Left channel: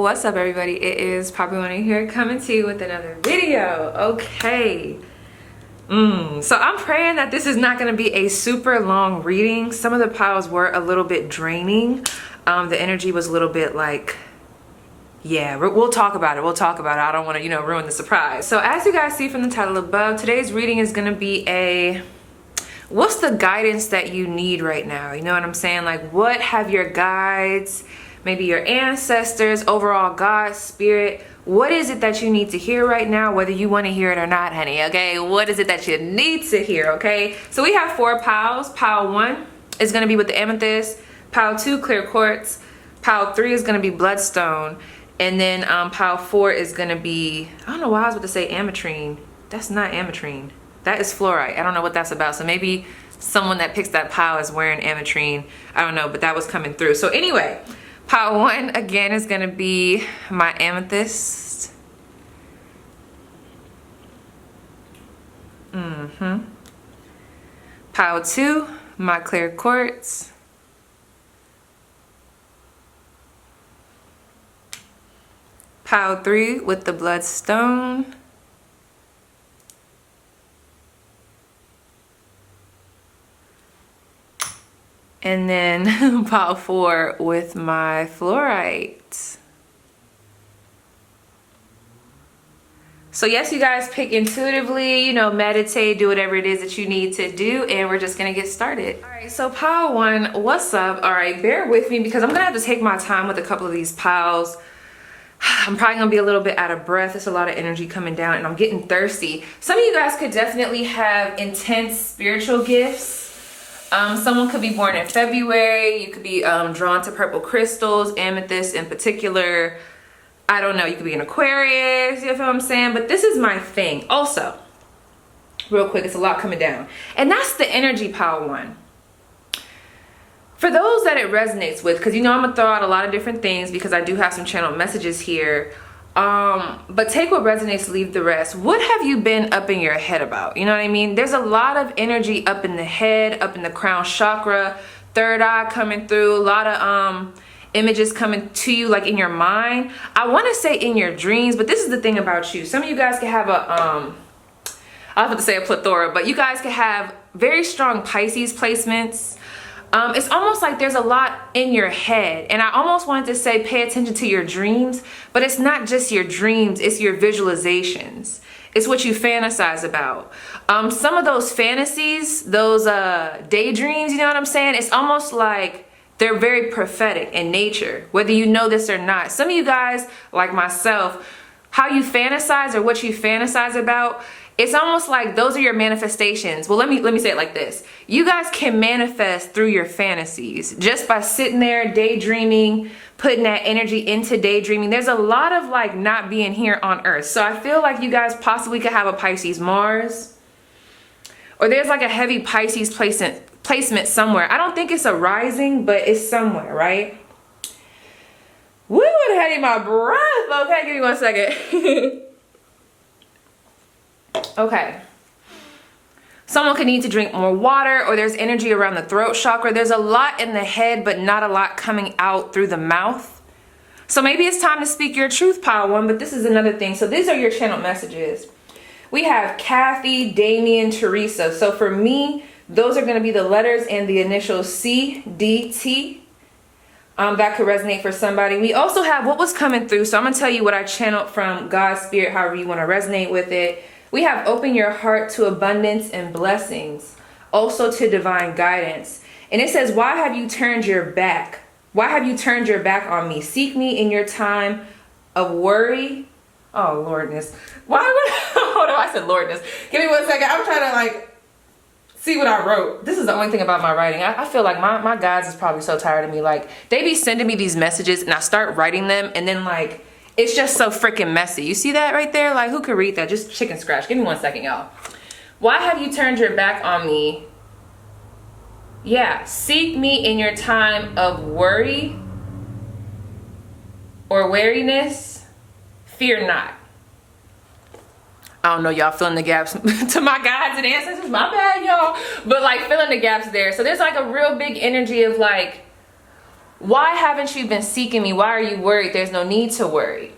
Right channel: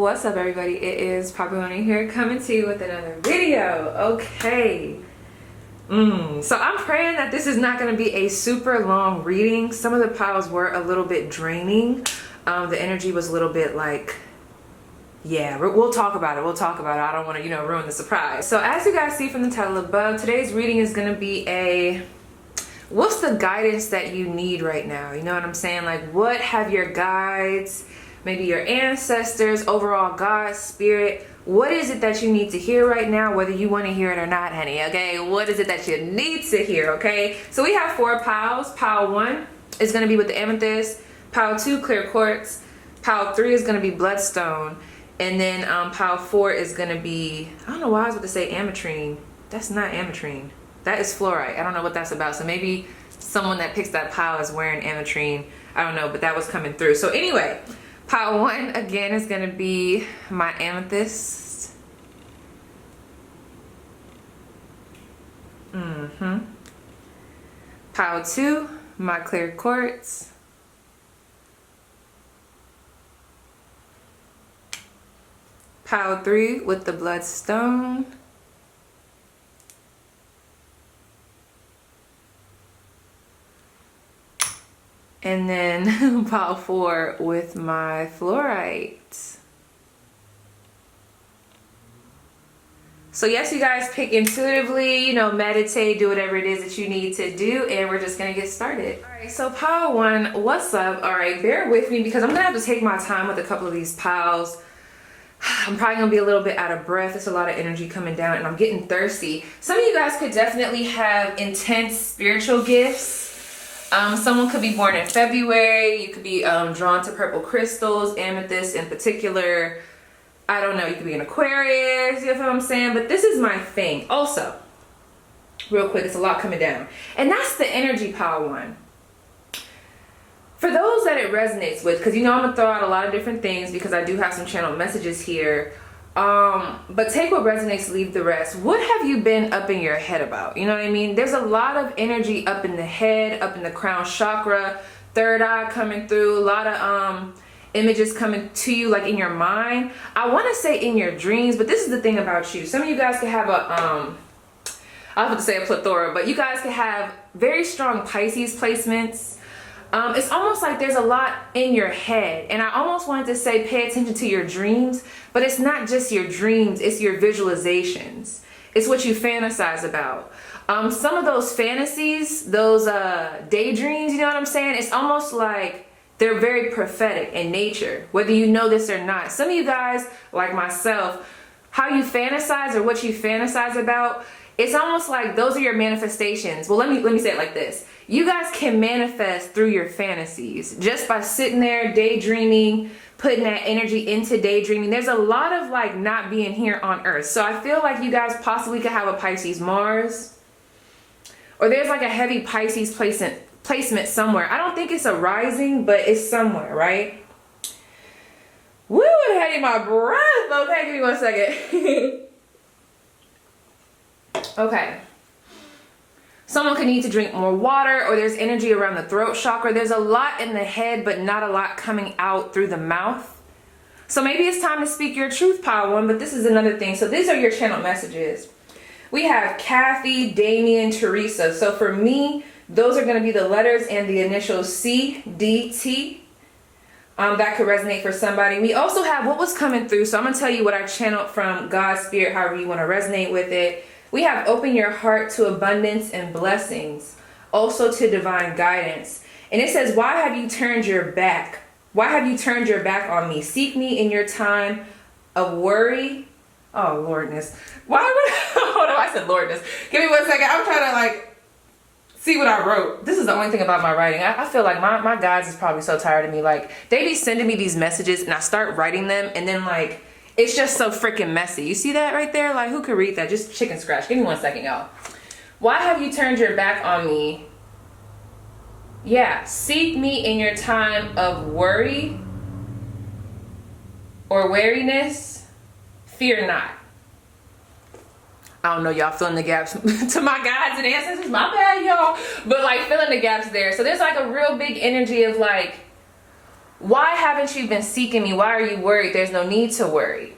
What's up, everybody? It is PaigeMcClendon here, coming to you with another video. Okay. So I'm praying that this is not going to be a super long reading. Some of the piles were a little bit draining. The energy was a little bit like, yeah, we'll talk about it. I don't want to, ruin the surprise. So as you guys see from the title above, today's reading is going to be what's the guidance that you need right now? You know what I'm saying? Like, what have your guides, maybe your ancestors, overall God, spirit, what is it that you need to hear right now, whether you want to hear it or not, honey, okay? What is it that you need to hear, okay? So we have 4 piles. Pile 1 is going to be with the amethyst. Pile 2, clear quartz. Pile 3 is going to be bloodstone. And then pile 4 is going to be, I don't know why I was about to say ametrine. That's not ametrine. That is fluorite. I don't know what that's about. So maybe someone that picks that pile is wearing ametrine. I don't know, but that was coming through. So anyway, pile 1 again is going to be my amethyst. Pile 2, my clear quartz. Pile 3 with the bloodstone. And then pile 4 with my fluorite. So yes, you guys pick intuitively, meditate, do whatever it is that you need to do, and we're just gonna get started. All right, so pile 1, what's up? All right, bear with me because I'm gonna have to take my time with a couple of these piles. I'm probably gonna be a little bit out of breath. There's a lot of energy coming down and I'm getting thirsty. Some of you guys could definitely have intense spiritual gifts. Someone could be born in February. You could be drawn to purple crystals, amethyst in particular. I don't know, you could be an Aquarius, you know what I'm saying? But this is my thing. Also, real quick, it's a lot coming down. And that's the energy pile 1. For those that it resonates with, because I'm gonna throw out a lot of different things because I do have some channel messages here. But take what resonates, leave the rest. What have you been up in your head about? You know what I mean? There's a lot of energy up in the head, up in the crown chakra, third eye coming through, a lot of images coming to you like in your mind. I want to say in your dreams, but this is the thing about you. Some of you guys can have I was about to say a plethora, but you guys can have very strong Pisces placements. It's almost like there's a lot in your head, and I almost wanted to say pay attention to your dreams, but it's not just your dreams, it's your visualizations. It's what you fantasize about. Some of those fantasies, those daydreams, you know what I'm saying? It's almost like they're very prophetic in nature, whether you know this or not. Some of you guys, like myself, how you fantasize or what you fantasize about, it's almost like those are your manifestations. Well, let me say it like this. You guys can manifest through your fantasies just by sitting there daydreaming, putting that energy into daydreaming. There's a lot of like not being here on earth. So I feel like you guys possibly could have a Pisces Mars, or there's like a heavy Pisces placement somewhere. I don't think it's a rising, but it's somewhere, right? Woo, it had in my breath. Okay, give me 1 second. Okay. Someone could need to drink more water, or there's energy around the throat chakra. There's a lot in the head, but not a lot coming out through the mouth. So maybe it's time to speak your truth, pile 1, but this is another thing. So these are your channel messages. We have Kathy, Damien, Teresa. So for me, those are going to be the letters and the initials C, D, T. That could resonate for somebody. We also have what was coming through. So I'm going to tell you what I channeled from God's spirit, however you want to resonate with it. We have open your heart to abundance and blessings, also to divine guidance. And it says, why have you turned your back? Why have you turned your back on me? Seek me in your time of worry. Oh, Lordness. Why would hold on, I said Lordness. Give me 1 second. I'm trying to see what I wrote. This is the only thing about my writing. I feel like my guides is probably so tired of me. Like, they be sending me these messages and I start writing them, and then it's just so freaking messy. You see that right there? Like, who could read that? Just chicken scratch. Give me 1 second, y'all. Why have you turned your back on me? Yeah, seek me in your time of worry or weariness. Fear not. I don't know, y'all filling the gaps to my guides and ancestors. My bad, y'all. But filling the gaps there. So there's a real big energy of why haven't you been seeking me? Why are you worried? There's no need to worry.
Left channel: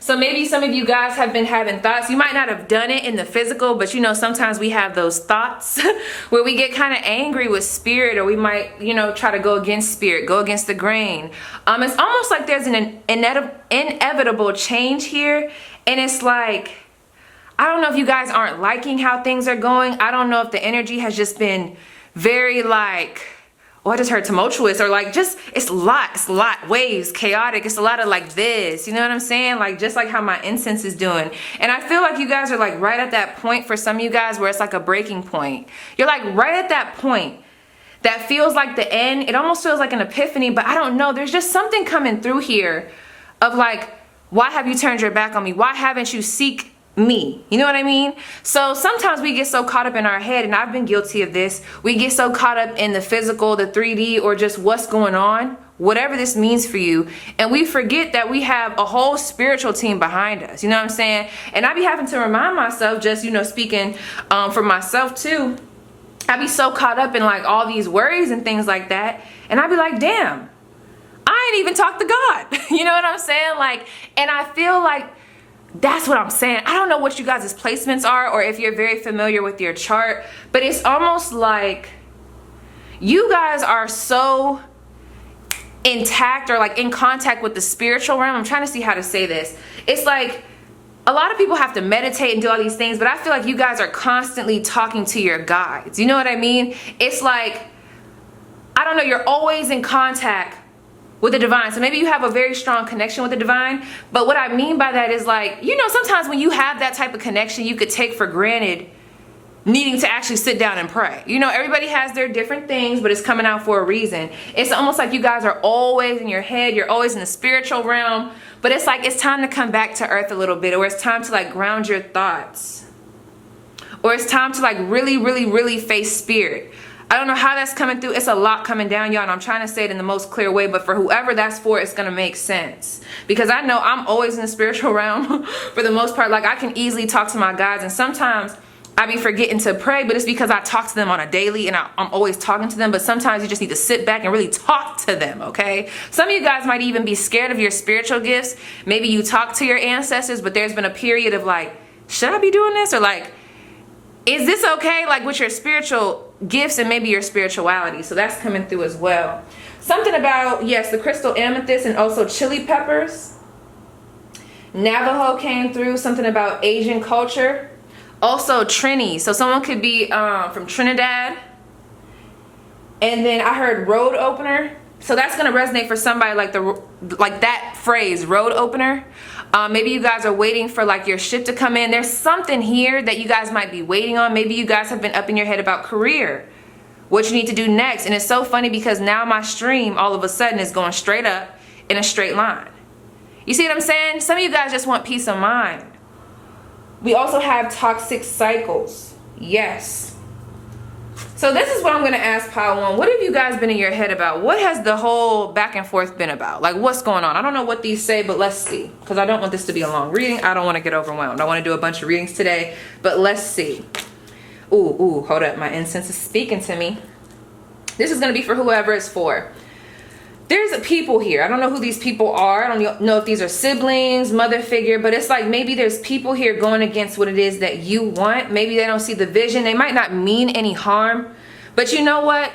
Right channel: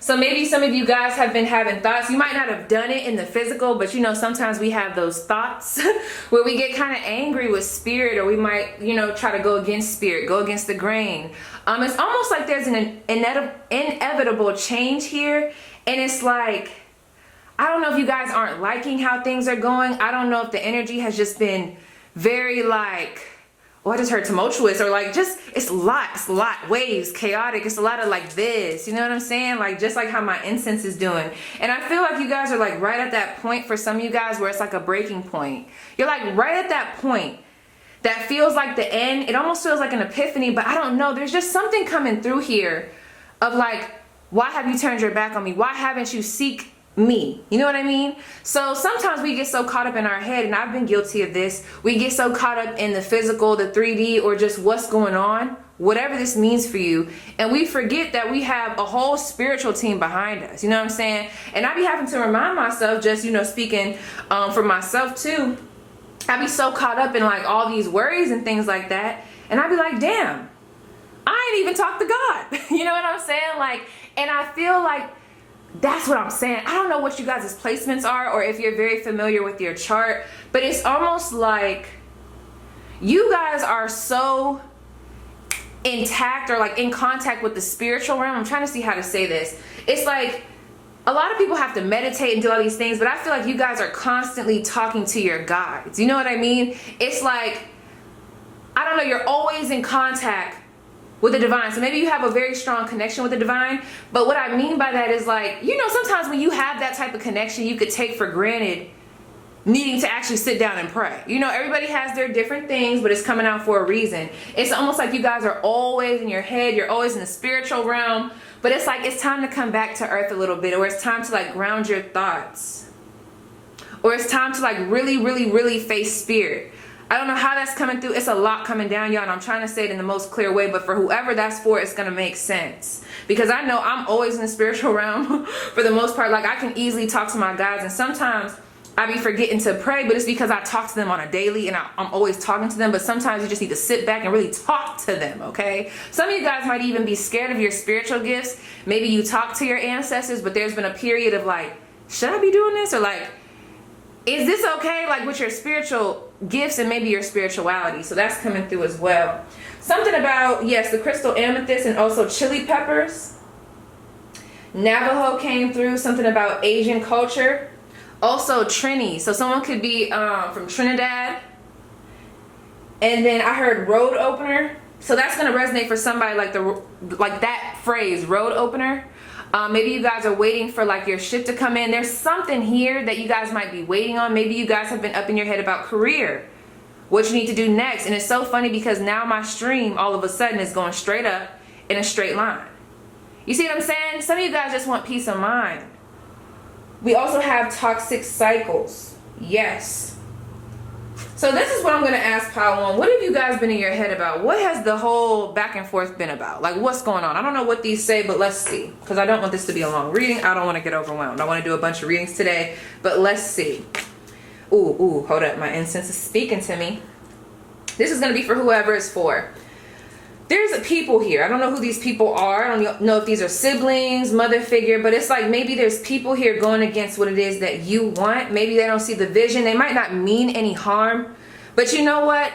So maybe some of you guys have been having thoughts. You might not have done it in the physical, but you know, sometimes we have those thoughts where we get kind of angry with spirit, or we might, you know, try to go against spirit, go against the grain. It's almost like there's an inevitable change here. And it's like, I don't know if you guys aren't liking how things are going. I don't know if the energy has just been very like, oh, I just heard tumultuous, or like just, it's a lot, waves, chaotic. It's a lot of like this, you know what I'm saying? Like just like how my incense is doing. And I feel like you guys are like right at that point for some of you guys where it's like a breaking point. You're like right at that point that feels like the end. It almost feels like an epiphany, but I don't know. There's just something coming through here of like, why have you turned your back on me? Why haven't you seek me? You know what I mean? So sometimes we get so caught up in our head, and I've been guilty of this. We get so caught up in the physical, the 3D, or just what's going on, whatever this means for you, and we forget that we have a whole spiritual team behind us. You know what I'm saying? And I be having to remind myself, just, you know, speaking for myself too, I be so caught up in like all these worries and things like that, and I be like, damn, I ain't even talked to God. You know what I'm saying? Like, and I feel like that's what I'm saying. I don't know what you guys' placements are, or if you're very familiar with your chart, but it's almost like you guys are so intact or like in contact with the spiritual realm. I'm trying to see how to say this. It's like a lot of people have to meditate and do all these things, but I feel like you guys are constantly talking to your guides. You know what I mean? It's like, I don't know, you're always in contact with the divine. So maybe you have a very strong connection with the divine, but what I mean by that is like, you know, sometimes when you have that type of connection, you could take for granted needing to actually sit down and pray. You know, everybody has their different things, but it's coming out for a reason. It's almost like you guys are always in your head, you're always in the spiritual realm, but it's like it's time to come back to earth a little bit, or it's time to like ground your thoughts, or it's time to like really face spirit. I don't know how that's coming through. It's a lot coming down, y'all, and I'm trying to say it in the most clear way, but for whoever that's for, it's gonna make sense. Because I know I'm always in the spiritual realm for the most part. Like, I can easily talk to my guides, and sometimes I be forgetting to pray, but it's because I talk to them on a daily, and I'm always talking to them, but sometimes you just need to sit back and really talk to them, okay? Some of you guys might even be scared of your spiritual gifts. Maybe you talk to your ancestors, but there's been a period of like, should I be doing this? Or like, is this okay? Like with your spiritual gifts and maybe your spirituality. So that's coming through as well. Something about, yes, the crystal amethyst and also chili peppers. Navajo came through. Something about Asian culture. Also Trini. So someone could be from Trinidad. And then I heard road opener. So that's going to resonate for somebody like that phrase, road opener. Maybe you guys are waiting for like your ship to come in. There's something here that you guys might be waiting on. Maybe you guys have been up in your head about career, what you need to do next. And it's so funny because now my stream all of a sudden is going straight up in a straight line. You see what I'm saying? Some of you guys just want peace of mind. We also have toxic cycles. Yes. So this is what I'm going to ask Pile 1. What have you guys been in your head about? What has the whole back and forth been about? Like, what's going on? I don't know what these say, but let's see. Because I don't want this to be a long reading. I don't want to get overwhelmed. I want to do a bunch of readings today, but let's see. Ooh, hold up. My incense is speaking to me. This is going to be for whoever it's for. There's a people here. I don't know who these people are. I don't know if these are siblings, mother figure, but it's like maybe there's people here going against what it is that you want. Maybe they don't see the vision. They might not mean any harm, but you know what?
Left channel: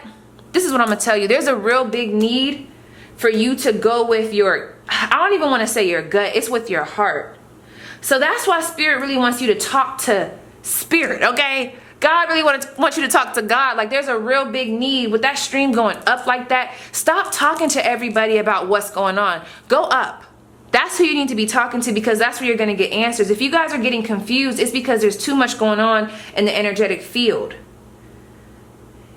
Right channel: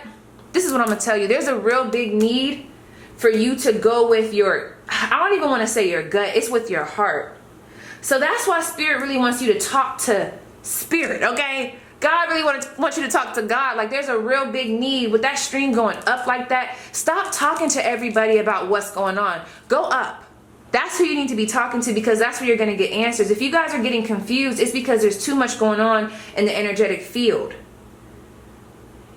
This is what I'm going to tell you. There's a real big need for you to go with your, I don't even want to say your gut. It's with your heart. So that's why spirit really wants you to talk to spirit, okay? God really wants you to talk to God. Like, there's a real big need with that stream going up like that. Stop talking to everybody about what's going on. Go up. That's who you need to be talking to, because that's where you're going to get answers. If you guys are getting confused, it's because there's too much going on in the energetic field.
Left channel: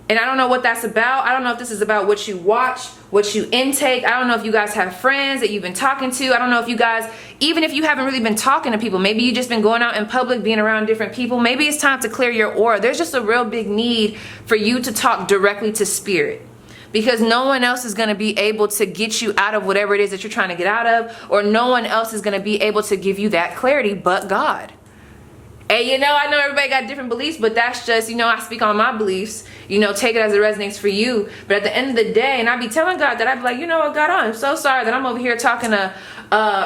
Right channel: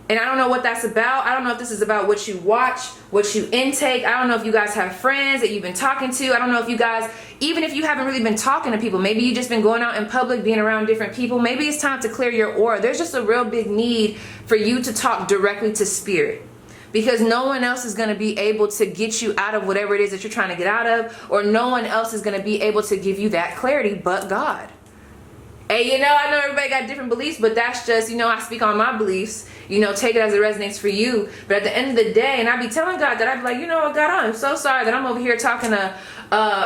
And I don't know what that's about. I don't know if this is about what you watch, what you intake. I don't know if you guys have friends that you've been talking to. I don't know if you guys, even if you haven't really been talking to people, maybe you've just been going out in public, being around different people. Maybe it's time to clear your aura. There's just a real big need for you to talk directly to spirit, because no one else is going to be able to get you out of whatever it is that you're trying to get out of, or no one else is going to be able to give you that clarity but God. And you know, I know everybody got different beliefs, but that's just, you know, I speak on my beliefs. You know, take it as it resonates for you. But at the end of the day, and I be telling God that, I be like, you know what, God, I'm so sorry that I'm over here talking to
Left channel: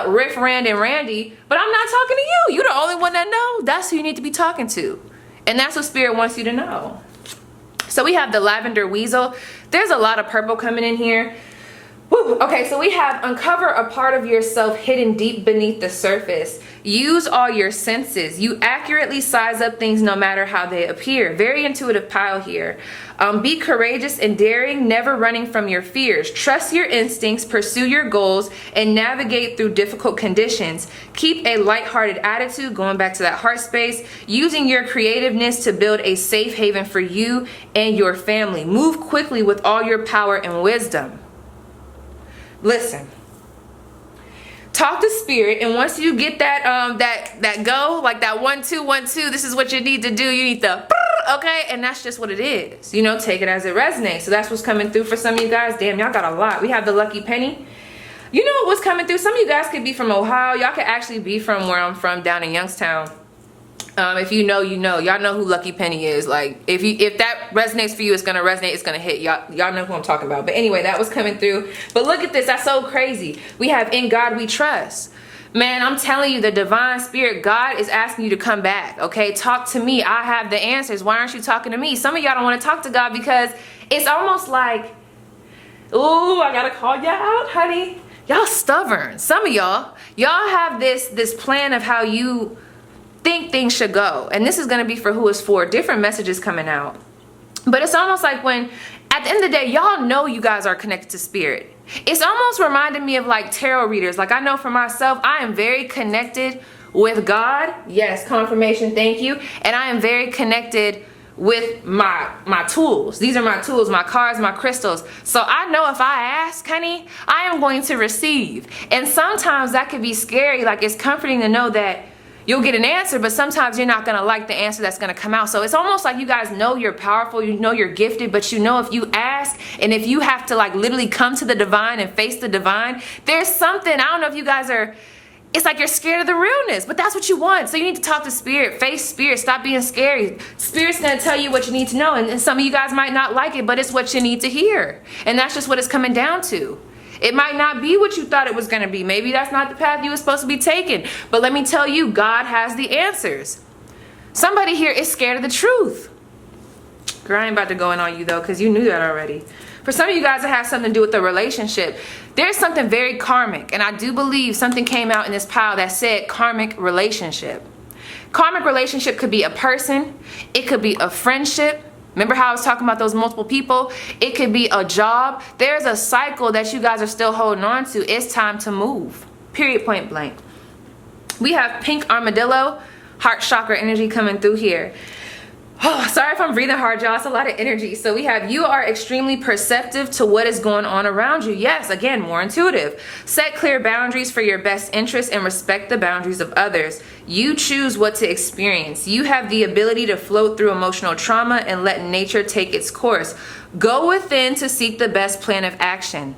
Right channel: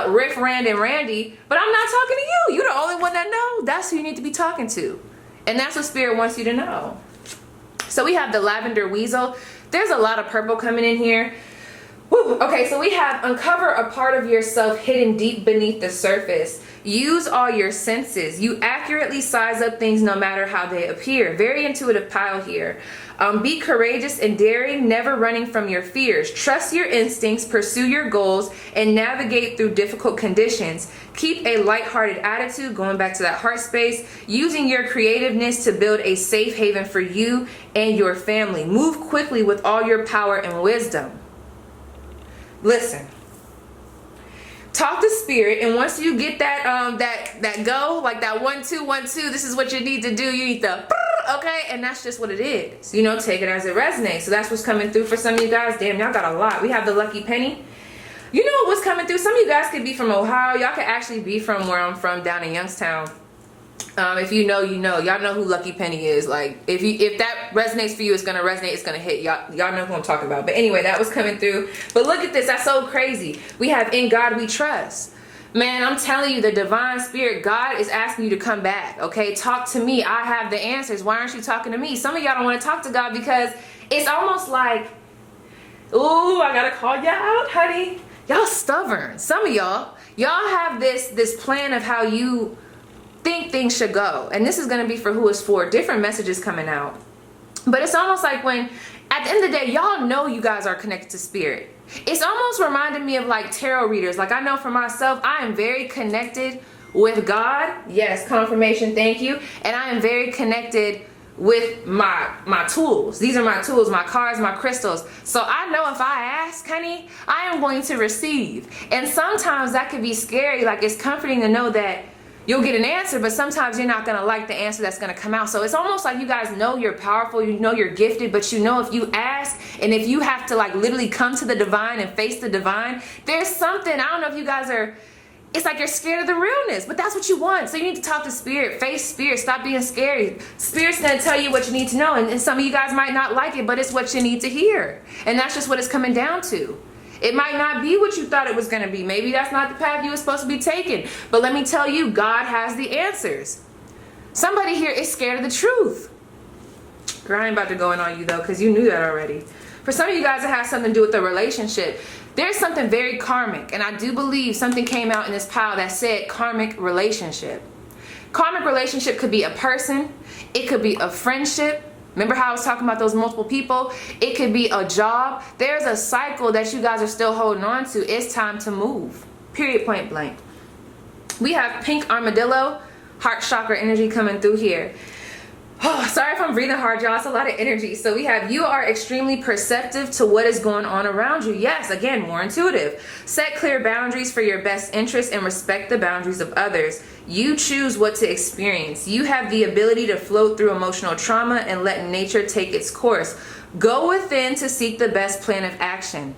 Riff, Rand, and Randy, but I'm not talking to you. You're the only one that know. That's who you need to be talking to. And that's what Spirit wants you to know. So we have the lavender weasel. There's a lot of purple coming in here. Woo. Okay, so we have uncover a part of yourself hidden deep beneath the surface. Use all your senses. You accurately size up things no matter how they appear. Very intuitive pile here. Be courageous and daring, never running from your fears. Trust your instincts, pursue your goals, and navigate through difficult conditions. Keep a lighthearted attitude, going back to that heart space, using your creativeness to build a safe haven for you and your family. Move quickly with all your power and wisdom. Listen. Talk to Spirit, and once you get that that go, like that 1 2 1 2, this is what you need to do. You need to, okay, and that's just what it is. You know, take it as it resonates. So that's what's coming through for some of you guys. Damn, y'all got a lot. We have the lucky penny. You know what's coming through? Some of you guys could be from Ohio. Y'all could actually be from where I'm from, down in Youngstown. If you know, you know. Y'all know who Lucky Penny is. Like, if that resonates for you, it's gonna resonate. It's gonna hit. Y'all know who I'm talking about. But anyway, that was coming through. But look at this. That's so crazy. We have in God we trust. Man, I'm telling you, the divine spirit, God is asking you to come back. Okay, talk to me. I have the answers. Why aren't you talking to me? Some of y'all don't want to talk to God because it's almost like, ooh, I gotta call y'all out, honey. Y'all stubborn. Some of y'all have this plan of how you think things should go, and this is going to be for who it's for. Different messages coming out, but it's almost like when at the end of the day, y'all know you guys are connected to Spirit. It's almost reminding me of like tarot readers. Like, I know for myself, I am very connected with God. Yes, confirmation, thank you. And I am very connected with my tools. These are my tools, my cards, my crystals. So I know if I ask, honey, I am going to receive. And sometimes that could be scary. Like, it's comforting to know that you'll get an answer, but sometimes you're not gonna like the answer that's gonna come out. So it's almost like you guys know you're powerful, you know you're gifted, but you know if you ask, and if you have to like literally come to the divine and face the divine, there's something, I don't know if you guys are, it's like you're scared of the realness, but that's what you want. So you need to talk to Spirit, face Spirit, stop being scary. Spirit's gonna tell you what you need to know, and some of you guys might not like it, but it's what you need to hear. And that's just what it's coming down to. It might not be what you thought it was going to be. Maybe that's not the path you were supposed to be taking. But let me tell you, God has the answers. Somebody here is scared of the truth. Girl, I ain't about to go in on you though, because you knew that already. For some of you guys, it has something to do with the relationship. There's something very karmic, and I do believe something came out in this pile that said karmic relationship. Karmic relationship could be a person. It could be a friendship. Remember how I was talking about those multiple people? It could be a job. There's a cycle that you guys are still holding on to. It's time to move. Period, point blank. We have pink armadillo, heart chakra energy coming through here. Oh, sorry if I'm breathing hard, y'all. It's a lot of energy. So we have, you are extremely perceptive to what is going on around you. Yes, again, more intuitive. Set clear boundaries for your best interest and respect the boundaries of others. You choose what to experience. You have the ability to float through emotional trauma and let nature take its course. Go within to seek the best plan of action.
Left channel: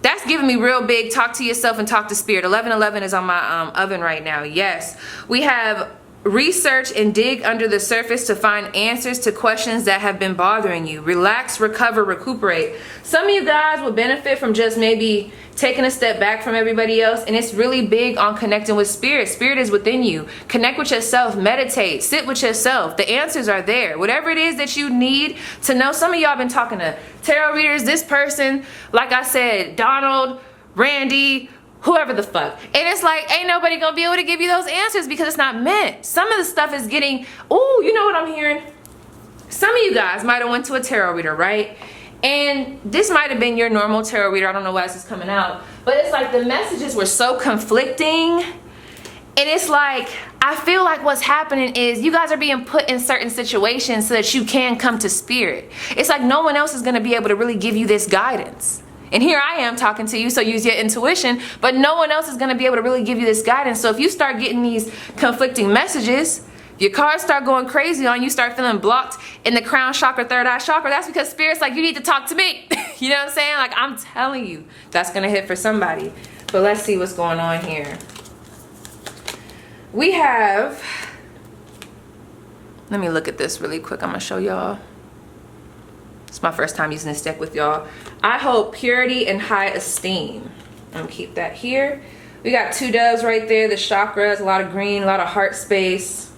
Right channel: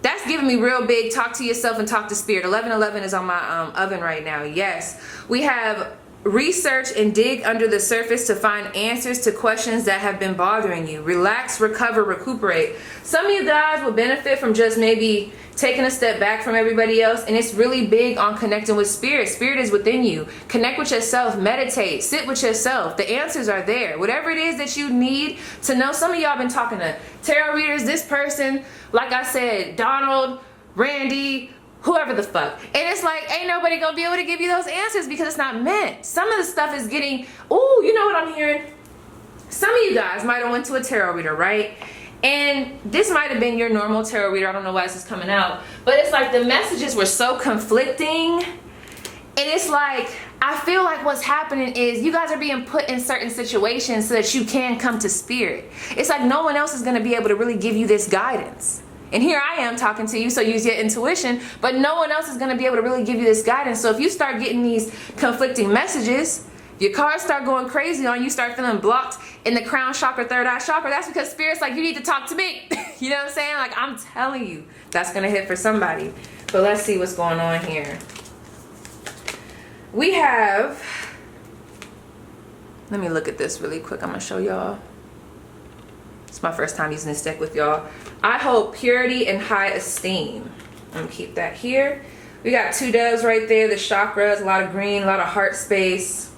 That's giving me real big, talk to yourself and talk to Spirit. 1111 is on my oven right now. Yes. We have research and dig under the surface to find answers to questions that have been bothering you. Relax, recover, recuperate. Some of you guys would benefit from just maybe taking a step back from everybody else, and it's really big on connecting with Spirit. Spirit is within you. Connect with yourself, meditate, sit with yourself. The answers are there. Whatever it is that you need to know. Some of y'all been talking to tarot readers, this person, like I said, Donald, Randy, whoever the fuck. And it's like, ain't nobody gonna be able to give you those answers because it's not meant. Some of the stuff is getting, ooh, you know what I'm hearing? Some of you guys might have went to a tarot reader, right? And this might have been your normal tarot reader. I don't know why this is coming out. But it's like the messages were so conflicting. And it's like, I feel like what's happening is you guys are being put in certain situations so that you can come to Spirit. It's like no one else is gonna be able to really give you this guidance. And here I am talking to you, so use your intuition, but no one else is going to be able to really give you this guidance. So if you start getting these conflicting messages, your cards start going crazy on you, start feeling blocked in the crown chakra, third eye chakra, that's because Spirit's like, you need to talk to me. You know what I'm saying? Like, I'm telling you, that's going to hit for somebody. But let's see what's going on here. We have Let me look at this really quick. I'm gonna show y'all. It's my first time using this deck with y'all. I hold purity and high esteem. I'm gonna keep that here. We got 2 doves right there, the chakras, a lot of green, a lot of heart space.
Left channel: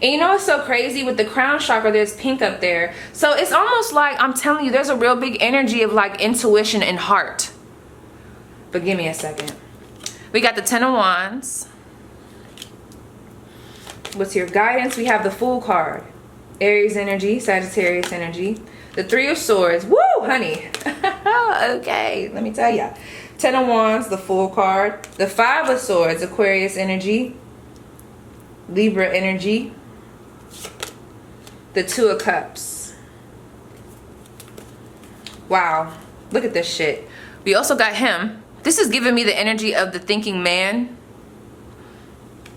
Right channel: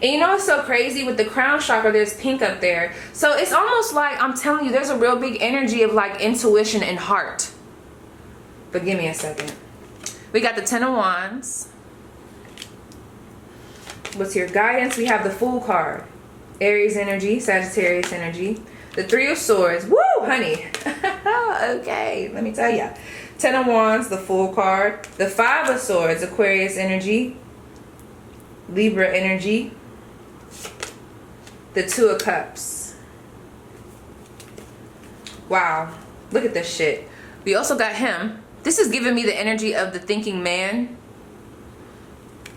And you know what's so crazy? With the crown chakra, there's pink up there. So it's almost like, I'm telling you, there's a real big energy of like intuition and heart. But give me a second. We got the 10 of Wands. What's your guidance? We have the Fool card. Aries energy, Sagittarius energy. The 3 of Swords. Woo, honey. Okay, let me tell ya. 10 of Wands, the Fool card. The 5 of Swords, Aquarius energy. Libra energy. The 2 of Cups. Wow, look at this shit. We also got him. This is giving me the energy of the thinking man.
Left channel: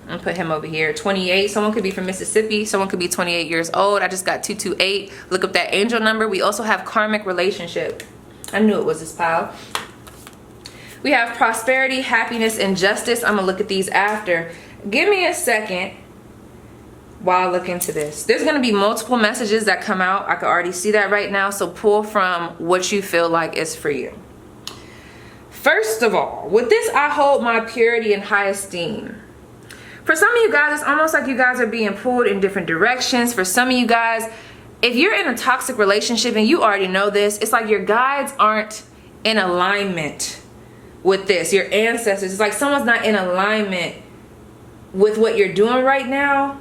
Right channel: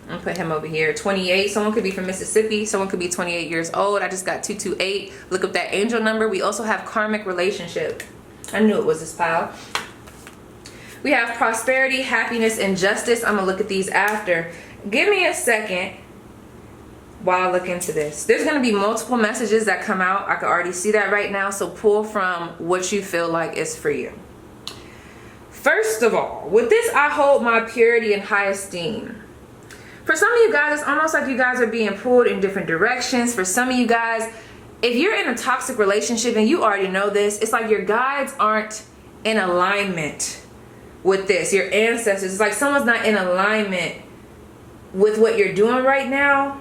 I'm gonna put him over here. 28. Someone could be from Mississippi. Someone could be 28 years old. I just got 228. Look up that angel number. We also have karmic relationship. I knew it was this pile. We have prosperity, happiness, and justice. I'm gonna look at these after. Give me a second while I look into this. There's gonna be multiple messages that come out. I can already see that right now. So pull from what you feel like is for you. First of all, with this, I hold my purity and high esteem. For some of you guys, it's almost like you guys are being pulled in different directions. For some of you guys, if you're in a toxic relationship and you already know this, it's like your guides aren't in alignment with this. Your ancestors, it's like someone's not in alignment with what you're doing right now.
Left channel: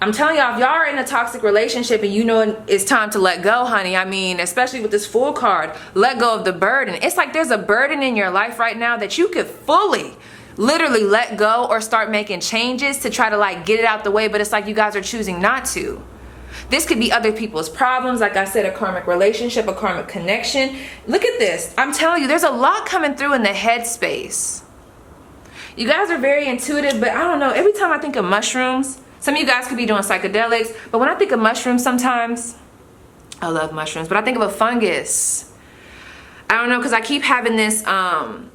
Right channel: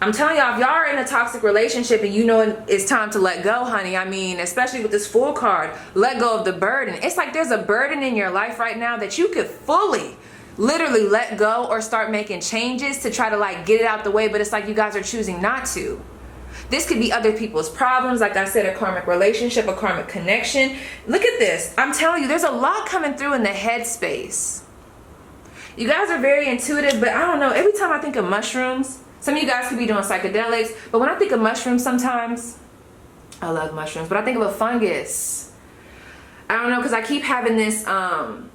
I'm telling y'all, if y'all are in a toxic relationship and you know it's time to let go, honey, I mean, especially with this Fool card, let go of the burden. It's like there's a burden in your life right now that you could fully, literally let go or start making changes to try to like get it out the way, but it's like you guys are choosing not to. This could be other people's problems, like I said, a karmic relationship, a karmic connection. Look at this. I'm telling you, there's a lot coming through in the head space. You guys are very intuitive, but I don't know, every time I think of mushrooms, some of you guys could be doing psychedelics, but when I think of mushrooms sometimes, I love mushrooms, but I think of a fungus. I don't know, because I keep having this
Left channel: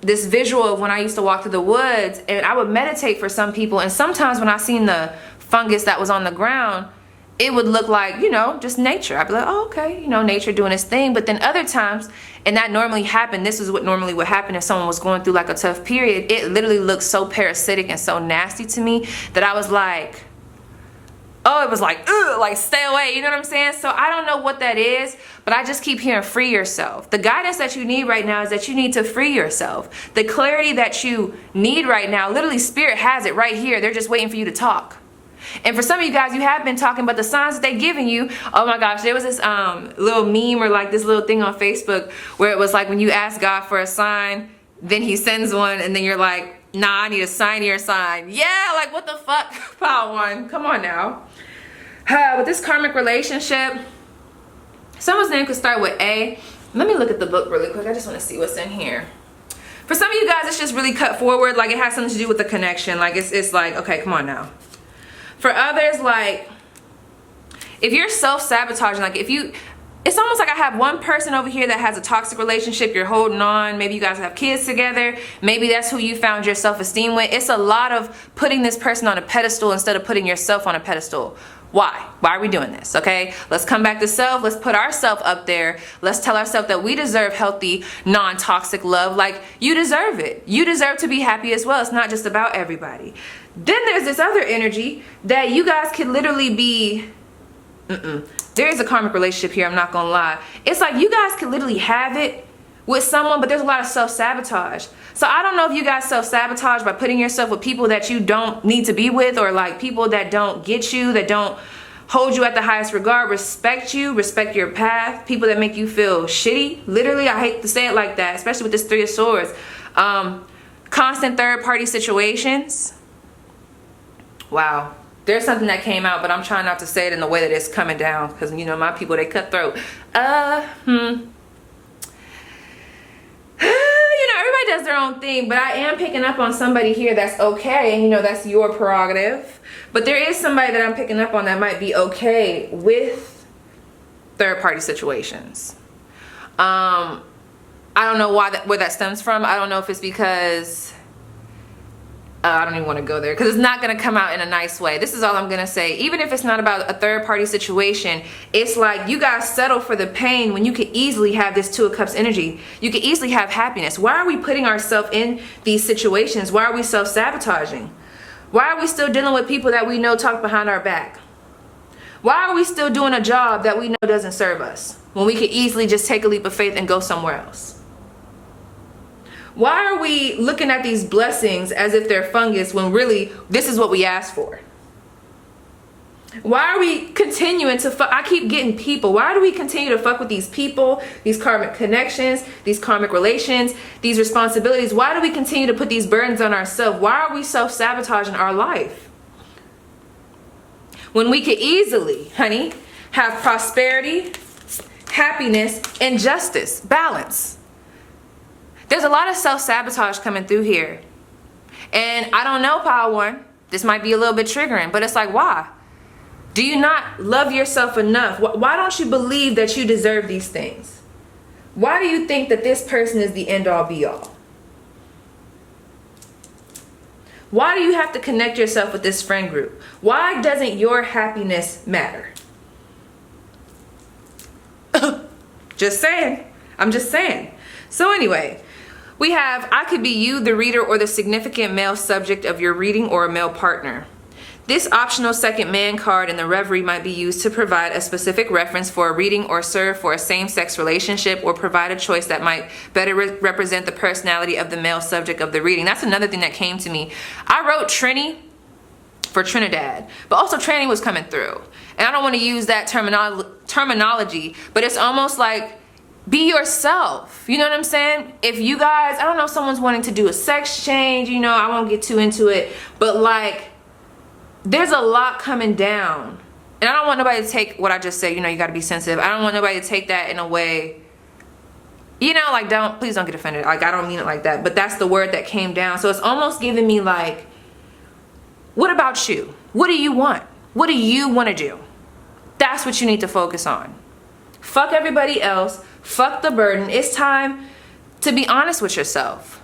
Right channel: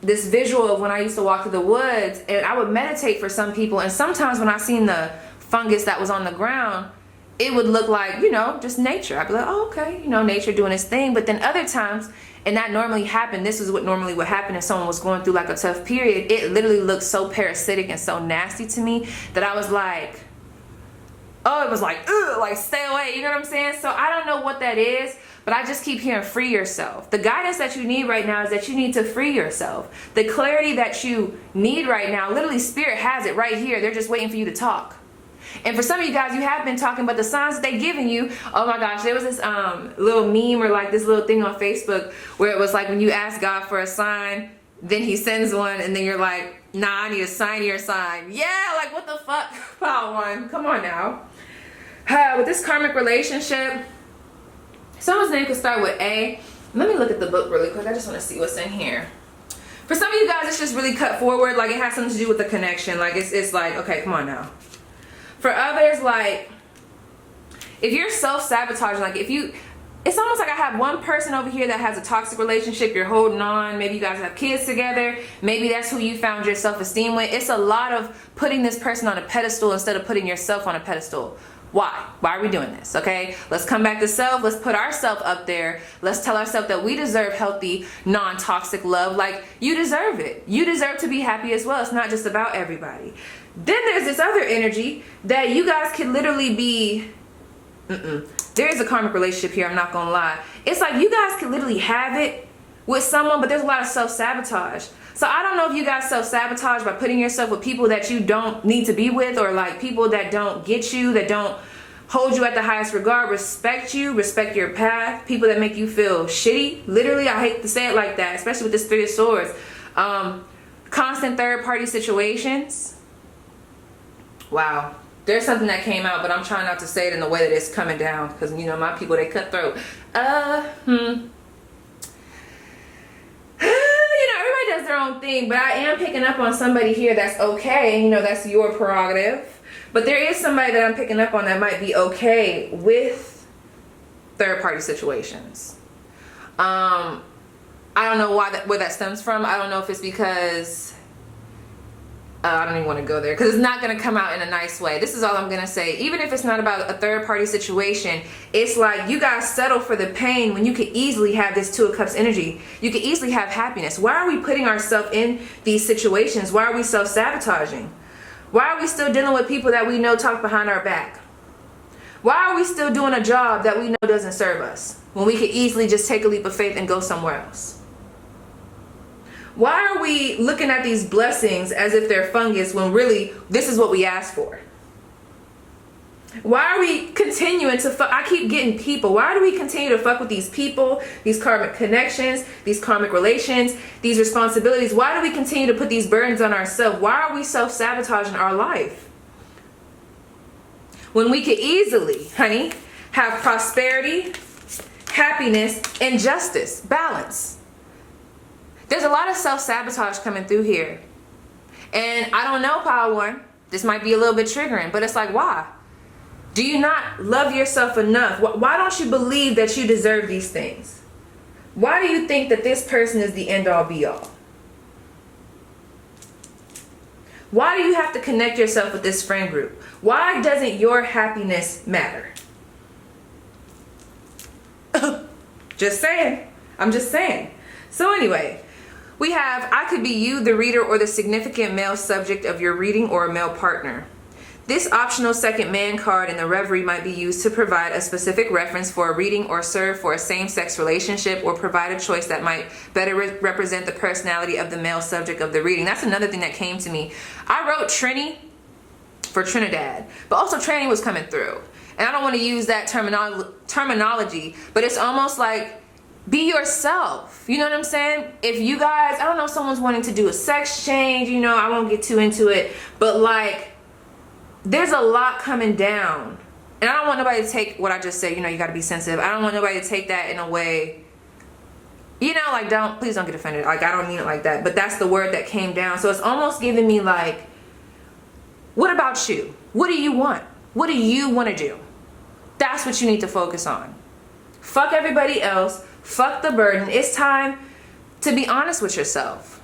this visual of when I used to walk through the woods, and I would meditate for some people, and sometimes when I seen the fungus that was on the ground, it would look like, you know, just nature. I'd be like, oh, okay, you know, nature doing its thing. But then other times, and that normally happened, this is what normally would happen if someone was going through like a tough period, it literally looked so parasitic and so nasty to me that I was like, oh, it was like, ugh, like stay away, you know what I'm saying? So I don't know what that is, but I just keep hearing free yourself. The guidance that you need right now is that you need to free yourself. The clarity that you need right now, literally Spirit has it right here. They're just waiting for you to talk. And for some of you guys, you have been talking about the signs that they're giving you. Oh my gosh, there was this little meme or like this little thing on Facebook where it was like when you ask God for a sign, then he sends one, and then you're like, nah, I need a sign your sign. Yeah, like what the fuck? Pile one, come on now. With this karmic relationship, someone's name could start with A. Let me look at the book really quick. I just want to see what's in here. For some of you guys, it's just really cut forward. Like it has something to do with the connection. Like it's like, okay, come on now. For others, like if you're self-sabotaging, like if you, it's almost like I have one person over here that has a toxic relationship, you're holding on, maybe you guys have kids together, maybe that's who you found your self-esteem with. It's a lot of putting this person on a pedestal instead of putting yourself on a pedestal. Why? Why are we doing this? Okay, let's come back to self. Let's put ourselves up there. Let's tell ourselves that we deserve healthy, non-toxic love. Like you deserve it. You deserve to be happy as well. It's not just about everybody. Then there's this other energy that you guys could literally be, there is a karmic relationship here, I'm not gonna lie. It's like you guys could literally have it with someone, but there's a lot of self-sabotage. So I don't know if you guys self-sabotage by putting yourself with people that you don't need to be with, or like people that don't get you, that don't hold you at the highest regard, respect you, respect your path, people that make you feel shitty. Literally, I hate to say it like that, especially with this 3 of Swords. Constant third-party situations. Wow. There's something that came out, but I'm trying not to say it in the way that it's coming down, because you know my people, they cutthroat. Everybody does their own thing, but I am picking up on somebody here that's okay, and you know that's your prerogative. But there is somebody that I'm picking up on that might be okay with third-party situations. I don't know where that stems from. I don't know if it's because I don't even want to go there because it's not going to come out in a nice way. This is all I'm going to say. Even if it's not about a third party situation, it's like you guys settle for the pain when you could easily have this Two of Cups energy. You could easily have happiness. Why are we putting ourselves in these situations? Why are we self-sabotaging? Why are we still dealing with people that we know talk behind our back? Why are we still doing a job that we know doesn't serve us when we could easily just take a leap of faith and go somewhere else? Why are we looking at these blessings as if they're fungus when really this is what we asked for? Why are we continuing to fuck? I keep getting people. Why do we continue to fuck with these people, these karmic connections, these karmic relations, these responsibilities? Why do we continue to put these burdens on ourselves? Why are we self-sabotaging our life? When we could easily, honey, have prosperity, happiness, and justice, balance. There's a lot of self-sabotage coming through here. And I don't know, Power One. This might be a little bit triggering, but it's like, why? Do you not love yourself enough? Why don't you believe that you deserve these things? Why do you think that this person is the end-all be-all? Why do you have to connect yourself with this friend group? Why doesn't your happiness matter? Just saying. I'm just saying. So anyway, we have, I could be you, the reader, or the significant male subject of your reading, or a male partner. This optional second man card in the Reverie might be used to provide a specific reference for a reading, or serve for a same-sex relationship, or provide a choice that might better represent the personality of the male subject of the reading. That's another thing that came to me. I wrote Trini for Trinidad, but also Tranny was coming through. And I don't want to use that terminology, but it's almost like, be yourself. You know what I'm saying? If you guys, I don't know, someone's wanting to do a sex change, you know, I won't get too into it, but like, there's a lot coming down. And I don't want nobody to take what I just said, you know, you got to be sensitive. I don't want nobody to take that in a way, you know, like, please don't get offended. Like, I don't mean it like that, but that's the word that came down. So it's almost giving me like, what about you? What do you want? What do you want to do? That's what you need to focus on. Fuck everybody else. Fuck the burden. It's time to be honest with yourself.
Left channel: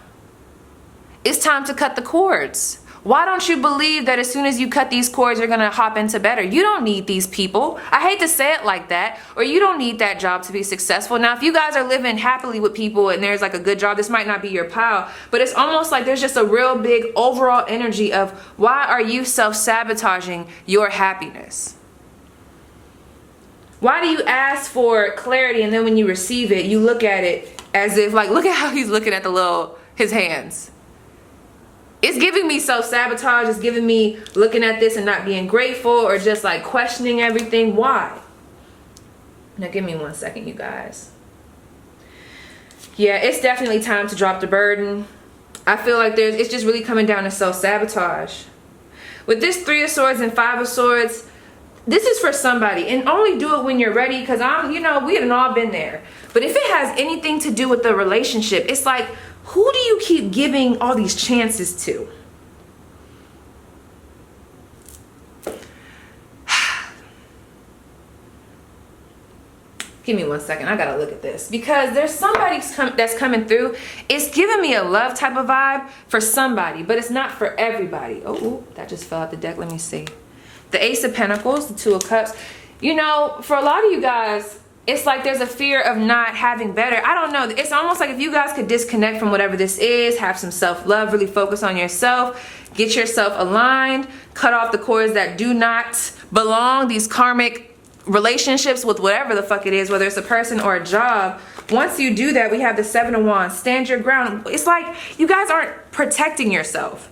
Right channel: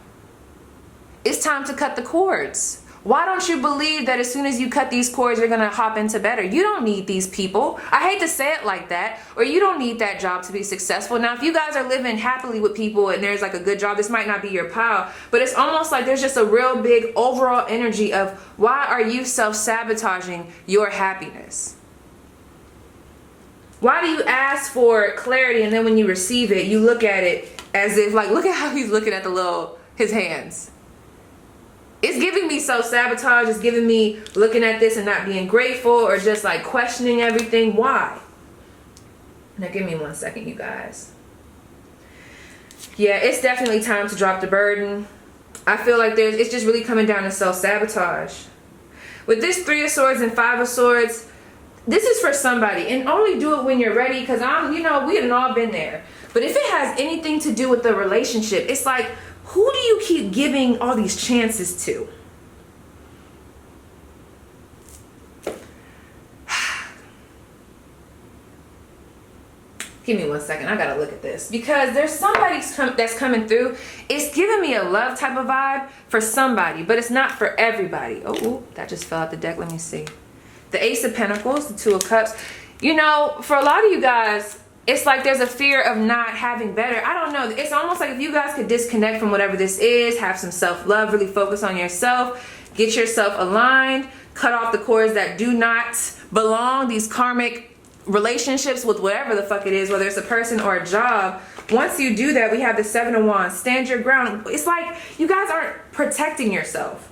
It's time to cut the cords. Why don't you believe that as soon as you cut these cords, you're going to hop into better? You don't need these people. I hate to say it like that. Or you don't need that job to be successful. Now, if you guys are living happily with people and there's like a good job, this might not be your pal. But it's almost like there's just a real big overall energy of, why are you self-sabotaging your happiness? Why do you ask for clarity and then when you receive it, you look at it as if, like, look at how he's looking at his hands. It's giving me self-sabotage. It's giving me looking at this and not being grateful, or just like questioning everything. Why? Now give me 1 second, you guys. Yeah, it's definitely time to drop the burden. I feel like it's just really coming down to self-sabotage. With this 3 of Swords and 5 of Swords, this is for somebody, and only do it when you're ready, because you know, we have all been there. But if it has anything to do with the relationship, it's like, who do you keep giving all these chances to? Give me 1 second. I gotta look at this, because there's somebody that's coming through. It's giving me a love type of vibe for somebody, but it's not for everybody. Oh, that just fell out the deck. Let me see. The Ace of Pentacles, the 2 of Cups. You know, for a lot of you guys, it's like there's a fear of not having better. I don't know. It's almost like if you guys could disconnect from whatever this is, have some self-love, really focus on yourself, get yourself aligned, cut off the cords that do not belong, these karmic relationships with whatever the fuck it is, whether it's a person or a job. Once you do that, we have the 7 of Wands. Stand your ground. It's like you guys aren't protecting yourself.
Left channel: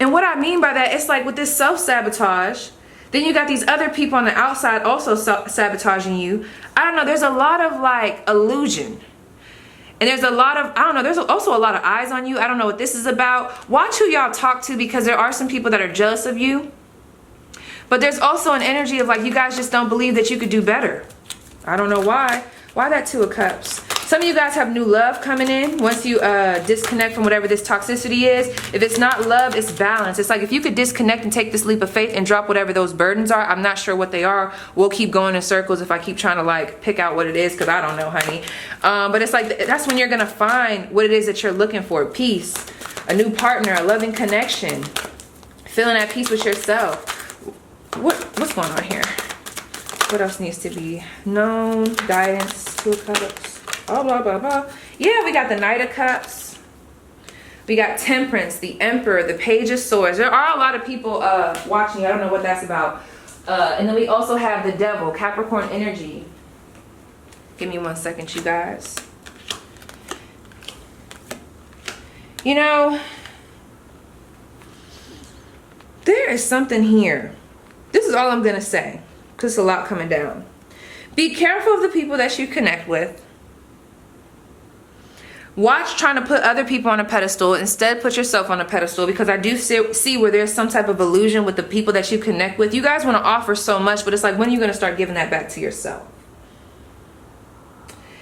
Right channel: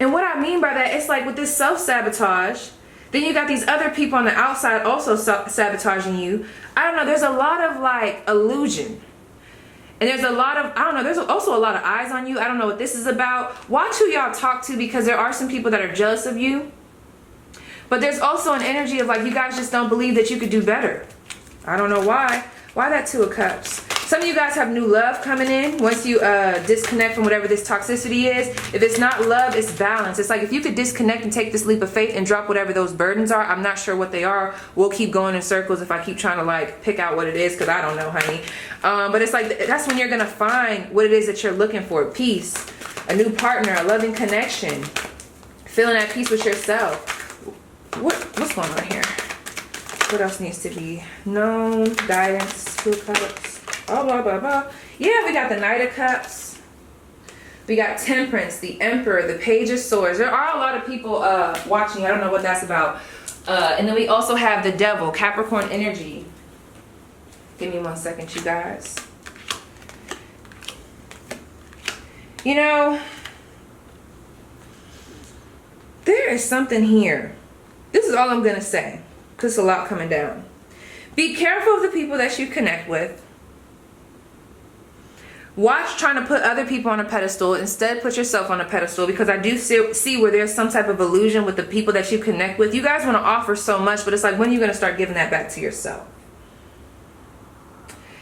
And what I mean by that, it's like with this self-sabotage, then you got these other people on the outside also sabotaging you. I don't know, there's a lot of like illusion. And there's a lot of, I don't know, there's also a lot of eyes on you. I don't know what this is about. Watch who y'all talk to, because there are some people that are jealous of you. But there's also an energy of like, you guys just don't believe that you could do better. I don't know why. Why that 2 of Cups? Some of you guys have new love coming in once you disconnect from whatever this toxicity is. If it's not love, it's balance. It's like if you could disconnect and take this leap of faith and drop whatever those burdens are. I'm not sure what they are. We'll keep going in circles if I keep trying to like pick out what it is, because I don't know, honey. But it's like that's when you're going to find what it is that you're looking for. Peace, a new partner, a loving connection, feeling at peace with yourself. What's going on here? What else needs to be known? Guidance, 2 of Cups. Oh, blah, blah, blah. Yeah, we got the Knight of Cups. We got Temperance, the Emperor, the Page of Swords. There are a lot of people watching. I don't know what that's about. And then we also have the Devil, Capricorn energy. Give me 1 second, you guys. You know, there is something here. This is all I'm going to say, because it's a lot coming down. Be careful of the people that you connect with. Watch trying to put other people on a pedestal. Instead, put yourself on a pedestal, because I do see where there's some type of illusion with the people that you connect with. You guys want to offer so much, but it's like, when are you going to start giving that back to yourself?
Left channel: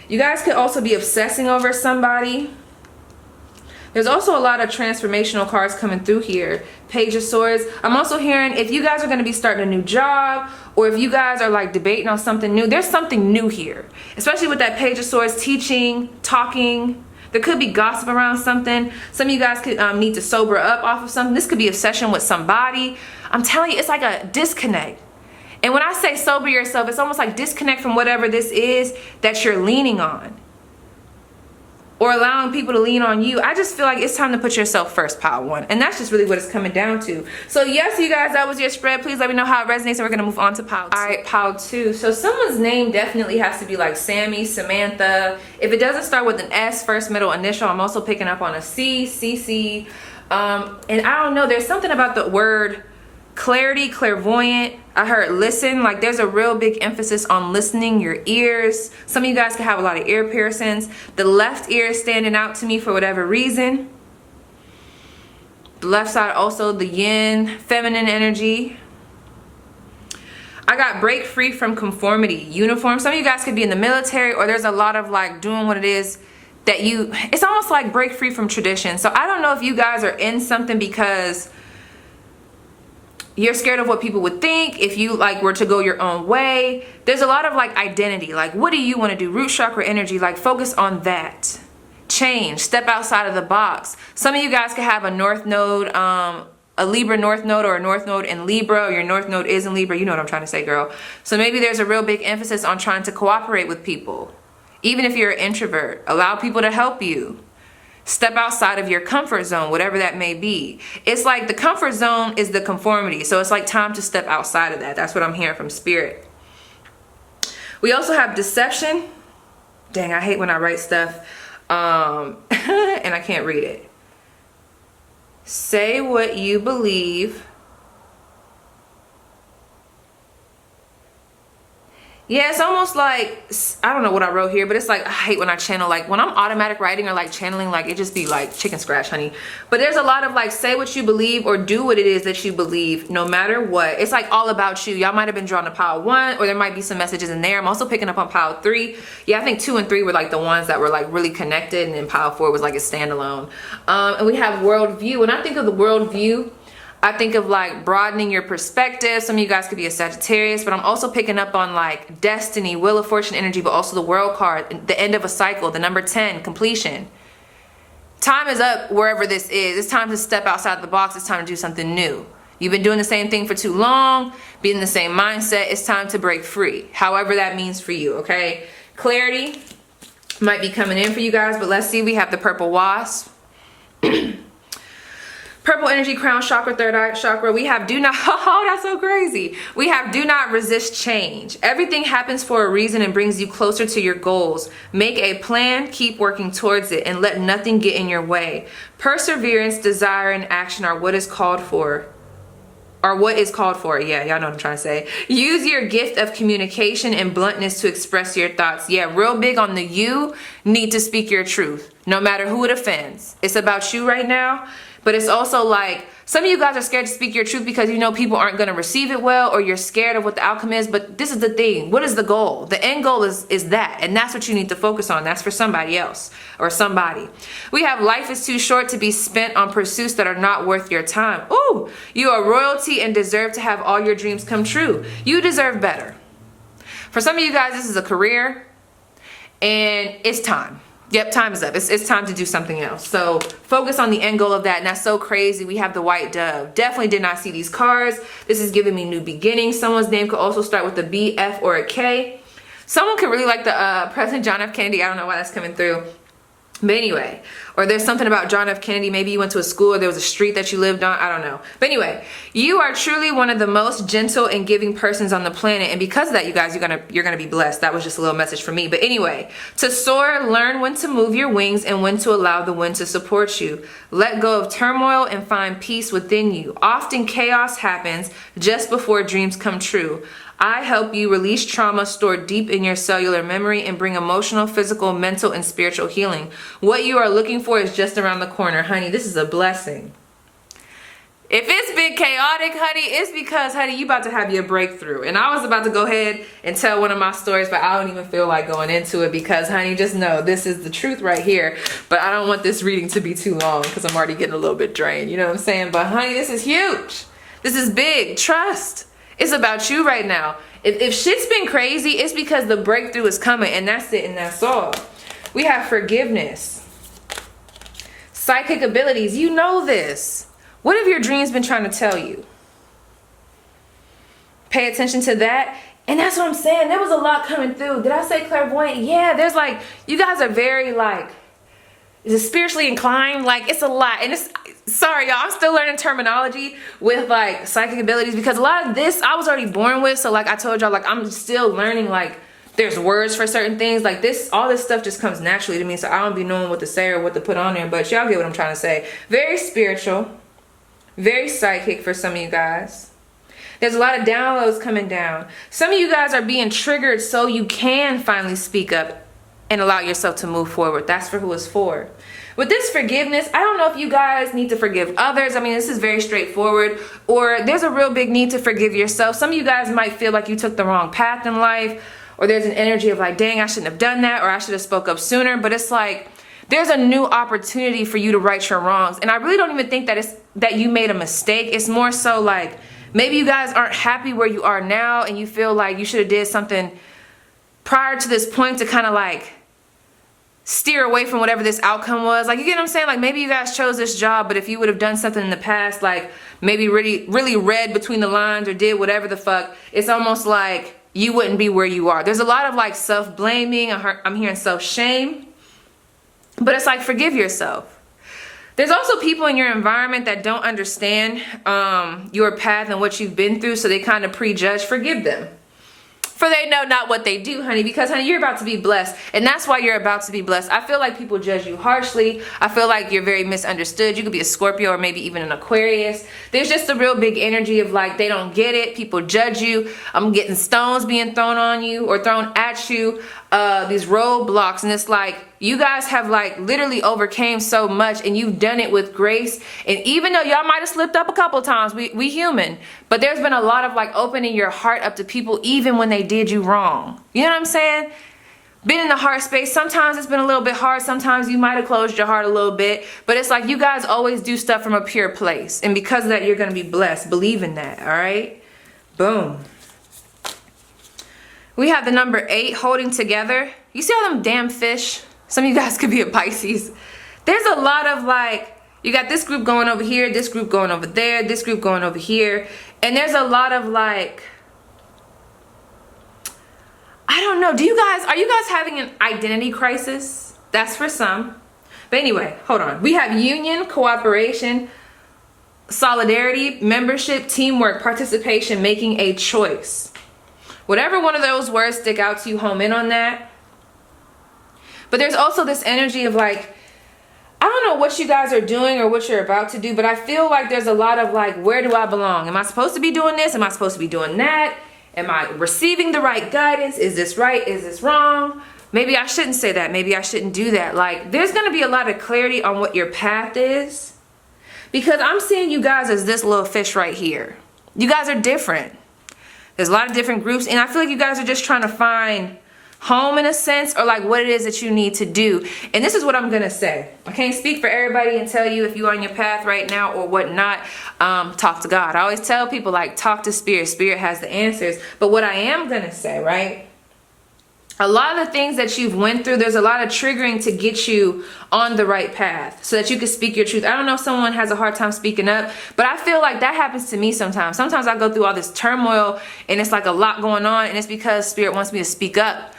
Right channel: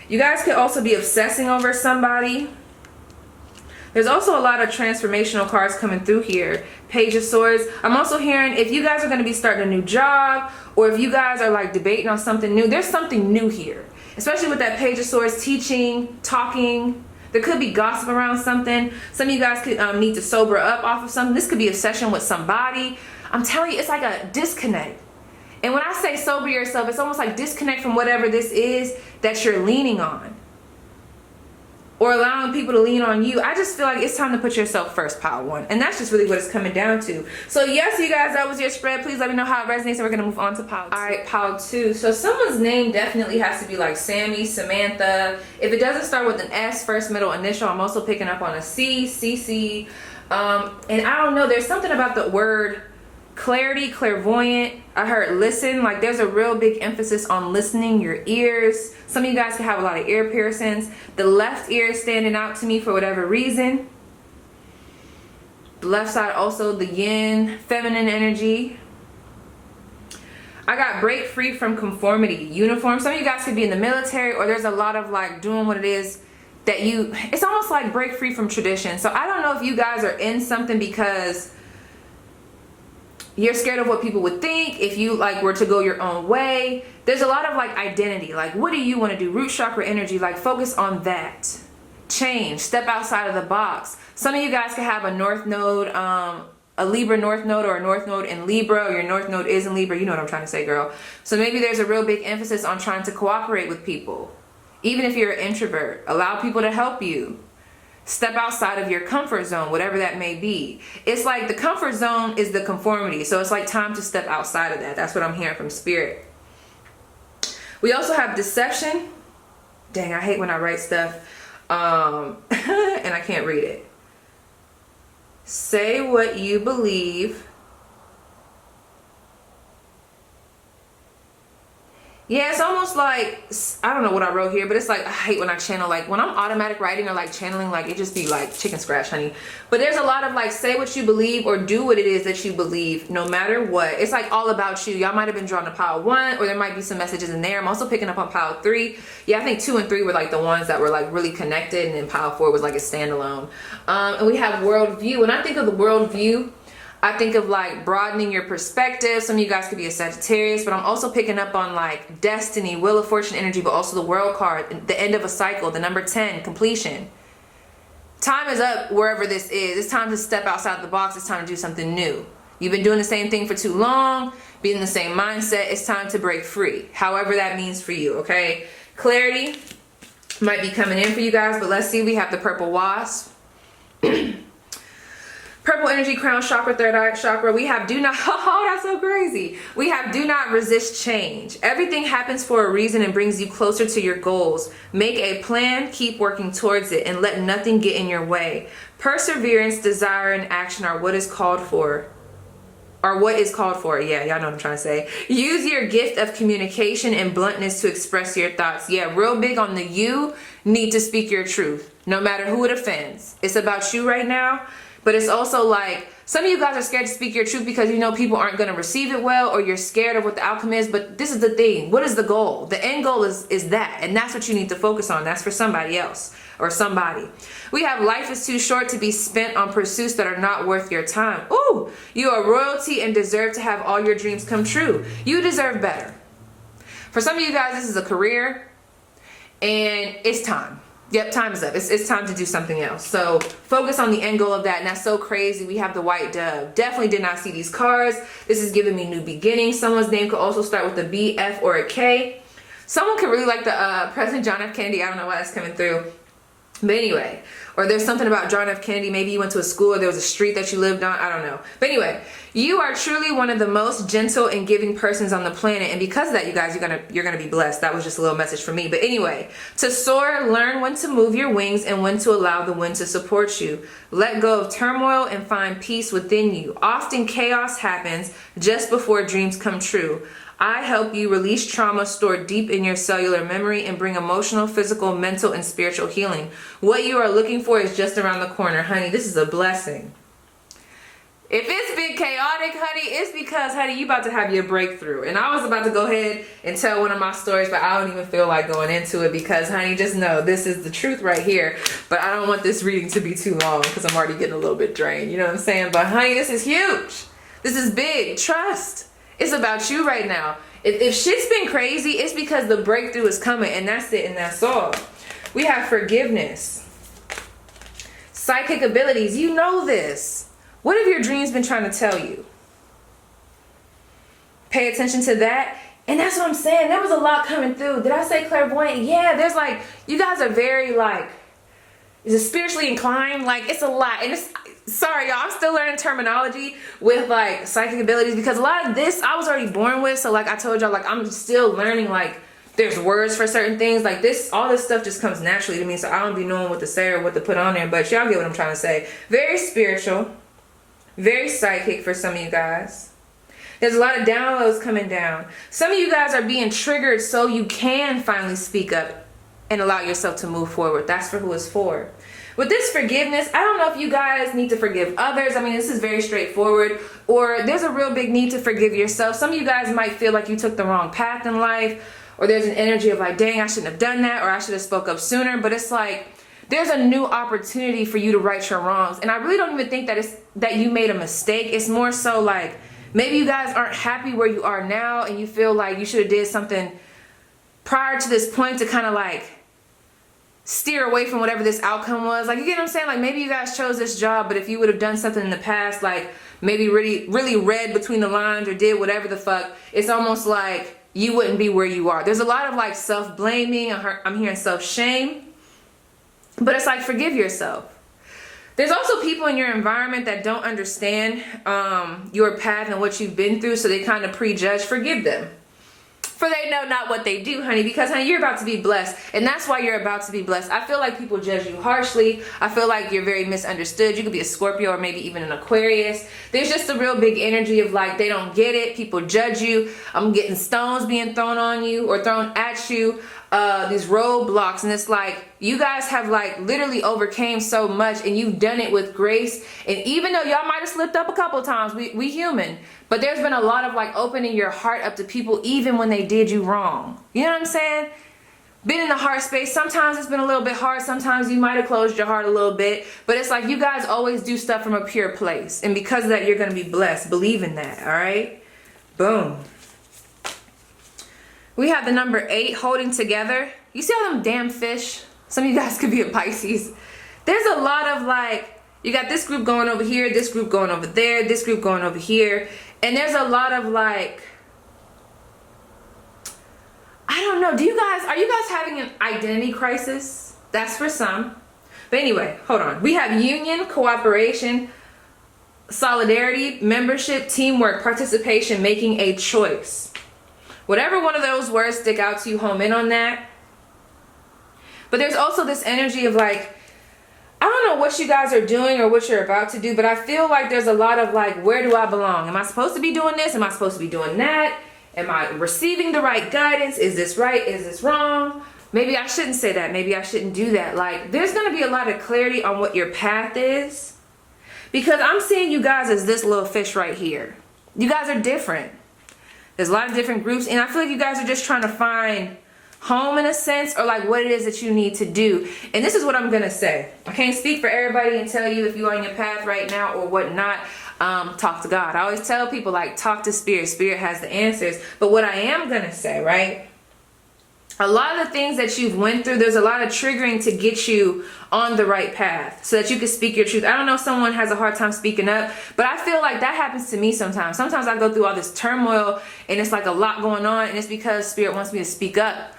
You guys could also be obsessing over somebody. There's also a lot of transformational cards coming through here. Page of Swords. I'm also hearing if you guys are going to be starting a new job, or if you guys are like debating on something new, there's something new here. Especially with that Page of Swords, teaching, talking. There could be gossip around something. Some of you guys could need to sober up off of something. This could be obsession with somebody. I'm telling you, it's like a disconnect. And when I say sober yourself, it's almost like disconnect from whatever this is that you're leaning on, or allowing people to lean on you. I just feel like it's time to put yourself first, pile 1. And that's just really what it's coming down to. So yes, you guys, that was your spread. Please let me know how it resonates, and we're going to move on to pile 2. All right, pile 2. So someone's name definitely has to be like Sammy, Samantha. If it doesn't start with an S, first, middle, initial, I'm also picking up on a C, CC. And I don't know, there's something about the word clarity, clairvoyant. I heard listen. Like there's a real big emphasis on listening, your ears. Some of you guys can have a lot of ear piercings. The left ear is standing out to me for whatever reason. The left side also, the yin, feminine energy. I got break free from conformity, uniform. Some of you guys could be in the military, or there's a lot of like doing what it is that you, it's almost like break free from tradition. So I don't know if you guys are in something because you're scared of what people would think if you like were to go your own way. There's a lot of like identity, like what do you want to do? Root chakra energy, like focus on that. Change, step outside of the box. Some of you guys could have a north node, a Libra north node, or a north node in Libra, or your north node is in Libra. You know what I'm trying to say, girl. So maybe there's a real big emphasis on trying to cooperate with people. Even if you're an introvert, allow people to help you. Step outside of your comfort zone, whatever that may be. It's like the comfort zone is the conformity. So it's like time to step outside of that. That's what I'm hearing from spirit. We also have deception. Dang, I hate when I write stuff and I can't read it. Say what you believe. Yeah, it's almost like, I don't know what I wrote here, but it's like, I hate when I channel, like when I'm automatic writing or like channeling, like it just be like chicken scratch, honey. But there's a lot of like, say what you believe, or do what it is that you believe, no matter what. It's like all about you. Y'all might have been drawn to pile 1, or there might be some messages in there. I'm also picking up on pile 3. Yeah, I think 2 and 3 were like the ones that were like really connected, and then pile 4 was like a standalone. And we have worldview. When I think of the worldview, I think of like broadening your perspective. Some of you guys could be a Sagittarius, but I'm also picking up on like destiny, wheel of fortune energy, but also the world card, the end of a cycle, the number 10, completion. Time is up wherever this is. It's time to step outside the box. It's time to do something new. You've been doing the same thing for too long, be in the same mindset. It's time to break free, however that means for you, okay? Clarity might be coming in for you guys, but let's see. We have the purple wasp. Purple energy, crown chakra, third eye chakra. We have do not, oh, that's so crazy. We have do not resist change. Everything happens for a reason and brings you closer to your goals. Make a plan, keep working towards it, and let nothing get in your way. Perseverance, desire, and action are what is called for. Or what is called for. Yeah, y'all know what I'm trying to say. Use your gift of communication and bluntness to express your thoughts. Yeah, real big on the you need to speak your truth, no matter who it offends. It's about you right now. But it's also like, some of you guys are scared to speak your truth because you know people aren't going to receive it well, or you're scared of what the outcome is. But this is the thing. What is the goal? The end goal is that. And that's what you need to focus on. That's for somebody else or somebody. We have life is too short to be spent on pursuits that are not worth your time. Ooh, you are royalty and deserve to have all your dreams come true. You deserve better. For some of you guys, this is a career and it's time. Yep, time is up. It's time to do something else. So focus on the end goal of that. And that's so crazy. We have the white dove. Definitely did not see these cards. This is giving me new beginnings. Someone's name could also start with a B, F, or a K. Someone could really like the President John F. Kennedy. I don't know why that's coming through. But anyway, or there's something about John F. Kennedy. Maybe you went to a school or there was a street that you lived on. I don't know. But anyway, you are truly one of the most gentle and giving persons on the planet. And because of that, you guys, you're gonna be blessed. That was just a little message for me. But anyway, to soar, learn when to move your wings and when to allow the wind to support you. Let go of turmoil and find peace within you. Often chaos happens just before dreams come true. I help you release trauma stored deep in your cellular memory and bring emotional, physical, mental, and spiritual healing. What you are looking for is just around the corner, honey. This is a blessing. If it's been chaotic, honey, it's because, honey, you about to have your breakthrough. And I was about to go ahead and tell one of my stories, but I don't even feel like going into it because, honey, just know this is the truth right here. But I don't want this reading to be too long because I'm already getting a little bit drained. You know what I'm saying? But, honey, this is huge. This is big. Trust. It's about you right now. If shit's been crazy, it's because the breakthrough is coming, and that's it, and that's all. We have forgiveness. Psychic abilities. You know this. What have your dreams been trying to tell you? Pay attention to that. And that's what I'm saying. There was a lot coming through. Did I say clairvoyant? Yeah, there's like, you guys are very like, is it spiritually inclined? Like, it's a lot. And it's, sorry y'all, I'm still learning terminology with like psychic abilities because a lot of this I was already born with. So like I told y'all, like I'm still learning, like there's words for certain things. Like this, all this stuff just comes naturally to me. So I don't be knowing what to say or what to put on there, but y'all get what I'm trying to say. Very spiritual, very psychic for some of you guys. There's a lot of downloads coming down. Some of you guys are being triggered so you can finally speak up and allow yourself to move forward. That's for who it's for. With this forgiveness, I don't know if you guys need to forgive others. I mean, this is very straightforward. Or there's a real big need to forgive yourself. Some of you guys might feel like you took the wrong path in life. Or there's an energy of like, dang, I shouldn't have done that. Or I should have spoke up sooner. But it's like, there's a new opportunity for you to right your wrongs. And I really don't even think that it's that you made a mistake. It's more so like, maybe you guys aren't happy where you are now. And you feel like you should have did something prior to this point to kind of like steer away from whatever this outcome was. Like, you get what I'm saying? Like, maybe you guys chose this job, but if you would have done something in the past, like maybe really read between the lines or did whatever the fuck, it's almost like you wouldn't be where you are. There's a lot of like self-blaming. I'm hearing self-shame, but it's like, forgive yourself. There's also people in your environment that don't understand your path and what you've been through, so they kind of prejudge. Forgive them. For they know not what they do, honey, because, honey, you're about to be blessed, and that's why you're about to be blessed. I feel like people judge you harshly. I feel like you're very misunderstood. You could be a Scorpio or maybe even an Aquarius. There's just a real big energy of like, they don't get it. People judge you. I'm getting stones being thrown on you or thrown at you. These roadblocks, and it's like you guys have like literally overcame so much, and you've done it with grace. And even though y'all might have slipped up a couple times, we human, but there's been a lot of like opening your heart up to people even when they did you wrong. You know what I'm saying? Been in the heart space. Sometimes it's been a little bit hard. Sometimes you might have closed your heart a little bit, but it's like you guys always do stuff from a pure place, and because of that, you're gonna be blessed. Believe in that. All right, boom. We have the number 8, holding together. You see all them damn fish? Some of you guys could be a Pisces. There's a lot of like, you got this group going over here, this group going over there, this group going over here. And there's a lot of like, I don't know. Are you guys having an identity crisis? That's for some. But anyway, hold on. We have union, cooperation, solidarity, membership, teamwork, participation, making a choice. Whatever one of those words stick out to you, home in on that. But there's also this energy of like, I don't know what you guys are doing or what you're about to do, but I feel like there's a lot of like, where do I belong? Am I supposed to be doing this? Am I supposed to be doing that? Am I receiving the right guidance? Is this right? Is this wrong? Maybe I shouldn't say that. Maybe I shouldn't do that. Like, there's going to be a lot of clarity on what your path is. Because I'm seeing you guys as this little fish right here. You guys are different. There's a lot of different groups, and I feel like you guys are just trying to find home in a sense, or like what it is that you need to do. And this is what I'm gonna say. I can't speak for everybody and tell you if you're on your path right now or whatnot. Talk to God. I always tell people, like, talk to Spirit. Spirit has the answers. But what I am gonna say, right? A lot of the things that you've went through, there's a lot of triggering to get you on the right path so that you can speak your truth. I don't know if someone has a hard time speaking up, but I feel like that happens to me sometimes. Sometimes I go through all this turmoil and it's like a lot going on, and it's because Spirit wants me to speak up.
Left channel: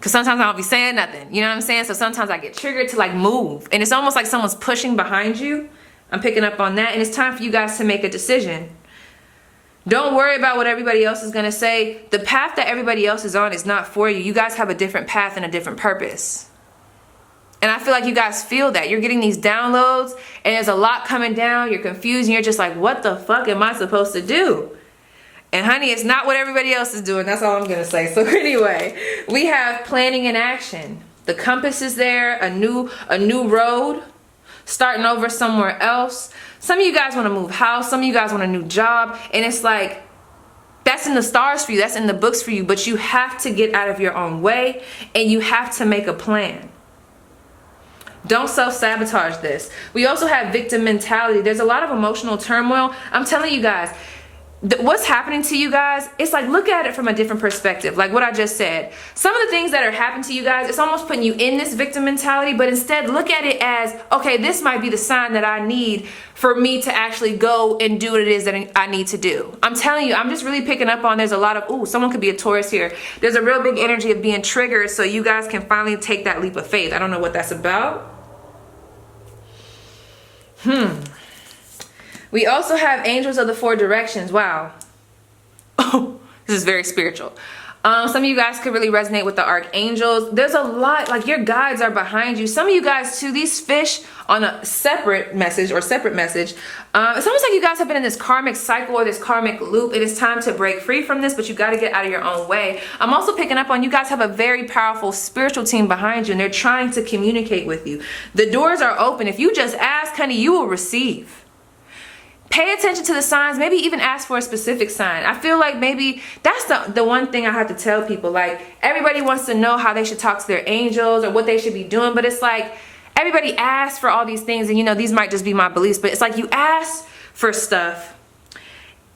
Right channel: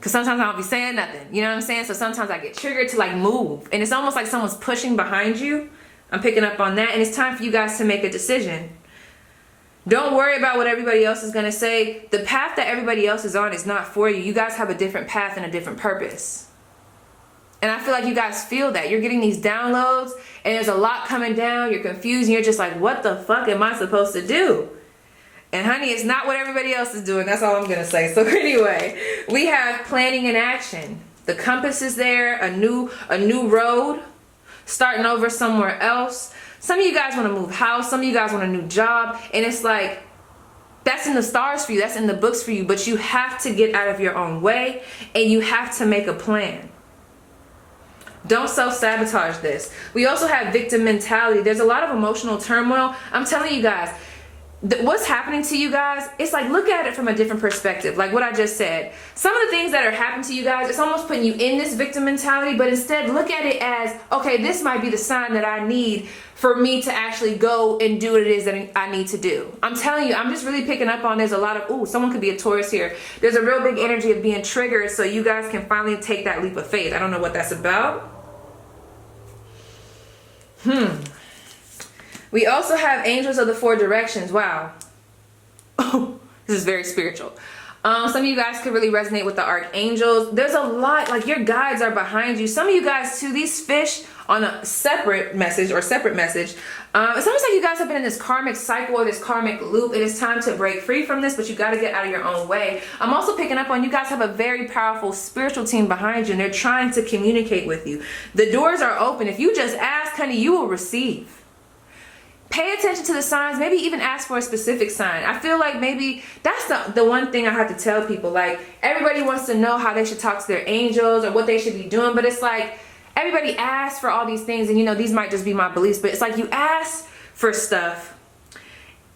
Because sometimes I don't be saying nothing. You know what I'm saying? So sometimes I get triggered to like move. And it's almost like someone's pushing behind you. I'm picking up on that. And it's time for you guys to make a decision. Don't worry about what everybody else is going to say. The path that everybody else is on is not for you. You guys have a different path and a different purpose. And I feel like you guys feel that. You're getting these downloads and there's a lot coming down. You're confused and you're just like, what the fuck am I supposed to do? And honey, it's not what everybody else is doing. That's all I'm going to say. So anyway, we have planning and action. The compass is there, a new road, starting over somewhere else. Some of you guys want to move house. Some of you guys want a new job. And it's like, that's in the stars for you. That's in the books for you. But you have to get out of your own way and you have to make a plan. Don't self-sabotage this. We also have victim mentality. There's a lot of emotional turmoil. I'm telling you guys, what's happening to you guys, it's like, look at it from a different perspective. Like what I just said, some of the things that are happening to you guys, it's almost putting you in this victim mentality, but instead look at it as, okay, this might be the sign that I need for me to actually go and do what it is that I need to do. I'm telling you, I'm just really picking up on, there's a lot of, ooh, someone could be a Taurus here. There's a real big energy of being triggered so you guys can finally take that leap of faith. I don't know what that's about. We also have angels of the 4 directions. Wow. Oh, this is very spiritual. Some of you guys could really resonate with the archangels. There's a lot, like your guides are behind you. Some of you guys too, these fish on a separate message. It's almost like you guys have been in this karmic cycle or this karmic loop, and it's time to break free from this, but you got to get out of your own way. I'm also picking up on, you guys have a very powerful spiritual team behind you, and they're trying to communicate with you. The doors are open. If you just ask, honey, you will receive. Pay attention to the signs, maybe even ask for a specific sign. I feel like maybe that's the one thing I have to tell people. Like, everybody wants to know how they should talk to their angels or what they should be doing, but it's like, everybody asks for all these things, and you know, these might just be my beliefs, but it's like you ask for stuff,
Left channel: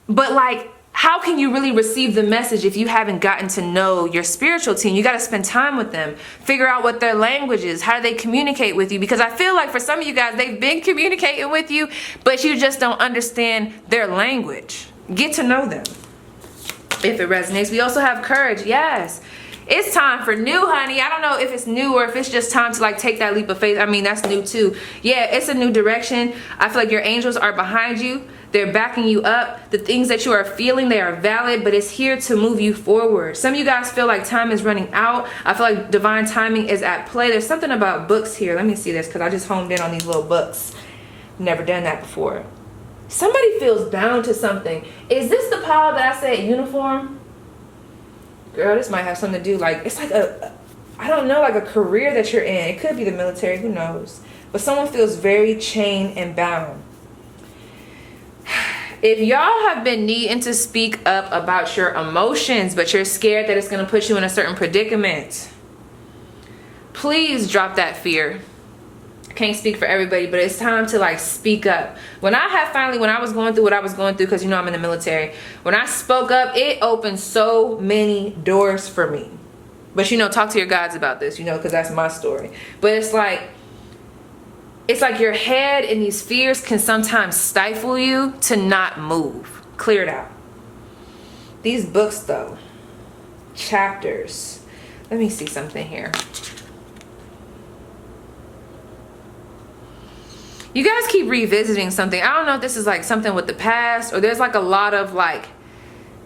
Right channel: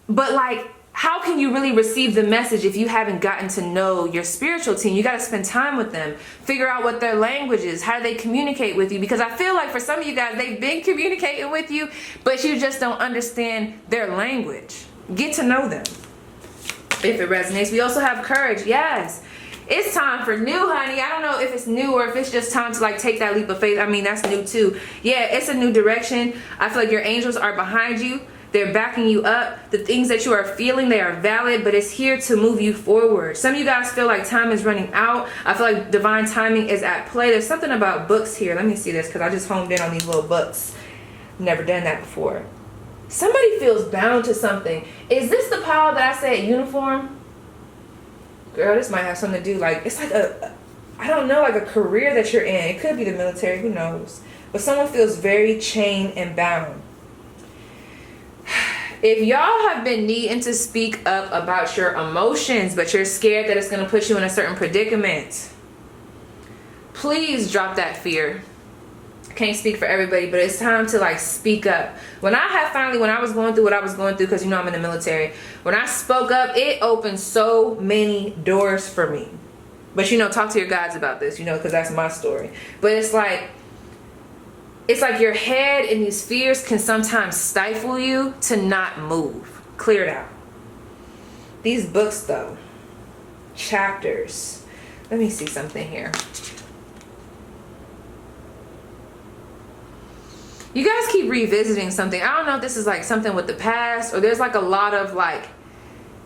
but like, how can you really receive the message if you haven't gotten to know your spiritual team? You got to spend time with them, figure out what their language is, how do they communicate with you? Because I feel like for some of you guys, they've been communicating with you, but you just don't understand their language. Get to know them if it resonates. We also have courage. Yes, it's time for new, honey. I don't know if it's new or if it's just time to like take that leap of faith. I mean, that's new too. Yeah, it's a new direction. I feel like your angels are behind you. They're backing you up. The things that you are feeling, they are valid, but it's here to move you forward. Some of you guys feel like time is running out. I feel like divine timing is at play. There's something about books here. Let me see this, because I just honed in on these little books. Never done that before. Somebody feels bound to something. Is this the pile that I said uniform? Girl, this might have something to do, like, it's like I don't know, like a career that you're in. It could be the military, who knows? But someone feels very chained and bound. If y'all have been needing to speak up about your emotions, but you're scared that it's going to put you in a certain predicament, please drop that fear. I can't speak for everybody, but it's time to like speak up. When I was going through what I was going through, because you know I'm in the military, when I spoke up, it opened so many doors for me. But you know, talk to your guides about this, you know, because that's my story. But it's like your head and these fears can sometimes stifle you to not move. Clear it out. These books though, chapters. Let me see something here. You guys keep revisiting something. I don't know if this is like something with the past, or there's like a lot of like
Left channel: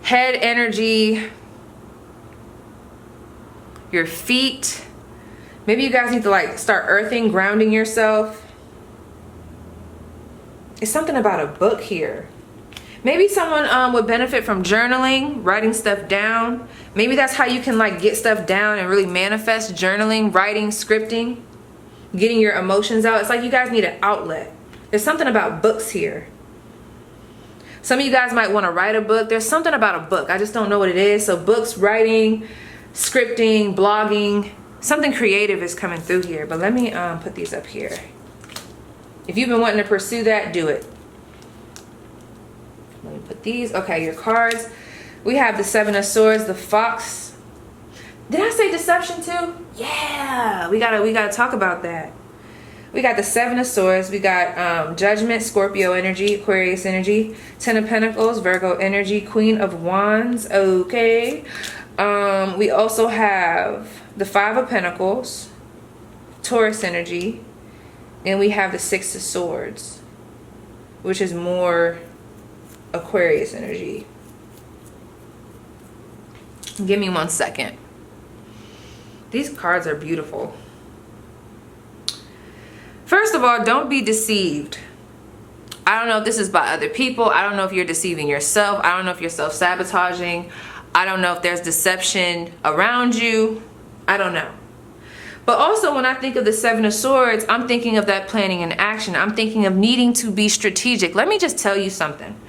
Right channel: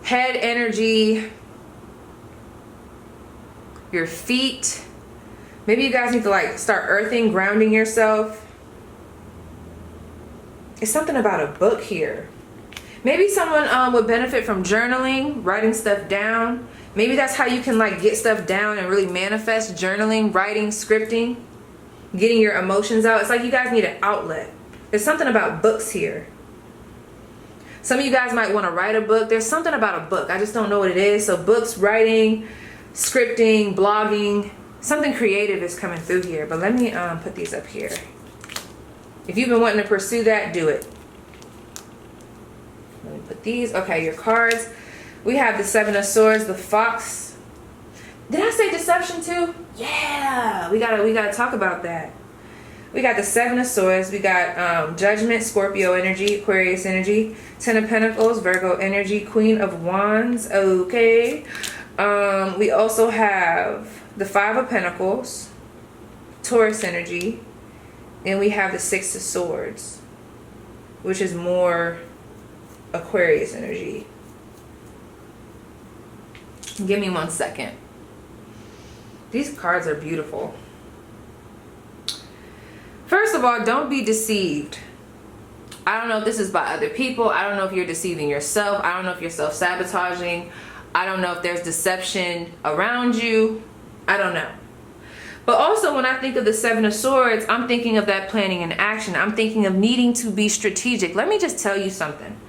head energy, your feet. Maybe you guys need to like start earthing, grounding yourself. It's something about a book here. Maybe someone would benefit from journaling, writing stuff down. Maybe that's how you can like get stuff down and really manifest. Journaling, writing, scripting, getting your emotions out. It's like you guys need an outlet. There's something about books here. Some of you guys might want to write a book. There's something about a book. I just don't know what it is. So books, writing, scripting, blogging, something creative is coming through here. But let me put these up here. If you've been wanting to pursue that, do it. Let me put these. Okay, your cards. We have the Seven of Swords, the Fox. Did I say deception too? Yeah, we gotta talk about that. We got the Seven of Swords. We got Judgment, Scorpio energy, Aquarius energy, Ten of Pentacles, Virgo energy, Queen of Wands. Okay. We also have the Five of Pentacles, Taurus energy, and we have the Six of Swords, which is more Aquarius energy. Give me 1 second. These cards are beautiful. First of all, don't be deceived. I don't know if this is by other people. I don't know if you're deceiving yourself. I don't know if you're self-sabotaging. I don't know if there's deception around you. I don't know. But also when I think of the Seven of Swords, I'm thinking of that planning and action. I'm thinking of needing to be strategic. Let me just tell you something.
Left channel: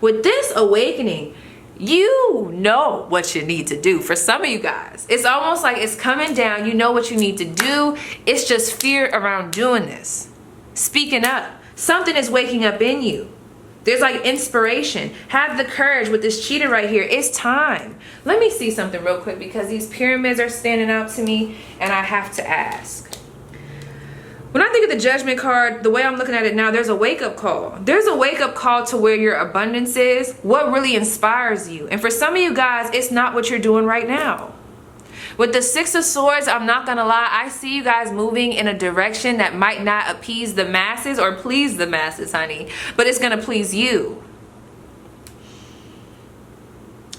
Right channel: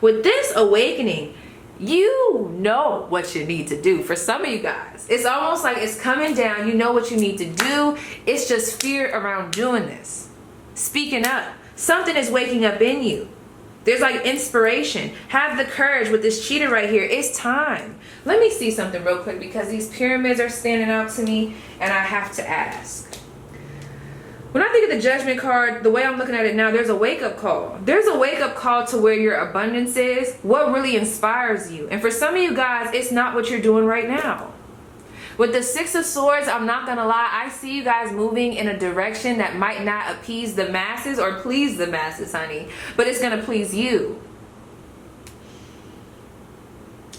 With this awakening, you know what you need to do. For some of you guys, it's almost like it's coming down. You know what you need to do. It's just fear around doing this. Speaking up. Something is waking up in you. There's like inspiration. Have the courage with this cheetah right here. It's time. Let me see something real quick because these pyramids are standing out to me and I have to ask. When I think of the Judgment card, the way I'm looking at it now, there's a wake-up call. There's a wake-up call to where your abundance is, what really inspires you. And for some of you guys, it's not what you're doing right now. With the Six of Swords, I'm not gonna lie, I see you guys moving in a direction that might not appease the masses or please the masses, honey, but it's gonna please you.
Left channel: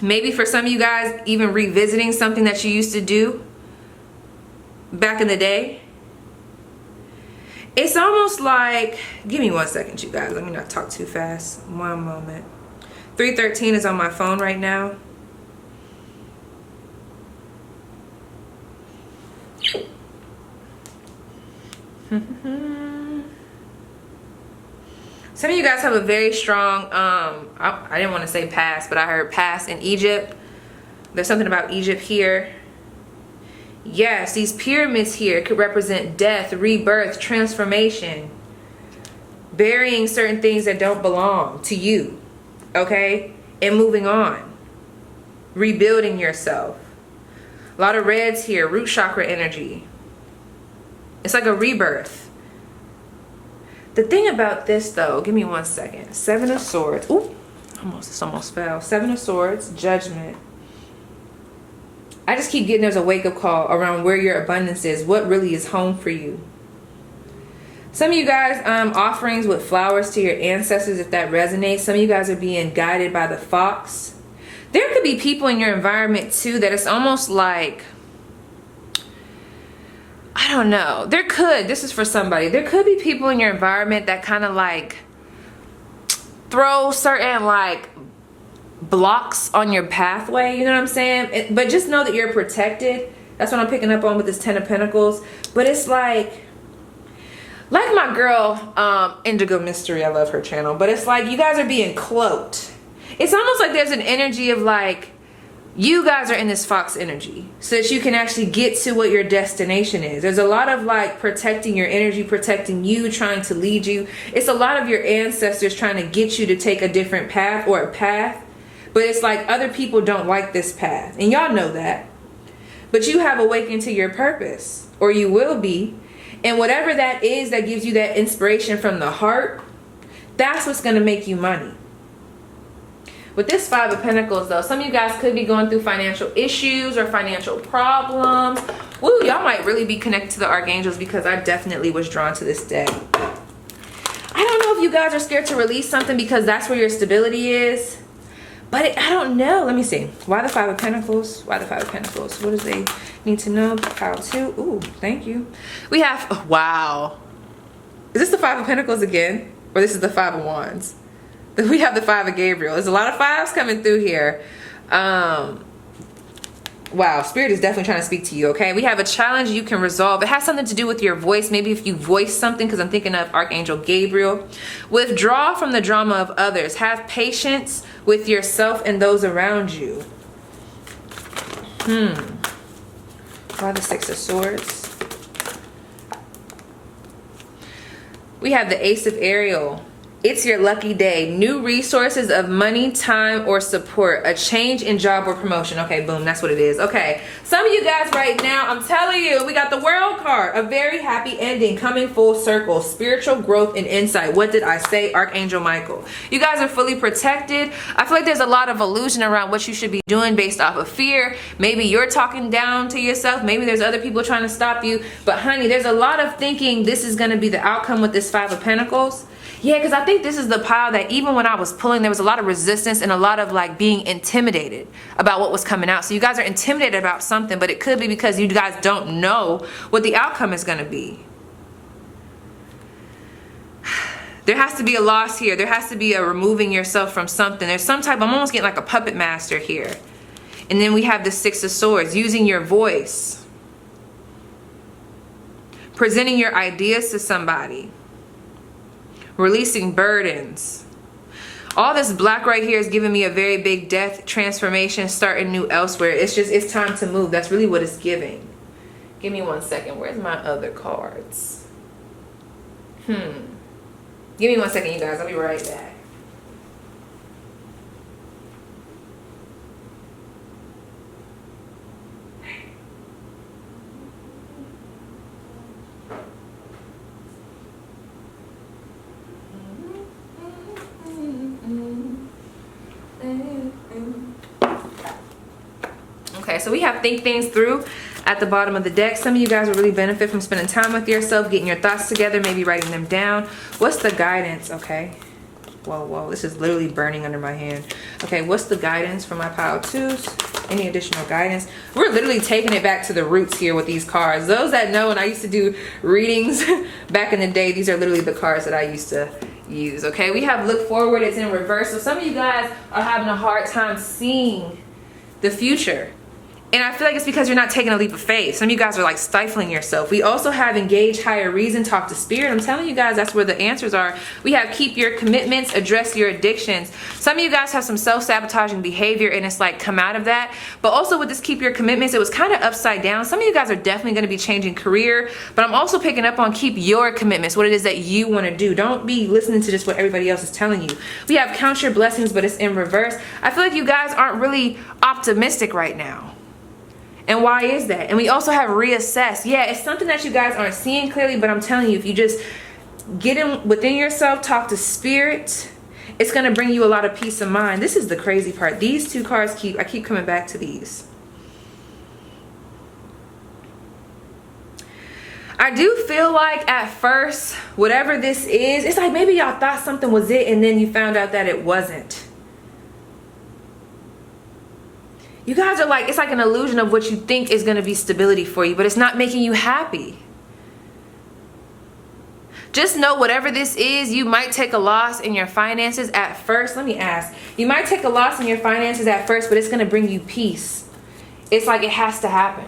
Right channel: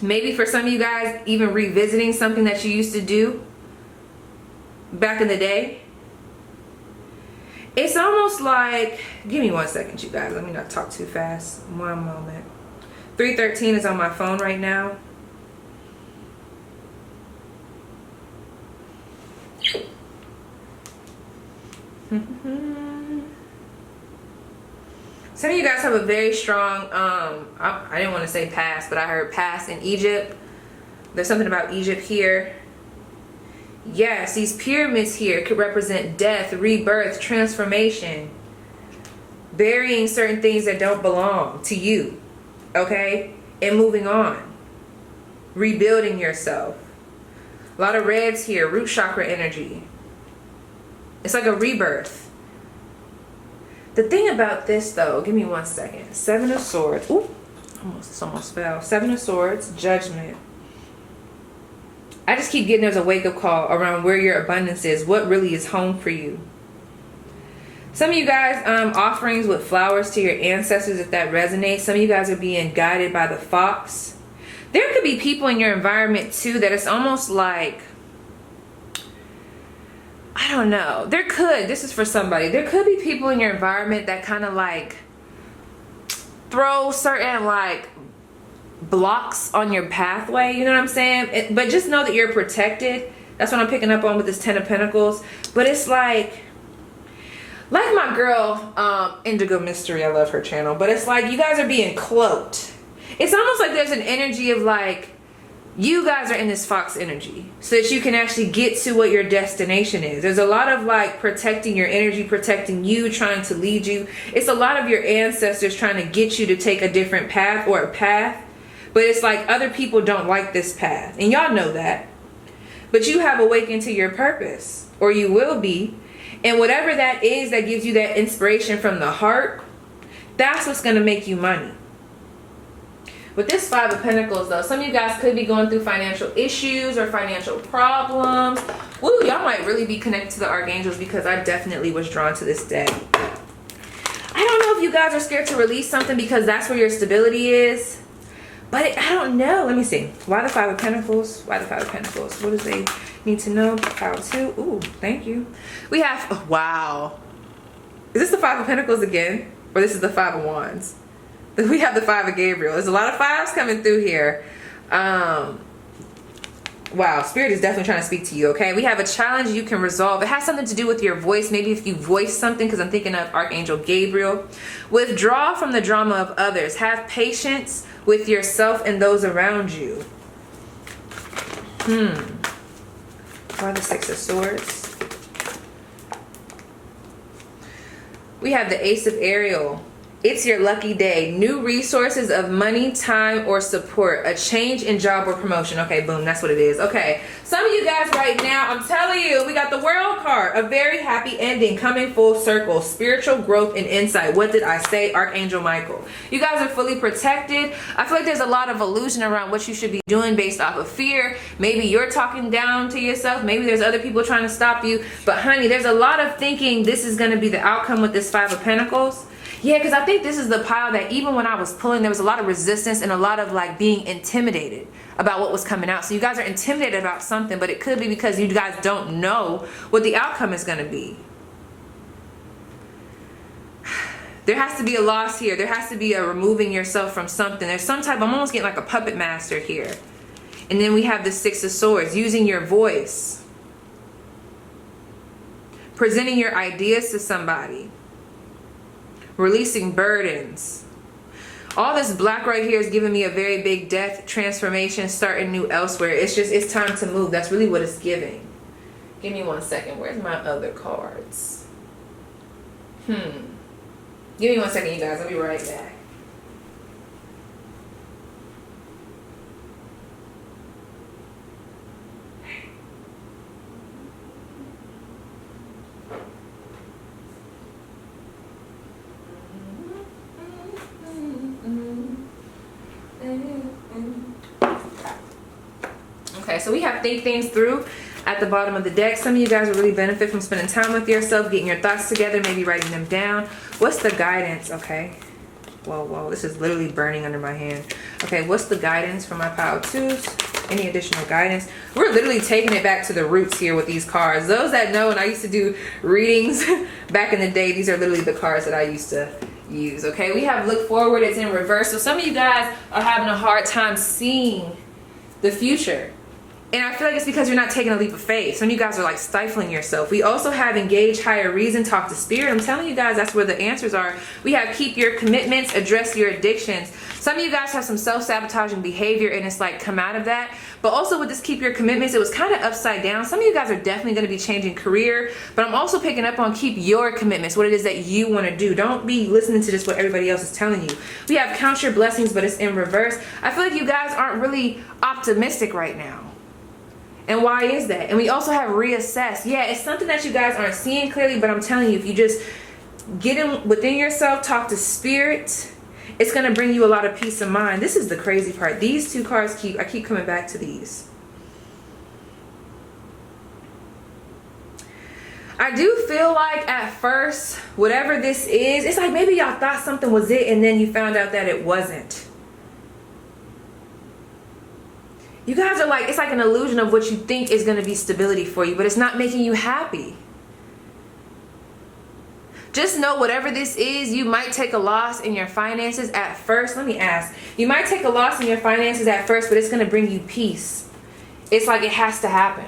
Maybe for some of you guys, even revisiting something that you used to do back in the day. It's almost like, give me 1 second, you guys. Let me not talk too fast. One moment. 313 is on my phone right now. Some of you guys have a very strong, I didn't want to say past, but I heard past in Egypt. There's something about Egypt here. Yes, these pyramids here could represent death, rebirth, transformation, burying certain things that don't belong to you, okay? And moving on, rebuilding yourself. A lot of reds here, root chakra energy. It's like a rebirth. The thing about this though, give me 1 second. Seven of Swords. Ooh, almost fell. Seven of Swords, Judgment. I just keep getting there's a wake-up call around where your abundance is, what really is home for you. Some of you guys, offerings with flowers to your ancestors, if that resonates. Some of you guys are being guided by the fox. There could be people in your environment too that it's almost like, I don't know. This is for somebody. There could be people in your environment that kind of like throw certain like blocks on your pathway, you know what I'm saying? But just know that you're protected. That's what I'm picking up on with this Ten of Pentacles. But it's like my girl Indigo Mystery, I love her channel, but it's like you guys are being cloaked. It's almost like there's an energy of like you guys are in this fox energy so that you can actually get to what your destination is. There's a lot of like protecting your energy, protecting you, trying to lead you. It's a lot of your ancestors trying to get you to take a different path or a path. But it's like other people don't like this path. And y'all know that. But you have awakened to your purpose. Or you will be. And whatever that is that gives you that inspiration from the heart, that's what's going to make you money. With this Five of Pentacles though, some of you guys could be going through financial issues or financial problems. Woo, y'all might really be connected to the archangels because I definitely was drawn to this deck. I don't know if you guys are scared to release something because that's where your stability is. But I don't know. Let me see. Why the Five of Pentacles? Why the Five of Pentacles? What do they need to know? How to? Ooh, thank you. We have, oh, wow. Is this the Five of Pentacles again? Or this is the Five of Wands? We have the Five of Gabriel. There's a lot of fives coming through here. Wow, Spirit is definitely trying to speak to you, okay? We have a challenge you can resolve. It has something to do with your voice. Maybe if you voice something, because I'm thinking of Archangel Gabriel. Withdraw from the drama of others. Have patience with yourself and those around you. Why the Six of Swords? We have the Ace of Ariel. It's your lucky day. New resources of money, time, or support. A change in job or promotion. Okay, boom, that's what it is. Okay, some of you guys right now, I'm telling you, we got the World card. A very happy ending coming full circle. Spiritual growth and insight. What did I say? Archangel Michael. You guys are fully protected. I feel like there's a lot of illusion around what you should be doing based off of fear. Maybe you're talking down to yourself. Maybe there's other people trying to stop you. But honey, there's a lot of thinking this is going to be the outcome with this Five of Pentacles. Yeah, because I think this is the pile that even when I was pulling, there was a lot of resistance and a lot of like being intimidated about what was coming out. So you guys are intimidated about something, but it could be because you guys don't know what the outcome is going to be. There has to be a loss here. There has to be a removing yourself from something. There's some type, I'm almost getting like a puppet master here. And then we have the Six of Swords, using your voice. Presenting your ideas to somebody. Releasing burdens. All this black right here is giving me a very big death, transformation, starting new elsewhere. It's just, it's time to move. That's really what it's giving. Give me 1 second. Where's my other cards? Give me 1 second, you guys. I'll be right back. Okay, so we have think things through at the bottom of the deck. Some of you guys will really benefit from spending time with yourself, getting your thoughts together, maybe writing them down. What's the guidance? Okay. Whoa, this is literally burning under my hand. Okay, what's the guidance for my pile twos? Any additional guidance? We're literally taking it back to the roots here with these cards. Those that know, and I used to do readings back in the day, these are literally the cards that I used to use. Okay, we have look forward. It's in reverse. So some of you guys are having a hard time seeing the future. And I feel like it's because you're not taking a leap of faith. Some of you guys are like stifling yourself. We also have engage higher reason, talk to spirit. I'm telling you guys, that's where the answers are. We have keep your commitments, address your addictions. Some of you guys have some self-sabotaging behavior and it's like come out of that. But also with this keep your commitments, it was kind of upside down. Some of you guys are definitely going to be changing career. But I'm also picking up on keep your commitments, what it is that you want to do. Don't be listening to just what everybody else is telling you. We have count your blessings, but it's in reverse. I feel like you guys aren't really optimistic right now. And why is that? And we also have reassess. Yeah, it's something that you guys aren't seeing clearly, but I'm telling you, if you just get in within yourself, talk to spirit, it's going to bring you a lot of peace of mind. This is the crazy part. These two cards I keep coming back to these. I do feel like at first, whatever this is, it's like maybe y'all thought something was it and then you found out that it wasn't. You guys are like, it's like an illusion of what you think is going to be stability for you, but it's not making you happy. Just know whatever this is, you might take a loss in your finances at first. Let me ask. You might take a loss in your finances at first, but it's going to bring you peace. It's like it has to happen.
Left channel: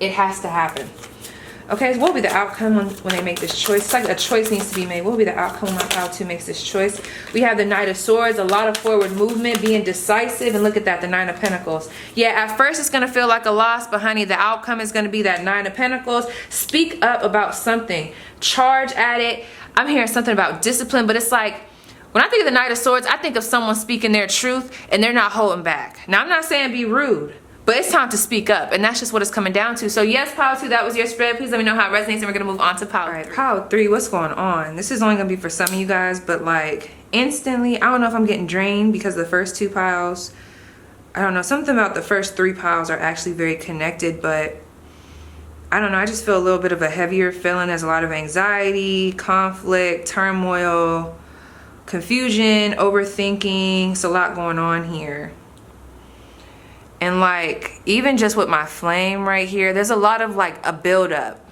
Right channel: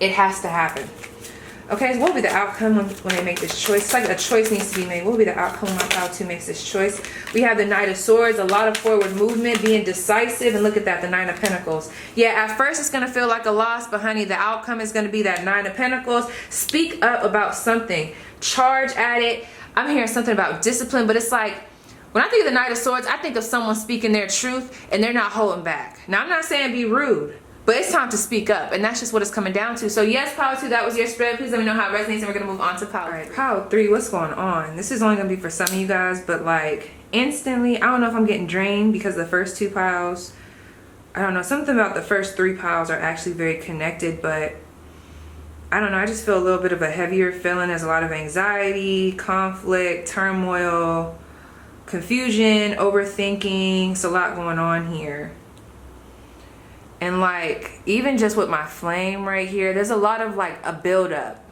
It has to happen. Okay, so what will be the outcome when they make this choice? It's like a choice needs to be made. What will be the outcome when my pile 2 makes this choice? We have the Knight of Swords, a lot of forward movement, being decisive, and look at that, the Nine of Pentacles. Yeah, at first it's going to feel like a loss, but honey, the outcome is going to be that Nine of Pentacles. Speak up about something. Charge at it. I'm hearing something about discipline, but it's like, when I think of the Knight of Swords, I think of someone speaking their truth, and they're not holding back. Now, I'm not saying be rude. But it's time to speak up, and that's just what it's coming down to. So yes, pile 2, that was your spread. Please let me know how it resonates, and we're going to move on to pile 3. All right, pile 3, what's going on? This is only going to be for some of you guys, but like instantly, I don't know if I'm getting drained because the first 2 piles, I don't know, something about the first 3 piles are actually very connected, but I don't know, I just feel a little bit of a heavier feeling. There's a lot of anxiety, conflict, turmoil, confusion, overthinking. It's a lot going on here. And like, even just with my flame right here, there's a lot of like a buildup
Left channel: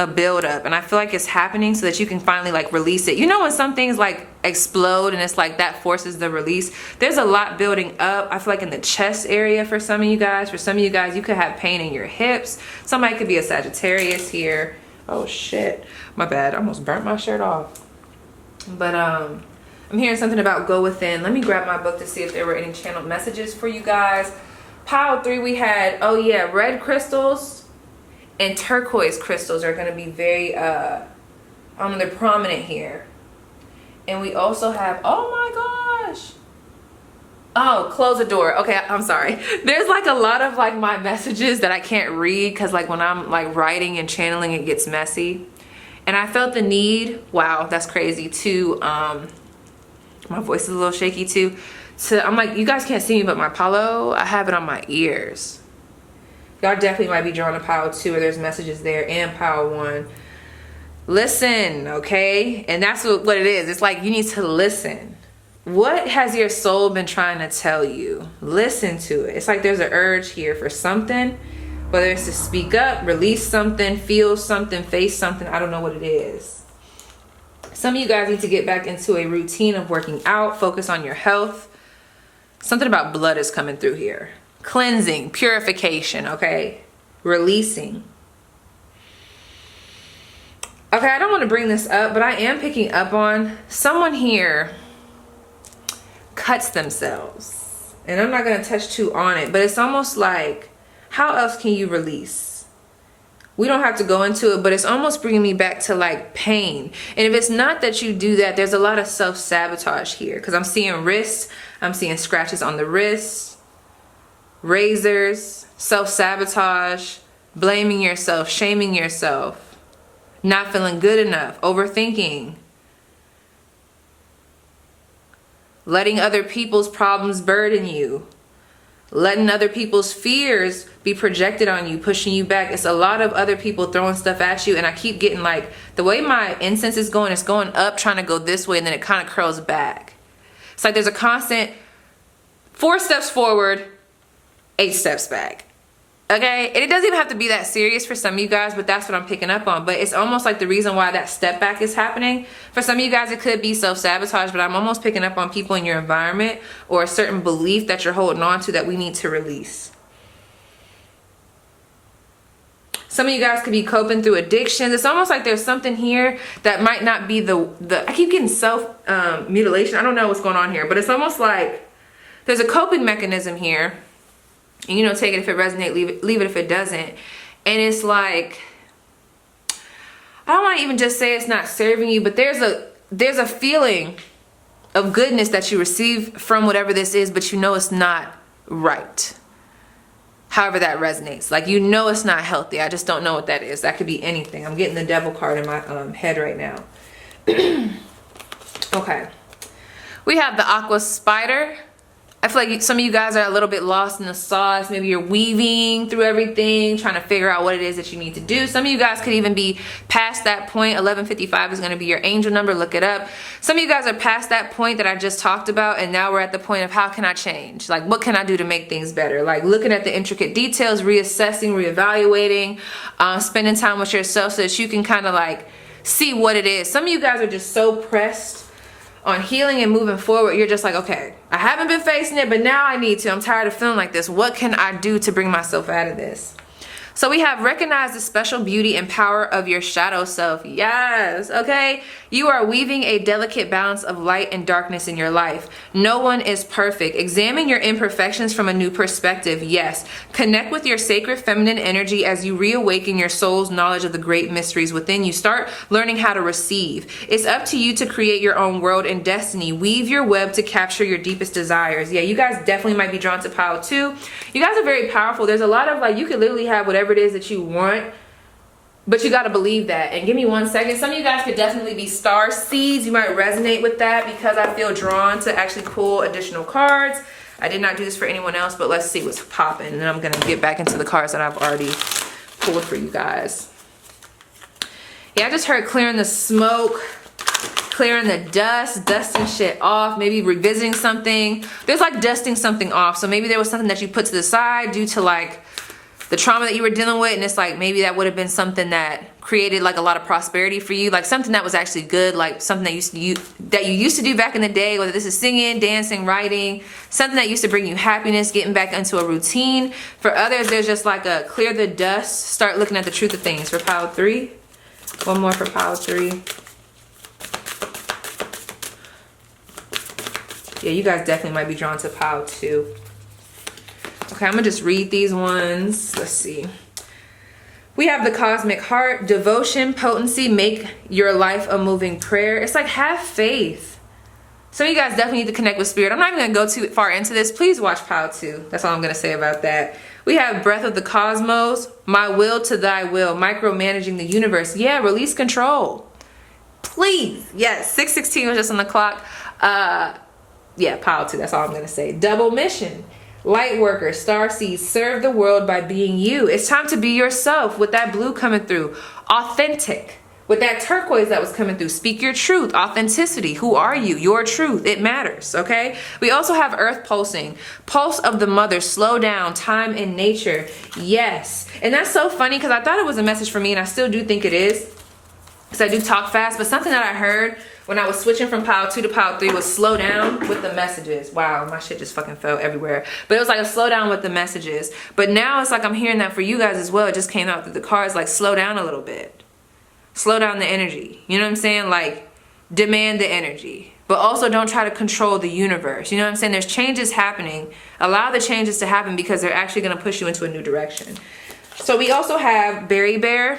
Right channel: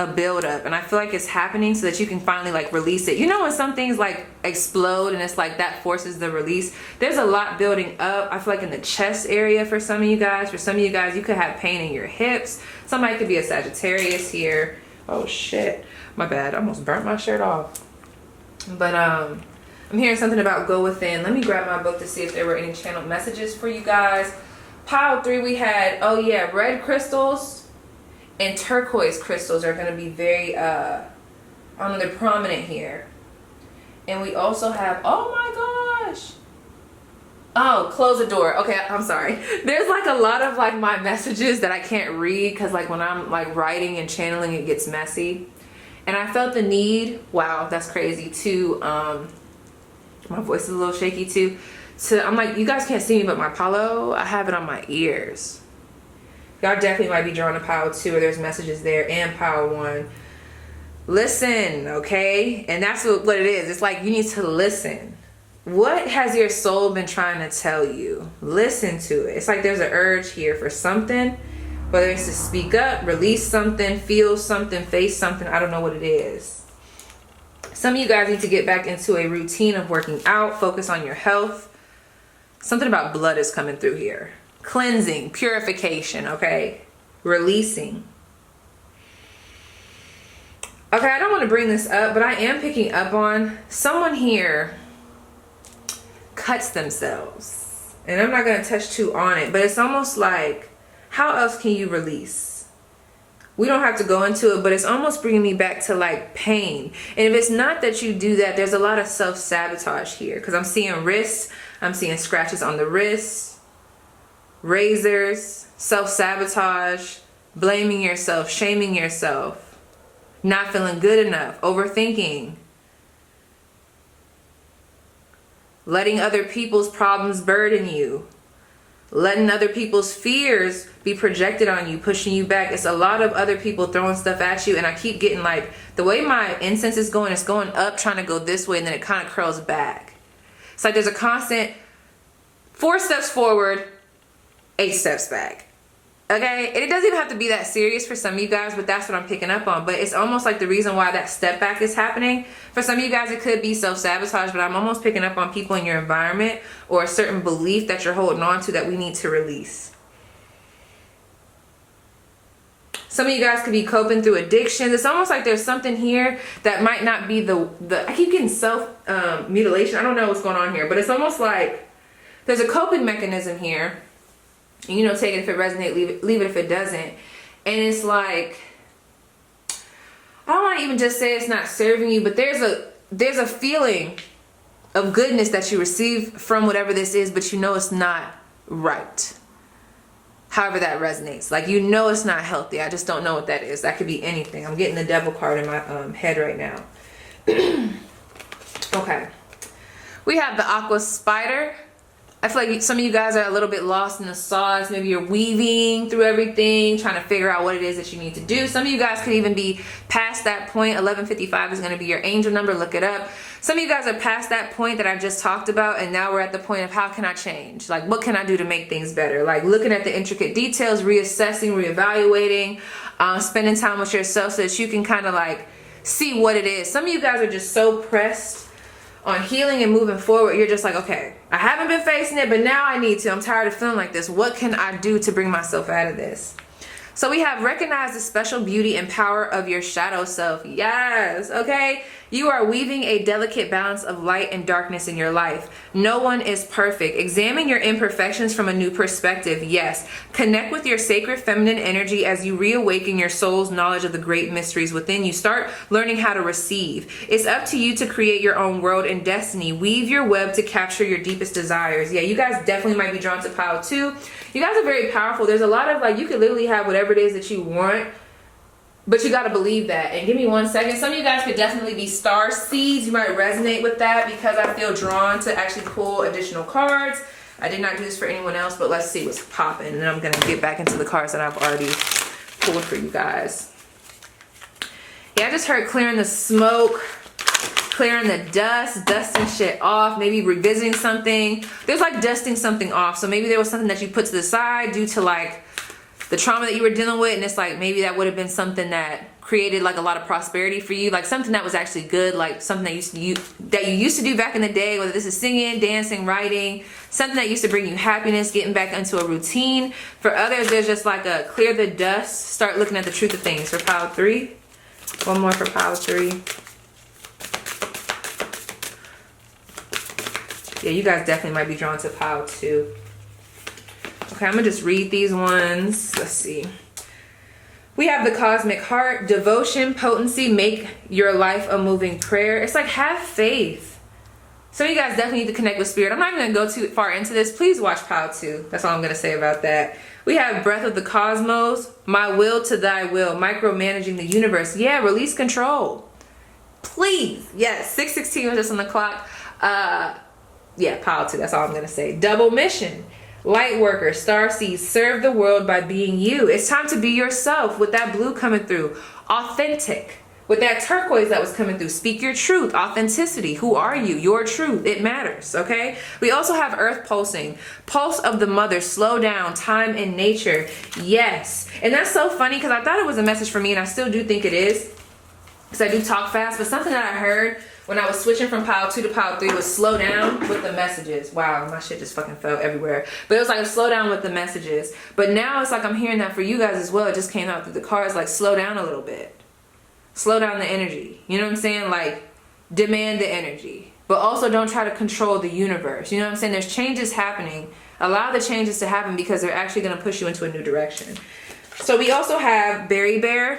a buildup, and I feel like it's happening so that you can finally like release it. You know when some things like explode and it's like that forces the release? There's a lot building up. I feel like in the chest area for some of you guys. For some of you guys, you could have pain in your hips. Somebody could be a Sagittarius here. Oh shit, my bad, I almost burnt my shirt off. But I'm hearing something about go within. Let me grab my book to see if there were any channeled messages for you guys. Pile 3, we had, oh yeah, red crystals and turquoise crystals are going to be very they're prominent here. And we also have, oh my gosh, oh, close the door. Okay, I'm sorry. There's like a lot of like my messages that I can't read because like when I'm like writing and channeling, it gets messy. And I felt the need, wow, that's crazy, to my voice is a little shaky too, I'm like, you guys can't see me, but my palo, I have it on my ears. Y'all definitely might be drawn to pile 2, or there's messages there, and pile 1. Listen, okay? And that's what it is. It's like you need to listen. What has your soul been trying to tell you? Listen to it. It's like there's an urge here for something, whether it's to speak up, release something, feel something, face something. I don't know what it is. Some of you guys need to get back into a routine of working out, focus on your health. Something about blood is coming through here. Cleansing, purification, okay? Releasing. Okay, I don't want to bring this up, but I am picking up on someone here cuts themselves. And I'm not going to touch too on it, but it's almost like, how else can you release? We don't have to go into it, but it's almost bringing me back to like pain. And if it's not that you do that, there's a lot of self-sabotage here, because I'm seeing wrists, I'm seeing scratches on the wrists, razors, self-sabotage, blaming yourself, shaming yourself, not feeling good enough, overthinking, letting other people's problems burden you, letting other people's fears be projected on you, pushing you back. It's a lot of other people throwing stuff at you, and I keep getting like, the way my incense is going, it's going up, trying to go this way, and then it kind of curls back. It's like there's a constant 4 steps forward, 8 steps back. Okay, and it doesn't even have to be that serious for some of you guys, but that's what I'm picking up on. But it's almost like the reason why that step back is happening. For some of you guys, it could be self-sabotage, but I'm almost picking up on people in your environment or a certain belief that you're holding on to that we need to release. Some of you guys could be coping through addictions. It's almost like there's something here that might not be I keep getting self-mutilation. I don't know what's going on here, but it's almost like there's a coping mechanism here. And you know, take it if it resonates, leave it if it doesn't. And it's like, I don't want to even just say it's not serving you, but there's a feeling of goodness that you receive from whatever this is, but you know it's not right. However that resonates. Like, you know it's not healthy. I just don't know what that is. That could be anything. I'm getting the devil card in my head right now. Okay. We have the aqua spider. I feel like some of you guys are a little bit lost in the sauce. Maybe you're weaving through everything, trying to figure out what it is that you need to do. Some of you guys could even be past that point. 1155 is going to be your angel number. Look it up. Some of you guys are past that point that I just talked about, and now we're at the point of how can I change? Like, what can I do to make things better? Like, looking at the intricate details, reassessing, reevaluating, spending time with yourself so that you can kind of like see what it is. Some of you guys are just so pressed on healing and moving forward. You're just like, okay, I haven't been facing it, but now I need to. I'm tired of feeling like this. What can I do to bring myself out of this? So we have recognize the special beauty and power of your shadow self. Yes, okay. You are weaving a delicate balance of light and darkness in your life. No one is perfect. Examine your imperfections from a new perspective. Yes. Connect with your sacred feminine energy as you reawaken your soul's knowledge of the great mysteries within you. Start learning how to receive. It's up to you to create your own world and destiny. Weave your web to capture your deepest desires. Yeah, you guys definitely might be drawn to pile 2. You guys are very powerful. There's a lot of like, you could literally have whatever it is that you want, but you got to believe that. And give me 1 second. Some of you guys could definitely be star seeds. You might resonate with that because I feel drawn to actually pull additional cards. I did not do this for anyone else, but let's see what's popping. And then I'm going to get back into the cards that I've already pulled for you guys. Yeah, I just heard clearing the smoke, clearing the dust, dusting shit off, maybe revisiting something. There's like dusting something off. So maybe there was something that you put to the side due to like the trauma that you were dealing with, and it's like maybe that would have been something that created like a lot of prosperity for you, like something that was actually good, like something that you used to do back in the day, whether this is singing, dancing, writing, something that used to bring you happiness, getting back into a routine. For others, there's just like a clear the dust, start looking at the truth of things. For pile 3, one more for pile 3. Yeah, you guys definitely might be drawn to pile 2. Okay, I'm gonna just read these ones. Let's see. We have the cosmic heart, devotion, potency, make your life a moving prayer. It's like, have faith. Some of you guys definitely need to connect with spirit. I'm not even gonna go too far into this. Please watch pile 2. That's all I'm gonna say about that. We have breath of the cosmos, my will to thy will, micromanaging the universe. Yeah, release control. Please. Yes, 6:16 was just on the clock. Yeah, pile 2, that's all I'm gonna say. Double mission. Light worker, star seeds, serve the world by being you. It's time to be yourself with that blue coming through. Authentic. With that turquoise that was coming through. Speak your truth. Authenticity. Who are you? Your truth. It matters, okay? We also have earth pulsing. Pulse of the mother. Slow down. Time in nature. Yes. And that's so funny because I thought it was a message for me, and I still do think it is. Because I do talk fast. But something that I heard when I was switching from pile 2 to pile 3 was slow down with the messages. Wow, my shit just fucking fell everywhere. But it was like a slow down with the messages. But now it's like I'm hearing that for you guys as well. It just came out through the cards, like slow down a little bit. Slow down the energy. You know what I'm saying? Like demand the energy. But also don't try to control the universe. You know what I'm saying? There's changes happening. Allow the changes to happen because they're actually going to push you into a new direction. So we also have Berry Bear.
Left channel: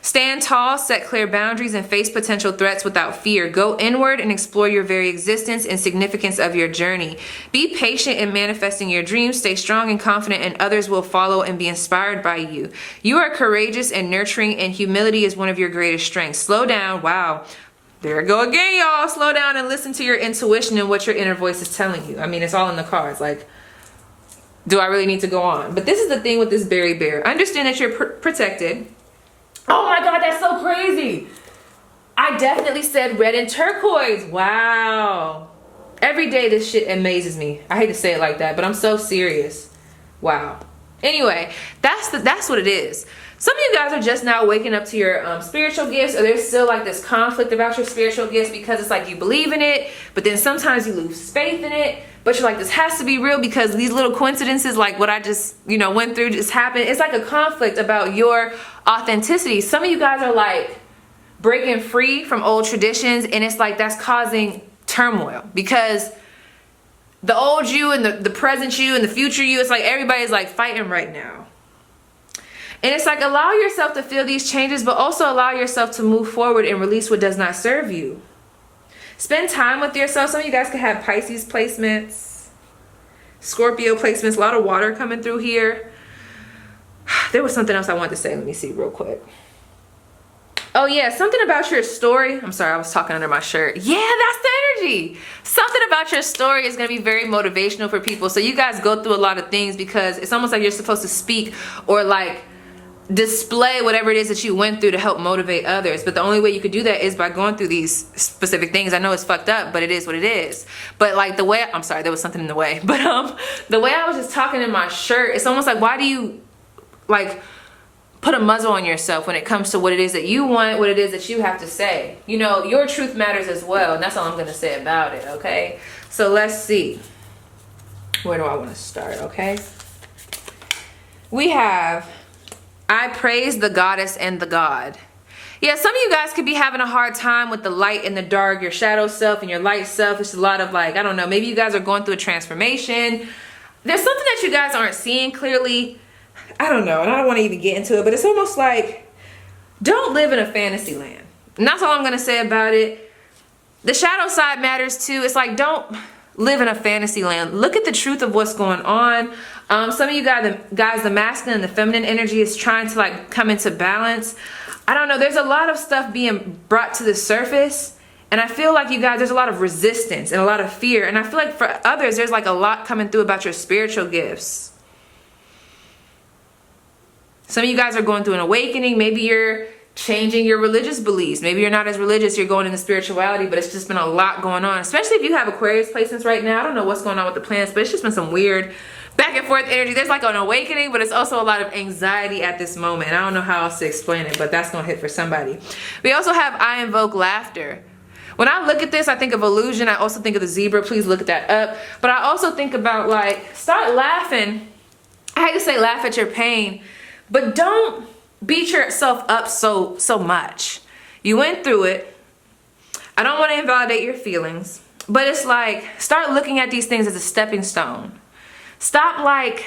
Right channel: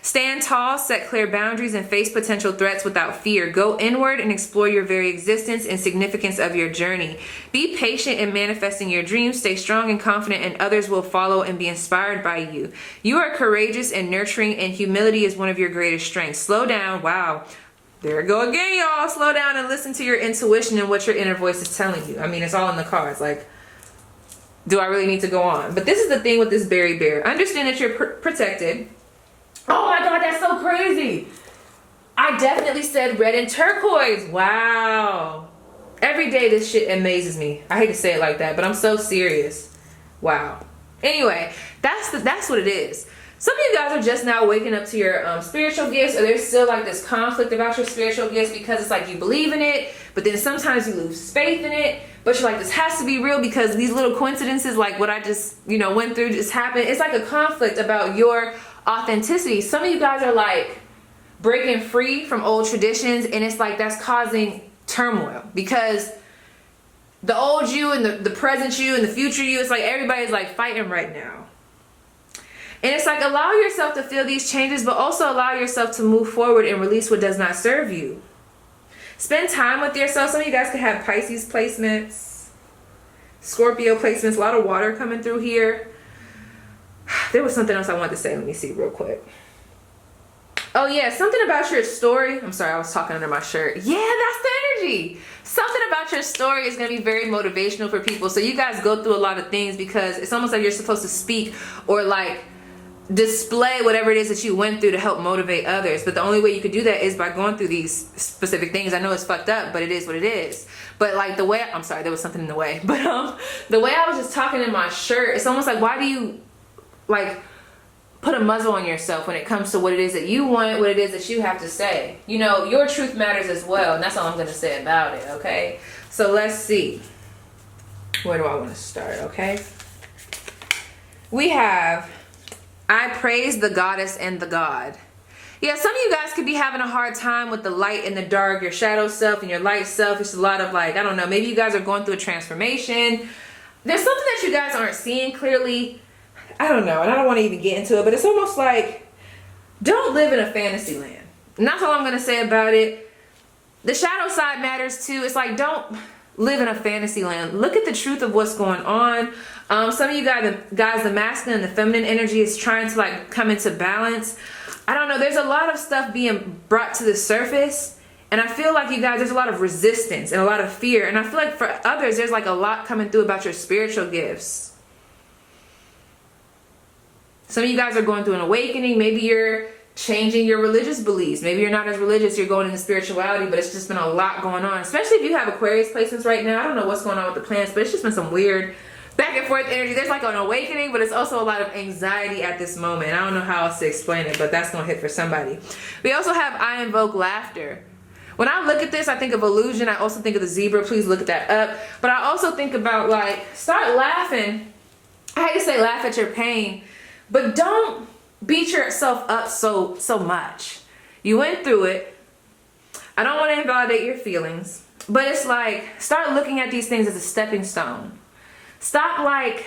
Stand tall, set clear boundaries, and face potential threats without fear. Go inward and explore your very existence and significance of your journey. Be patient in manifesting your dreams. Stay strong and confident, and others will follow and be inspired by you. You are courageous and nurturing, and humility is one of your greatest strengths. Slow down. Wow. There we go again, y'all. Slow down and listen to your intuition and what your inner voice is telling you. I mean, it's all in the cards. Like, do I really need to go on? But this is the thing with this Berry Bear. Understand that you're protected. Oh my God, that's so crazy. I definitely said red and turquoise. Wow. Every day this shit amazes me. I hate to say it like that, but I'm so serious. Wow. Anyway, that's what it is. Some of you guys are just now waking up to your spiritual gifts, or there's still like this conflict about your spiritual gifts because it's like you believe in it, but then sometimes you lose faith in it. But you're like, this has to be real because these little coincidences, like what I just, went through just happened. It's like a conflict about your authenticity. Some of you guys are like breaking free from old traditions, and it's like that's causing turmoil because the old you and the present you and the future you, it's like everybody's like fighting right now. And it's like, allow yourself to feel these changes, but also allow yourself to move forward and release what does not serve you. Spend time with yourself. Some of you guys could have Pisces placements, Scorpio placements, a lot of water coming through here. There was something else I wanted to say. Let me see real quick. Oh yeah, something about your story. I'm sorry, I was talking under my shirt. Yeah, that's the energy. Something about your story is going to be very motivational for people. So you guys go through a lot of things because it's almost like you're supposed to speak or like display whatever it is that you went through to help motivate others. But the only way you could do that is by going through these specific things. I know it's fucked up, but it is what it is. But like the way, I'm sorry, there was something in the way. But the way I was just talking in my shirt, it's almost like, why do you like put a muzzle on yourself when it comes to what it is that you want, what it is that you have to say? Your truth matters as well, and that's all I'm going to say about it, okay? So let's see. Where do I want to start, okay? We have, I praise the goddess and the god. Yeah, some of you guys could be having a hard time with the light and the dark, your shadow self and your light self. It's a lot of like, I don't know, maybe you guys are going through a transformation. There's something that you guys aren't seeing clearly. I don't know, and I don't want to even get into it, but it's almost like, don't live in a fantasy land. And that's all I'm going to say about it. The shadow side matters too. It's like, don't live in a fantasy land. Look at the truth of what's going on. Some of you guys, the masculine and the feminine energy is trying to like come into balance. I don't know, there's a lot of stuff being brought to the surface. And I feel like you guys, there's a lot of resistance and a lot of fear. And I feel like for others, there's like a lot coming through about your spiritual gifts. Some of you guys are going through an awakening. Maybe you're changing your religious beliefs. Maybe you're not as religious, you're going into spirituality, but it's just been a lot going on. Especially if you have Aquarius placements right now. I don't know what's going on with the planets, but it's just been some weird back and forth energy. There's like an awakening, but it's also a lot of anxiety at this moment. I don't know how else to explain it, but that's gonna hit for somebody. We also have I invoke laughter. When I look at this, I think of illusion. I also think of the zebra. Please look that up. But I also think about, like, start laughing. I hate to say laugh at your pain, but don't beat yourself up so much. You went through it. I don't want to invalidate your feelings, but it's like, start looking at these things as a stepping stone. Stop, like,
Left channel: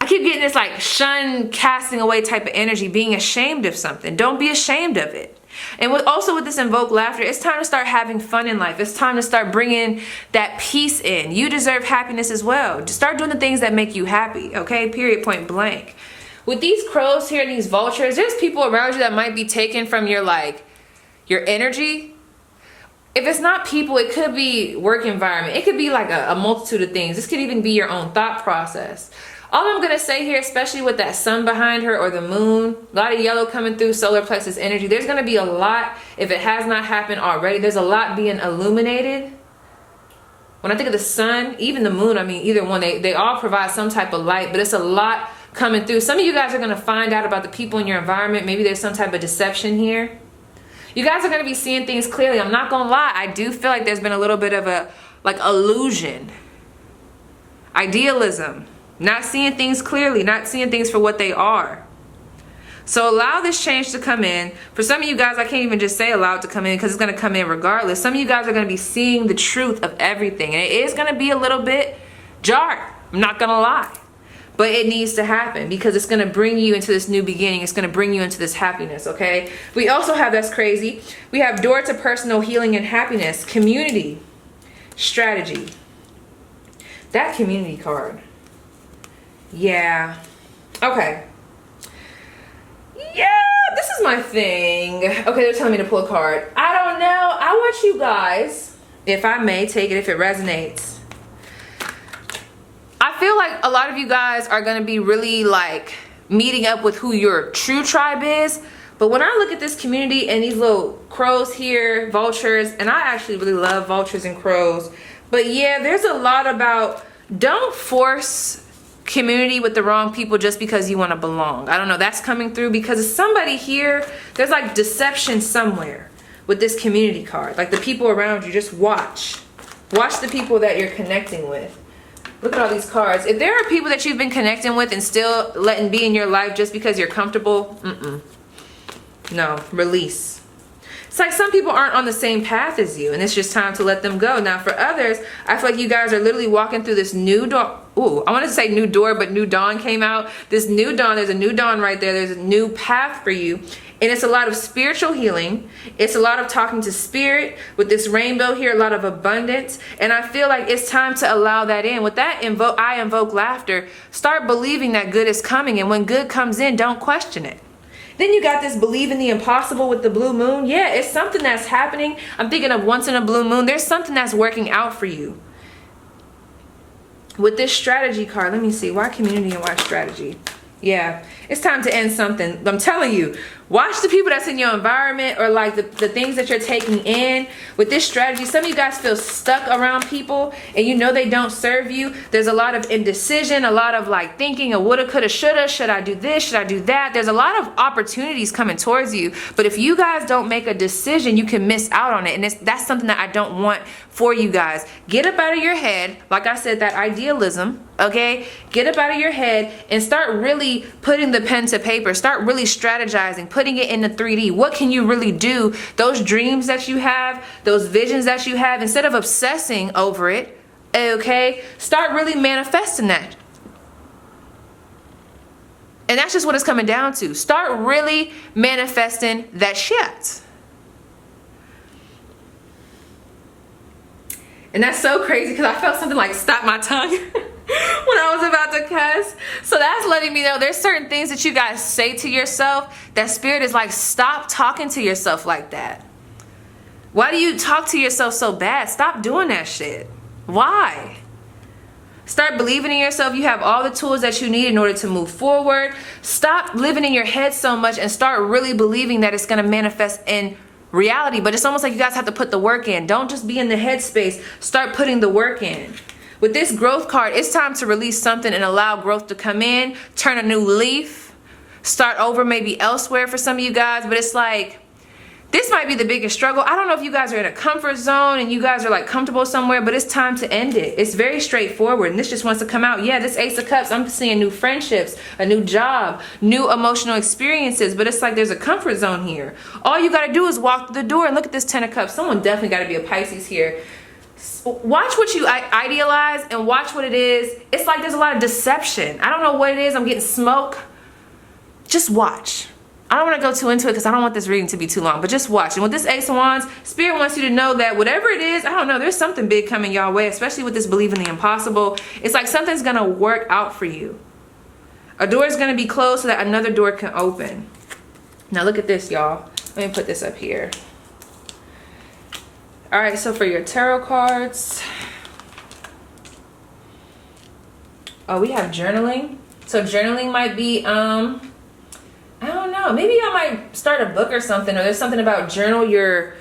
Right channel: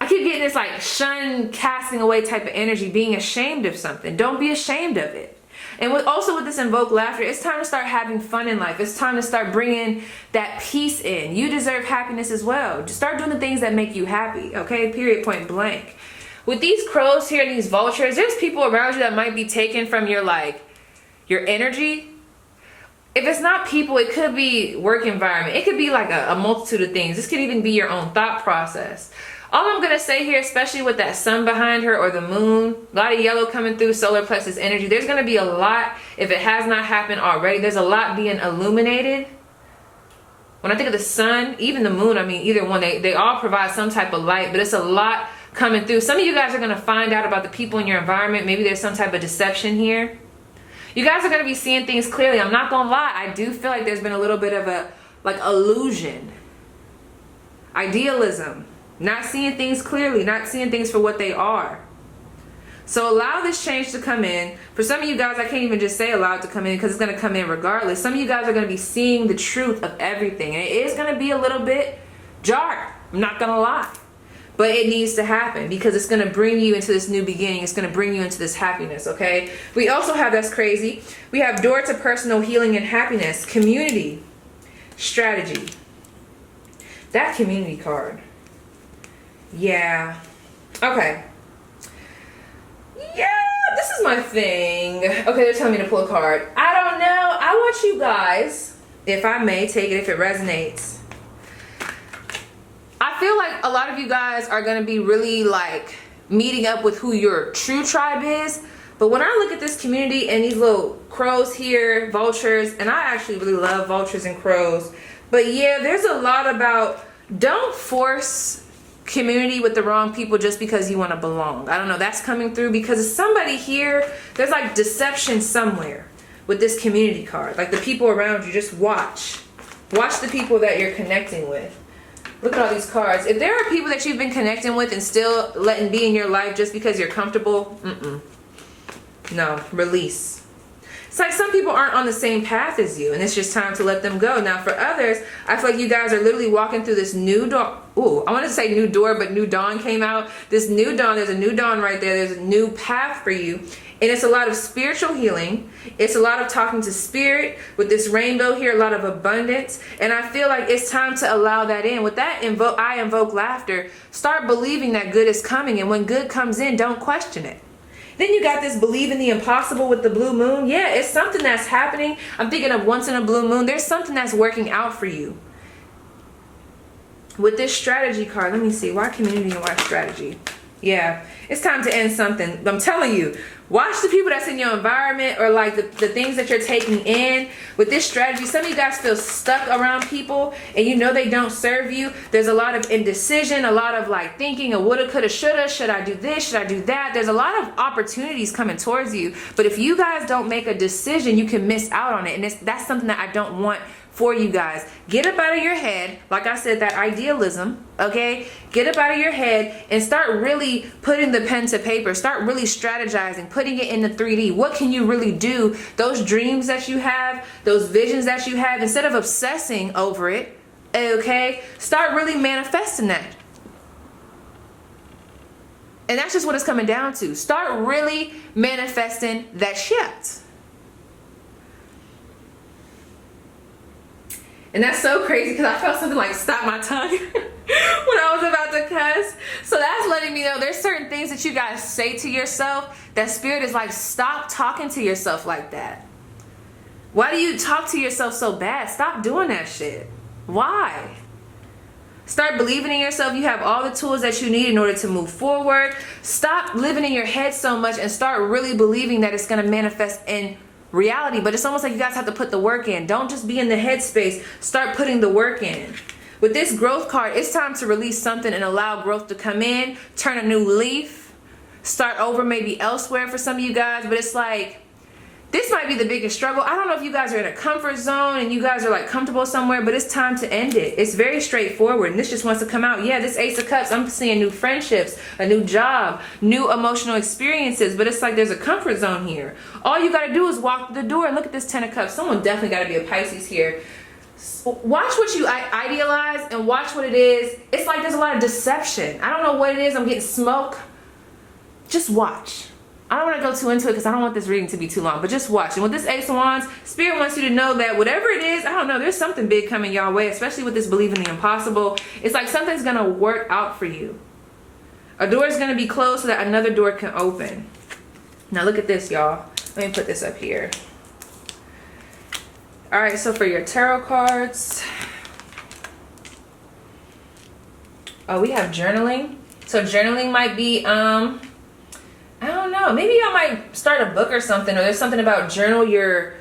I keep getting this like shun, casting away type of energy, being ashamed of something. Don't be ashamed of it. And also with this invoke laughter, it's time to start having fun in life. It's time to start bringing that peace in. You deserve happiness as well. Just start doing the things that make you happy, okay? Period, point blank. With these crows here and these vultures, there's people around you that might be taken from your, like, your energy. If it's not people, it could be work environment. It could be like a multitude of things. This could even be your own thought process. All I'm going to say here, especially with that sun behind her or the moon, a lot of yellow coming through, solar plexus energy, there's going to be a lot, if it has not happened already, there's a lot being illuminated. When I think of the sun, even the moon, I mean, either one, they all provide some type of light, but it's a lot coming through. Some of you guys are going to find out about the people in your environment. Maybe there's some type of deception here. You guys are going to be seeing things clearly. I'm not going to lie. I do feel like there's been a little bit of a, like, illusion. Idealism. Not seeing things clearly, not seeing things for what they are. So allow this change to come in. For some of you guys, I can't even just say allow it to come in because it's going to come in regardless. Some of you guys are going to be seeing the truth of everything. And it is going to be a little bit jarred. I'm not going to lie. But it needs to happen because it's going to bring you into this new beginning. It's going to bring you into this happiness, okay? We also have, that's crazy, we have door to personal healing and happiness, community, strategy. That community card. Yeah. Okay. Yeah, this is my thing. Okay, they're telling me to pull a card. I don't know. I want you guys, if I may, take it if it resonates. I feel like a lot of you guys are going to be really like meeting up with who your true tribe is. But when I look at this community and these little crows here, vultures, and I actually really love vultures and crows. But yeah, there's a lot about don't force community with the wrong people just because you want to belong. I don't know, that's coming through because somebody here, there's like deception somewhere with this community card. Like the people around you, just watch the people that you're connecting with. Look at all these cards. If there are people that you've been connecting with and still letting be in your life just because you're comfortable, no, release. It's like some people aren't on the same path as you and it's just time to let them go. Now for others, I feel like you guys are literally walking through this new door. Ooh, I wanted to say new door, but new dawn came out. This new dawn, there's a new dawn right there. There's a new path for you. And it's a lot of spiritual healing. It's a lot of talking to spirit with this rainbow here, a lot of abundance. And I feel like it's time to allow that in. With that, I invoke laughter. Start believing that good is coming. And when good comes in, don't question it. Then you got this believe in the impossible with the blue moon. Yeah, it's something that's happening. I'm thinking of once in a blue moon. There's something that's working out for you. With this strategy card, let me see. Why community and why strategy? Yeah, it's time to end something. I'm telling you, watch the people that's in your environment or like the things that you're taking in. With this strategy, some of you guys feel stuck around people and you know they don't serve you. There's a lot of indecision, a lot of like thinking of woulda, coulda, shoulda. Should I do this? Should I do that? There's a lot of opportunities coming towards you. But if you guys don't make a decision, you can miss out on it. And that's something that I don't want for you guys. Get up out of your head. Like I said, that idealism, okay? Get up out of your head and start really putting the pen to paper. Start really strategizing, putting it into 3D. What can you really do? Those dreams that you have, those visions that you have, instead of obsessing over it, okay? Start really manifesting that. And that's just what it's coming down to. Start really manifesting that shit. And that's so crazy because I felt something like stop my tongue when I was about to cuss. So that's letting me know there's certain things that you guys say to yourself that spirit is like, stop talking to yourself like that. Why do you talk to yourself so bad? Stop doing that shit. Why? Start believing in yourself. You have all the tools that you need in order to move forward. Stop living in your head so much and start really believing that it's going to manifest in reality. But it's almost like you guys have to put the work in. Don't just be in the headspace. Start putting the work in. With this growth card, it's time to release something and allow growth to come in, turn a new leaf, start over maybe elsewhere for some of you guys. But it's like, this might be the biggest struggle. I don't know if you guys are in a comfort zone and you guys are like comfortable somewhere, but it's time to end it. It's very straightforward, and this just wants to come out. Yeah, this Ace of Cups, I'm seeing new friendships, a new job, new emotional experiences, but it's like there's a comfort zone here. All you got to do is walk through the door, and look at this Ten of Cups. Someone definitely got to be a Pisces here. Watch what you idealize and watch what it is. It's like there's a lot of deception. I don't know what it is. I'm getting smoke. Just watch. I don't want to go too into it because I don't want this reading to be too long, but just watch. And with this Ace of Wands, Spirit wants you to know that whatever it is, I don't know, there's something big coming y'all way, especially with this belief in the impossible. It's like something's going to work out for you. A door is going to be closed so that another door can open. Now look at this, y'all. Let me put this up here. All right, so for your tarot cards, oh, we have journaling. So journaling might be, I don't know, maybe y'all might start a book or something, or there's something about journal your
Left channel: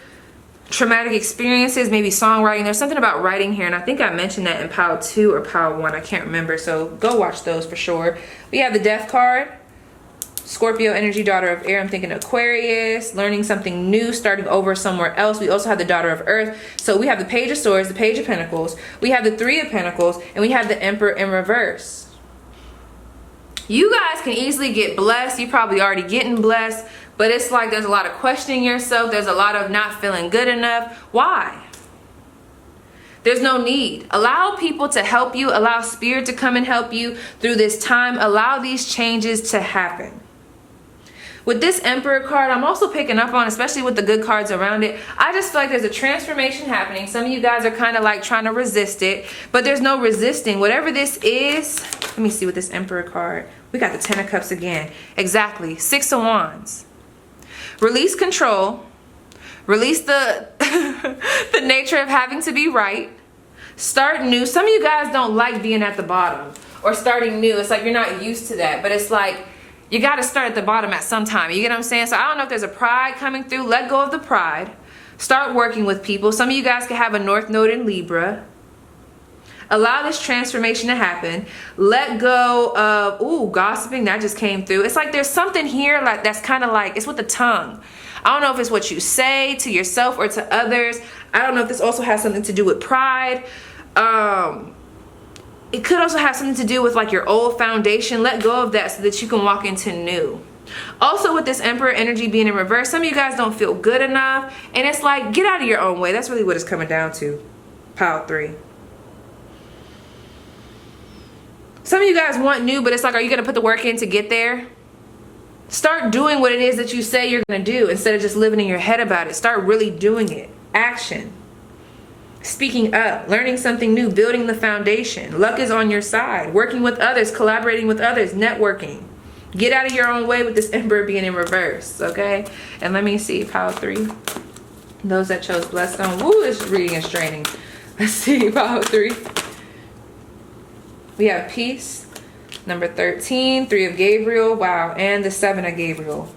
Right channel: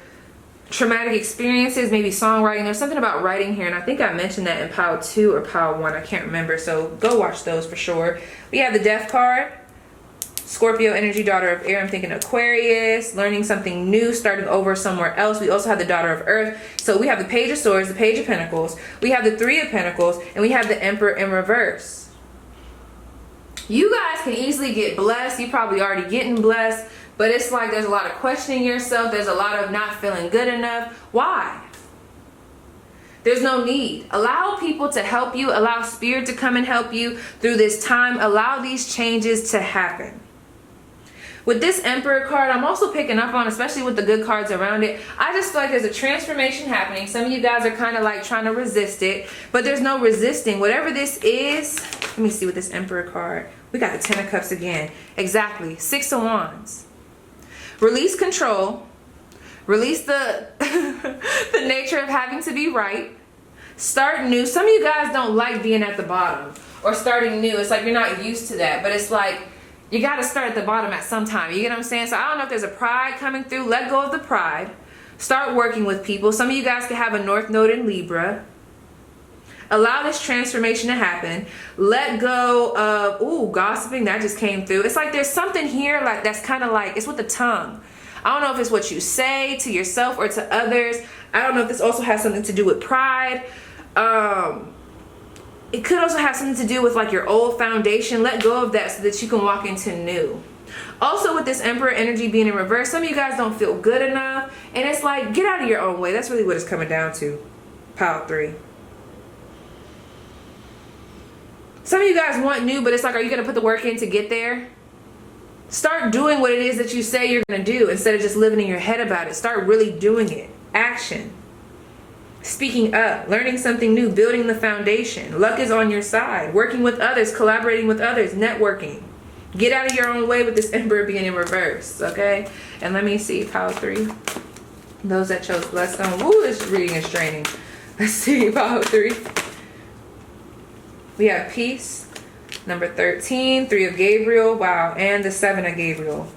traumatic experiences, maybe songwriting. There's something about writing here, and I think I mentioned that in pile 2 or pile 1. I can't remember, so go watch those for sure. We have the Death card. Scorpio energy, daughter of air. I'm thinking Aquarius, learning something new, starting over somewhere else. We also have the daughter of earth. So we have the Page of Swords, the Page of Pentacles. We have the Three of Pentacles, and we have the Emperor in reverse. You guys can easily get blessed. You're probably already getting blessed, but it's like there's a lot of questioning yourself. There's a lot of not feeling good enough. Why? There's no need. Allow people to help you. Allow Spirit to come and help you through this time. Allow these changes to happen. With this Emperor card, I'm also picking up on, especially with the good cards around it, I just feel like there's a transformation happening. Some of you guys are kind of like trying to resist it, but there's no resisting. Whatever this is, let me see with this Emperor card. We got the Ten of Cups again. Exactly. Six of Wands. Release control. Release the, the nature of having to be right. Start new. Some of you guys don't like being at the bottom or starting new. It's like you're not used to that, but it's like, you got to start at the bottom at some time. You get what I'm saying? So I don't know if there's a pride coming through. Let go of the pride. Start working with people. Some of you guys could have a North Node in Libra. Allow this transformation to happen. Let go of, ooh, gossiping. That just came through. It's like there's something here like that's kind of like, it's with the tongue. I don't know if it's what you say to yourself or to others. I don't know if this also has something to do with pride. It could also have something to do with like your old foundation. Let go of that so that you can walk into new. Also with this Emperor energy being in reverse, some of you guys don't feel good enough. And it's like, get out of your own way. That's really what it's coming down to. Pile 3. Some of you guys want new, but it's like, are you going to put the work in to get there? Start doing what it is that you say you're going to do instead of just living in your head about it. Start really doing it. Action. Speaking up, learning something new, building the foundation. Luck is on your side. Working with others, collaborating with others, networking. Get out of your own way with this Emperor being in reverse, okay? And let me see, pile 3. Those that chose blessed stone. Woo, this reading is draining. Let's see, pile 3. We have peace. Number 13, 3 of Gabriel. Wow, and the 7 of Gabriel.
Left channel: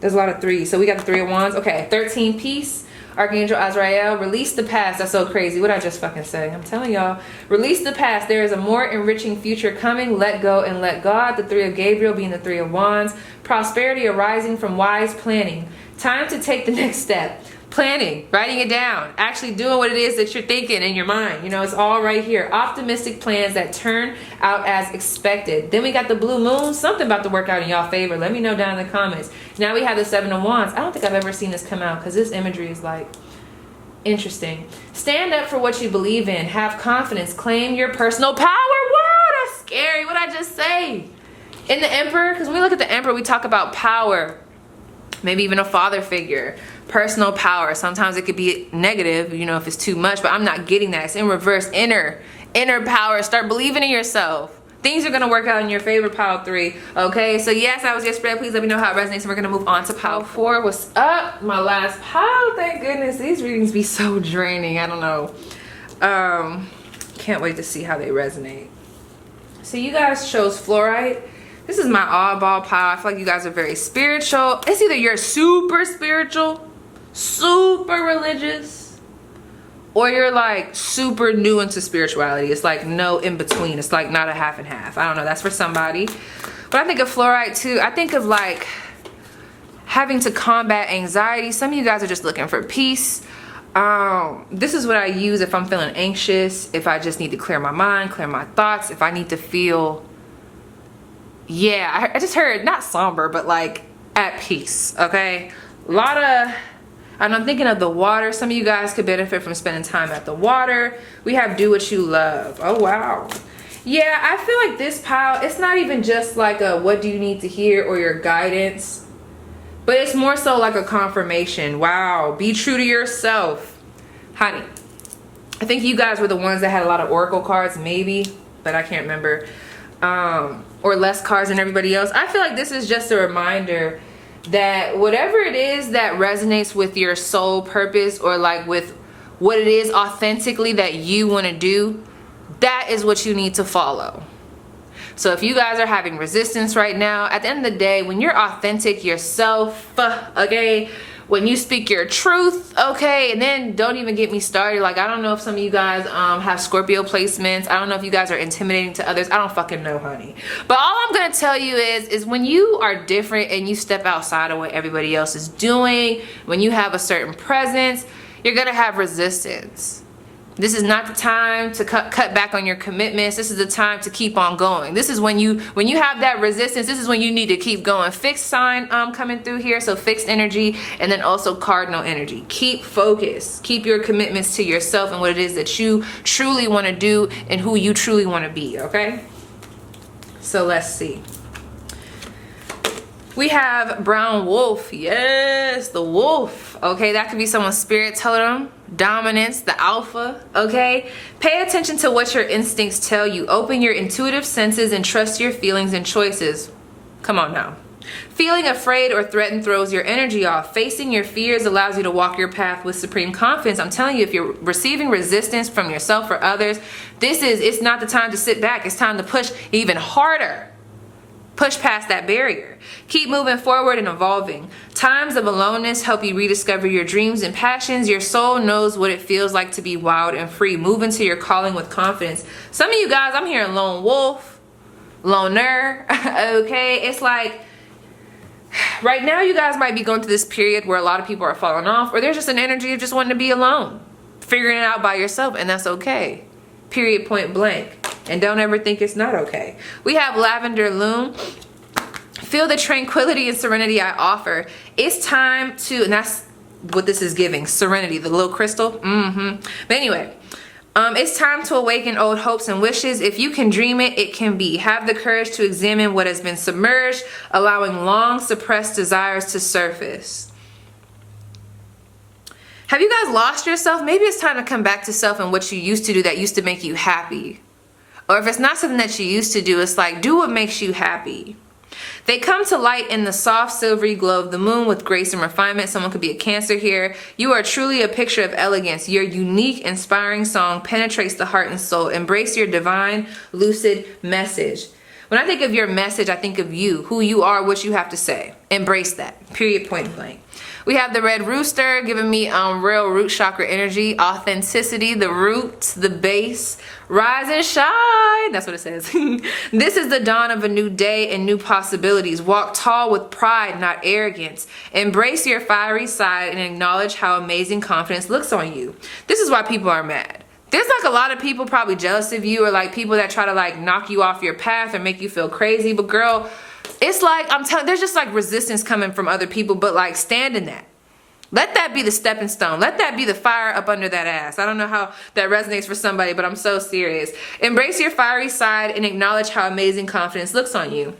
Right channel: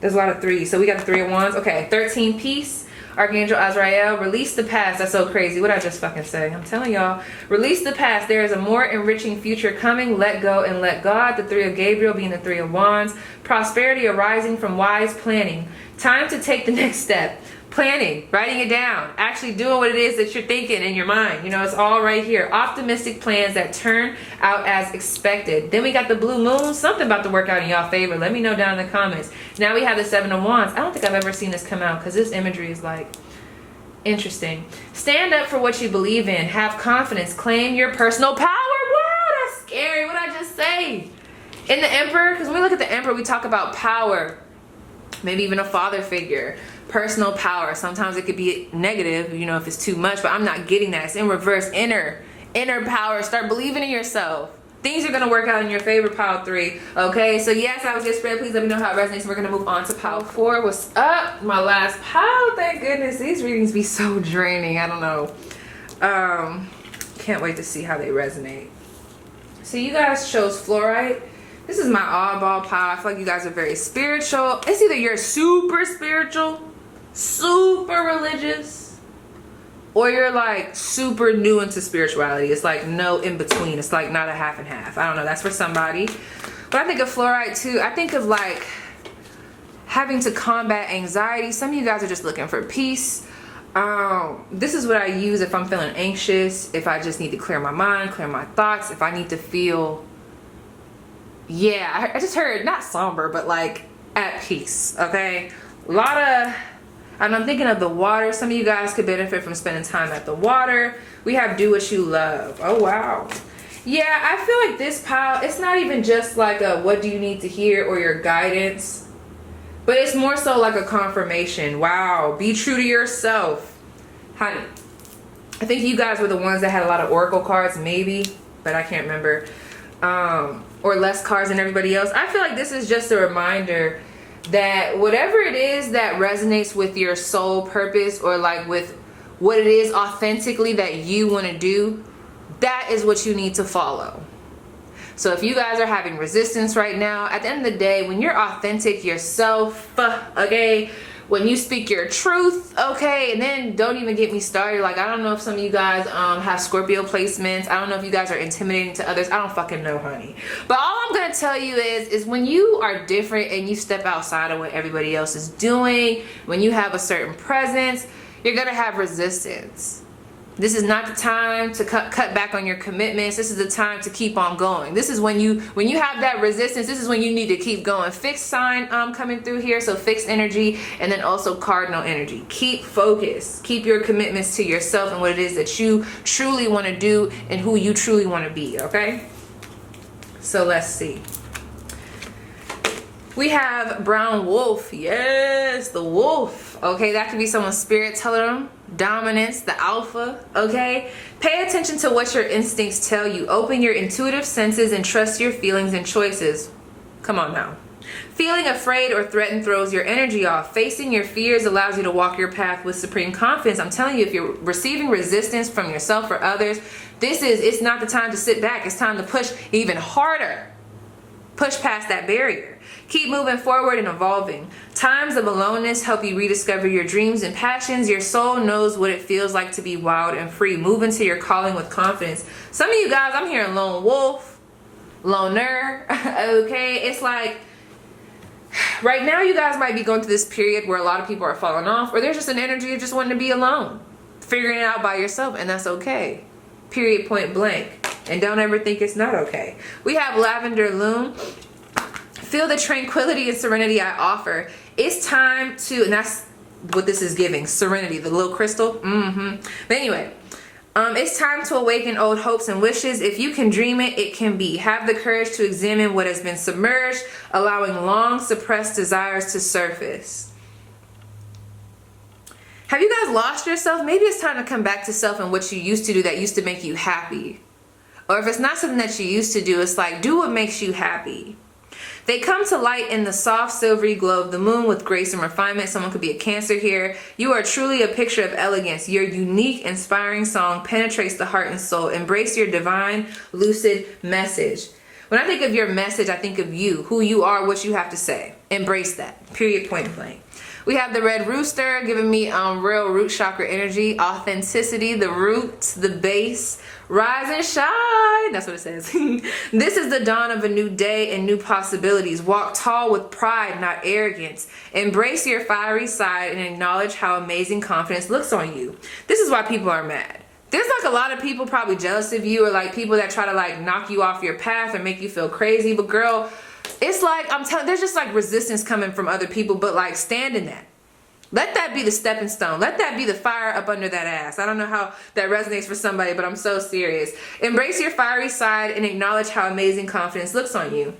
There's a lot of 3s. So we got the 3 of Wands. Okay, 13, peace. Archangel Azrael, release the past. That's so crazy. What I just fucking say. I'm telling y'all. Release the past. There is a more enriching future coming. Let go and let God. The 3 of Gabriel being the 3 of Wands. Prosperity arising from wise planning. Time to take the next step. Planning, writing it down, actually doing what it is that you're thinking in your mind. You know, it's all right here. Optimistic plans that turn out as expected. Then we got the blue moon. Something about to work out in y'all favor. Let me know down in the comments. Now we have the 7 of Wands. I don't think I've ever seen this come out because this imagery is like interesting. Stand up for what you believe in. Have confidence. Claim your personal power. Wow, that's scary. What I just say? In the Emperor, because when we look at the Emperor, we talk about power. Maybe even a father figure. Personal power. Sometimes it could be negative, you know, if it's too much, but I'm not getting that. It's in reverse. Inner power. Start believing in yourself. Things are going to work out in your favor, pile 3. Okay, so yes, that was your spread. Please let me know how it resonates. We're going to move on to pile 4. What's up? My last pile. Thank goodness. These readings be so draining. I don't know. Can't wait to see how they resonate. So you guys chose fluorite. This is my oddball pile. I feel like you guys are very spiritual. It's either you're super spiritual, super religious, or you're like super new into spirituality. It's like no in between. It's like not a half and half. I don't know, that's for somebody. But I think of fluorite too, I think of like having to combat anxiety. Some of you guys are just looking for peace. This is what I use if I'm feeling anxious, if I just need to clear my mind, clear my thoughts, if I need to feel, yeah, I just heard not somber, but like at peace. Okay, a lot of, and I'm thinking of the water. Some of you guys could benefit from spending time at the water. We have do what you love. Oh wow, yeah, I feel like this pile, it's not even just like a what do you need to hear or your guidance, but it's more so like a confirmation. Wow, be true to yourself, honey. I think you guys were the ones that had a lot of oracle cards, maybe, but I can't remember, or less cards than everybody else. I feel like this is just a reminder that whatever it is that resonates with your soul purpose, or like with what it is authentically that you want to do, that is what you need to follow. So if you guys are having resistance right now, at the end of the day, when you're authentic yourself, okay, when you speak your truth, okay, and then don't even get me started. Like, I don't know if some of you guys have Scorpio placements. I don't know if you guys are intimidating to others. I don't fucking know, honey. But all I'm gonna tell you is when you are different and you step outside of what everybody else is doing, when you have a certain presence, you're gonna have resistance. This is not the time to cut back on your commitments. This is the time to keep on going. This is when you have that resistance, this is when you need to keep going. Fixed sign coming through here, so fixed energy, and then also cardinal energy. Keep focused. Keep your commitments to yourself and what it is that you truly want to do and who you truly want to be, okay? So let's see. We have brown wolf. Yes, the wolf. Okay, that could be someone's spirit totem, dominance, the alpha. Okay, pay attention to what your instincts tell you. Open your intuitive senses and trust your feelings and choices. Come on now. Feeling afraid or threatened throws your energy off. Facing your fears allows you to walk your path with supreme confidence. I'm telling you, if you're receiving resistance from yourself or others, it's not the time to sit back. It's time to push even harder. Push past that barrier. Keep moving forward and evolving. Times of aloneness help you rediscover your dreams and passions. Your soul knows what it feels like to be wild and free. Move into your calling with confidence. Some of you guys, I'm hearing lone wolf, loner, okay? It's like, right now you guys might be going through this period where a lot of people are falling off, or there's just an energy of just wanting to be alone, figuring it out by yourself, and that's okay. Period, point blank. And don't ever think it's not okay. We have lavender loom. Feel the tranquility and serenity I offer. It's time to, and that's what this is giving, serenity, the little crystal. But anyway, it's time to awaken old hopes and wishes. If you can dream it, it can be. Have the courage to examine what has been submerged, allowing long suppressed desires to surface. Have you guys lost yourself? Maybe it's time to come back to self and what you used to do that used to make you happy. Or if it's not something that you used to do, it's like, do what makes you happy. They come to light in the soft silvery glow of the moon with grace and refinement. Someone could be a Cancer here. You are truly a picture of elegance. Your unique, inspiring song penetrates the heart and soul. Embrace your divine, lucid message. When I think of your message, I think of you, who you are, what you have to say. Embrace that. Period, point blank. We have the red rooster giving me real root chakra energy, authenticity, the roots, the base. Rise and shine. That's what it says. This is the dawn of a new day and new possibilities. Walk tall with pride, not arrogance. Embrace your fiery side and acknowledge how amazing confidence looks on you. This is why people are mad. There's like a lot of people probably jealous of you, or like people that try to like knock you off your path or make you feel crazy. But girl, it's like, I'm telling, there's just like resistance coming from other people, but like stand in that. Let that be the stepping stone. Let that be the fire up under that ass. I don't know how that resonates for somebody, but I'm so serious. Embrace your fiery side and acknowledge how amazing confidence looks on you.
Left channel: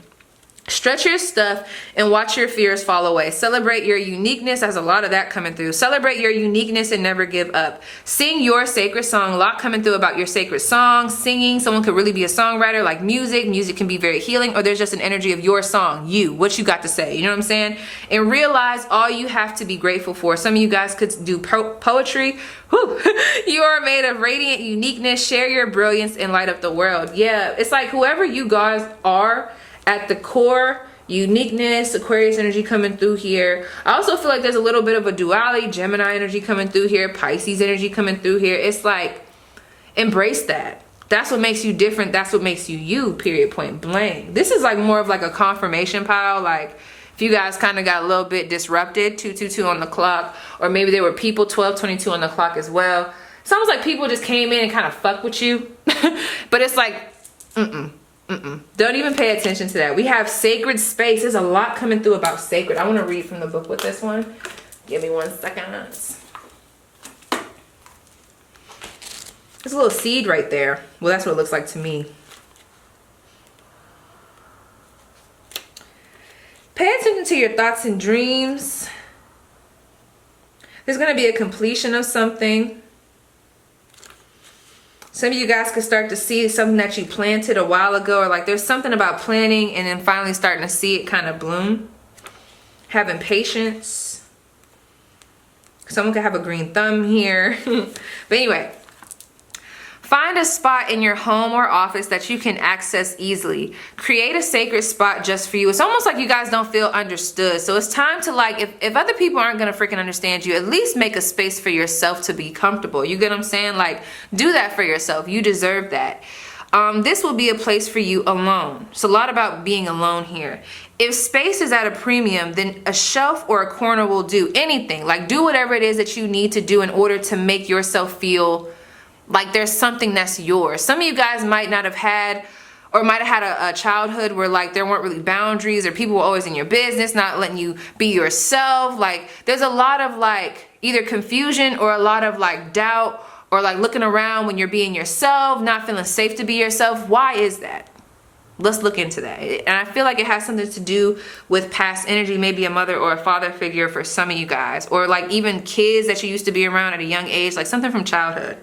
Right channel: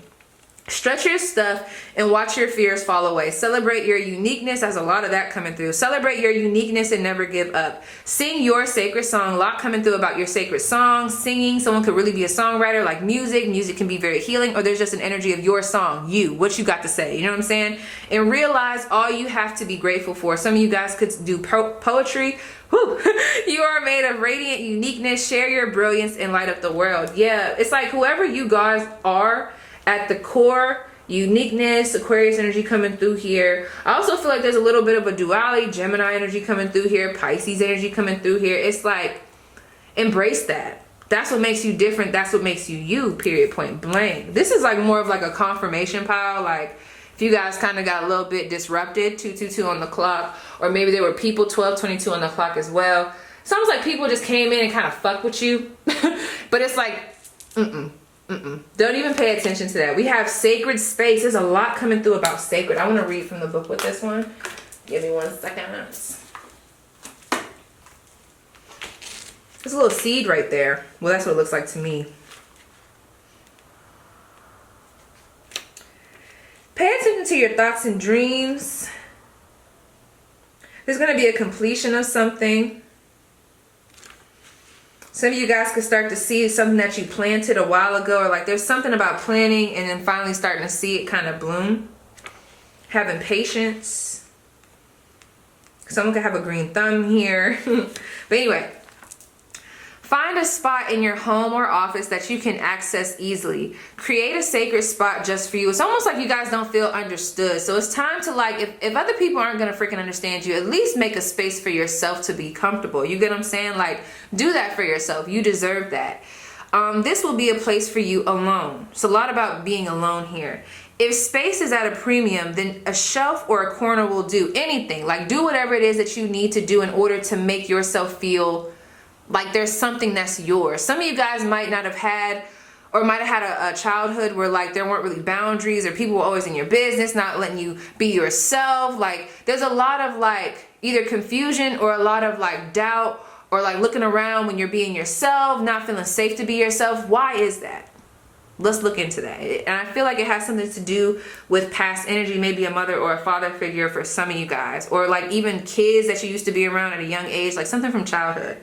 Stretch your stuff and watch your fears fall away. Celebrate your uniqueness. There's a lot of that coming through. Celebrate your uniqueness and never give up. Sing your sacred song. A lot coming through about your sacred song. Singing. Someone could really be a songwriter, like music. Music can be very healing, or there's just an energy of your song. You. What you got to say. You know what I'm saying? And realize all you have to be grateful for. Some of you guys could do poetry. Whew. You are made of radiant uniqueness. Share your brilliance and light up the world. Yeah. It's like whoever you guys are, at the core, uniqueness, Aquarius energy coming through here. I also feel like there's a little bit of a duality, Gemini energy coming through here, Pisces energy coming through here. It's like, embrace that. That's what makes you different. That's what makes you you, period, point blank. This is like more of like a confirmation pile. Like if you guys kind of got a little bit disrupted, 222 on the clock, or maybe there were people 1222 on the clock as well. It's almost like people just came in and kind of fuck with you. But it's like, don't even pay attention to that. We have sacred space. There's a lot coming through about sacred. I want to read from the book with this one. Give me 1 second. There's a little seed right there. Well, that's what it looks like to me. Pay attention to your thoughts and dreams. There's going to be a completion of something. Some of you guys could start to see something that you planted a while ago, or like there's something about planting and then finally starting to see it kind of bloom. Having patience. Someone could have a green thumb here. But anyway, find a spot in your home or office that you can access easily. Create a sacred spot just for you. It's almost like you guys don't feel understood. So it's time to, like, if other people aren't going to freaking understand you, at least make a space for yourself to be comfortable. You get what I'm saying? Like, do that for yourself. You deserve that. This will be a place for you alone. It's a lot about being alone here. If space is at a premium, then a shelf or a corner will do. Anything. Like, do whatever it is that you need to do in order to make yourself feel like there's something that's yours. Some of you guys might not have had, or might have had a childhood where like there weren't really boundaries, or people were always in your business, not letting you be yourself. Like there's a lot of like either confusion or a lot of like doubt, or like looking around when you're being yourself, not feeling safe to be yourself. Why is that? Let's look into that. And I feel like it has something to do with past energy, maybe a mother or a father figure for some of you guys, or like even kids that you used to be around at a young age, like something from childhood.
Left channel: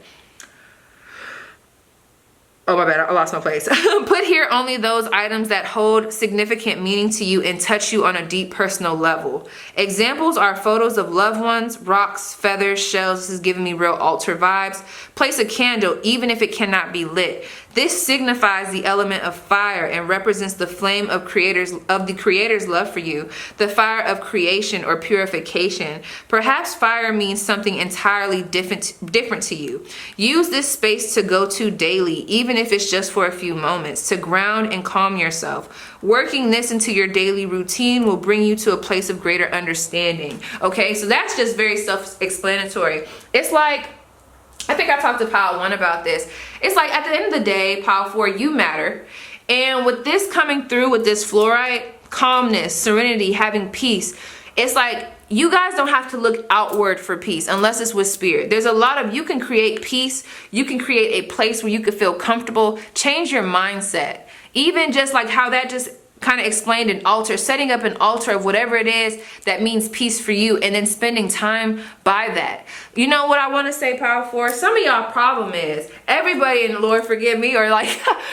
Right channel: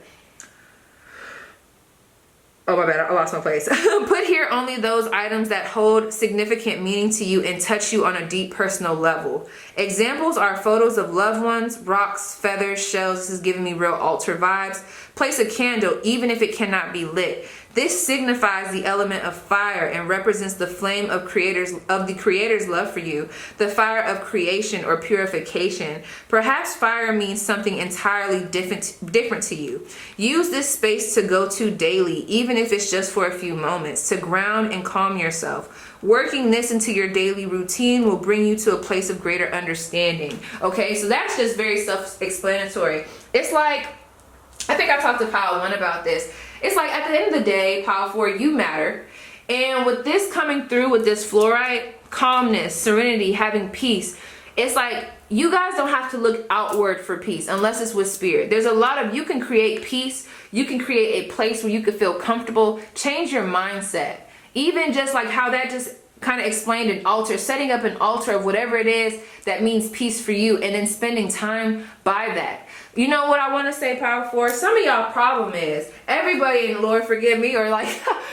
Oh, my bad, I lost my place. Put here only those items that hold significant meaning to you and touch you on a deep personal level. Examples are photos of loved ones, rocks, feathers, shells. This is giving me real altar vibes. Place a candle, even if it cannot be lit. This signifies the element of fire and represents the flame of the creator's love for you, the fire of creation or purification. Perhaps fire means something entirely different to you. Use this space to go to daily, even if it's just for a few moments, to ground and calm yourself. Working this into your daily routine will bring you to a place of greater understanding. Okay, so that's just very self-explanatory. It's like, I think I talked to Pile 1 about this. It's like at the end of the day, Pile 4, you matter. And with this coming through with this fluorite, calmness, serenity, having peace, it's like you guys don't have to look outward for peace unless it's with spirit. There's a lot of, you can create peace. You can create a place where you can feel comfortable. Change your mindset. Even just like how that just kind of explained an altar, setting up an altar of whatever it is that means peace for you, and then spending time by that. You know what I want to say, Power 4? Some of y'all problem is, everybody, and Lord forgive me, or like,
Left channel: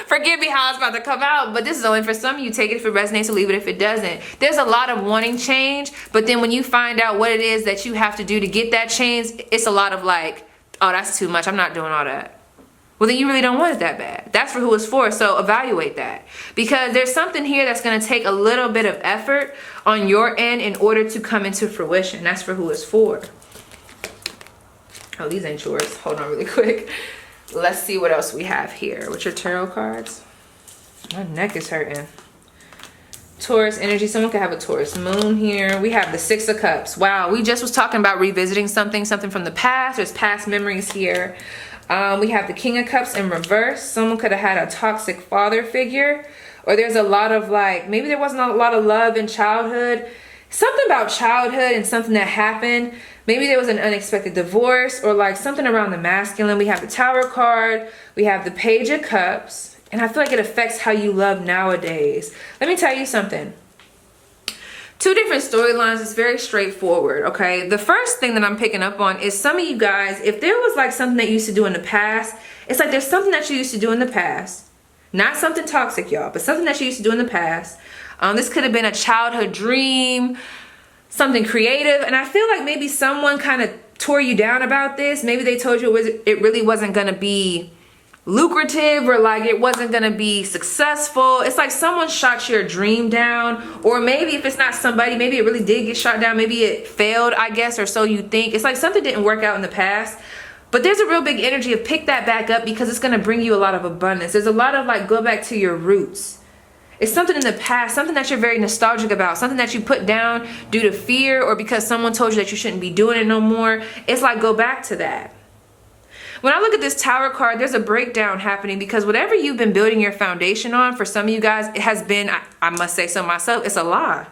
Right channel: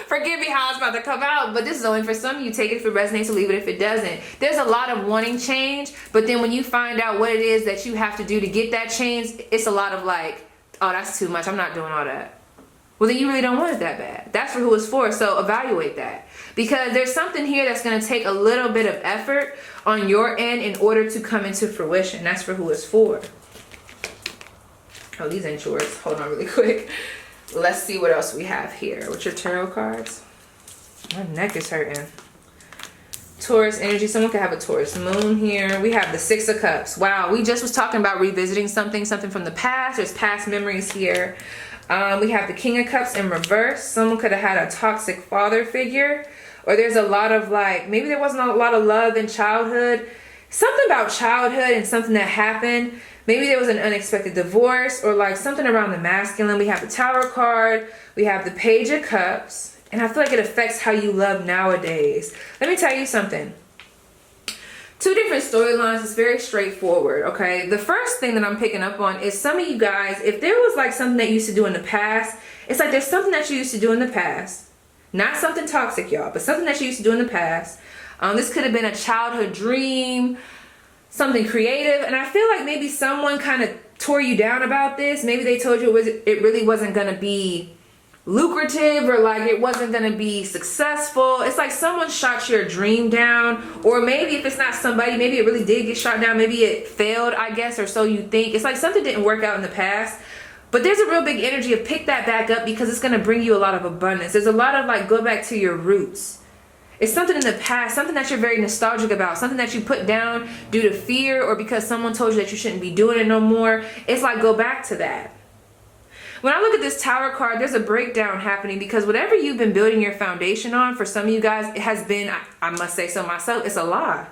forgive me how it's about to come out, but this is only for some of you. Take it if it resonates, or leave it if it doesn't. There's a lot of wanting change, but then when you find out what it is that you have to do to get that change, it's a lot of like, oh, that's too much. I'm not doing all that. Well, then you really don't want it that bad. That's for who it's for. So evaluate that, because there's something here that's going to take a little bit of effort on your end in order to come into fruition. That's for who it's for. Oh, these ain't yours. Hold on really quick. Let's see what else we have here with your tarot cards. My neck is hurting. Taurus energy. Someone could have a Taurus moon here. We have the 6 of Cups. Wow, we just was talking about revisiting something from the past. There's past memories here. We have the King of Cups in reverse. Someone could have had a toxic father figure, or there's a lot of like, maybe there wasn't a lot of love in childhood. Something about childhood and something that happened. Maybe there was an unexpected divorce, or like something around the masculine. We have the Tower card. We have the Page of Cups. And I feel like it affects how you love nowadays. Let me tell you something. 2 different storylines. It's very straightforward, okay? The first thing that I'm picking up on is some of you guys, if there was like something that you used to do in the past, it's like there's something that you used to do in the past. Not something toxic, y'all, but something that you used to do in the past. This could have been a childhood dream, something creative. And I feel like maybe someone kind of tore you down about this. Maybe they told you it really wasn't going to be lucrative, or like it wasn't gonna be successful. It's like someone shot your dream down, or maybe if it's not somebody, maybe it really did get shot down, maybe it failed, I guess, or so you think. It's like something didn't work out in the past, but there's a real big energy of pick that back up, because it's gonna bring you a lot of abundance. There's a lot of like, go back to your roots. It's something in the past, something that you're very nostalgic about, something that you put down due to fear or because someone told you that you shouldn't be doing it no more. It's like, go back to that. When I look at this Tower card, there's a breakdown happening, because whatever you've been building your foundation on, for some of you guys, it has been, I must say so myself, it's a lie.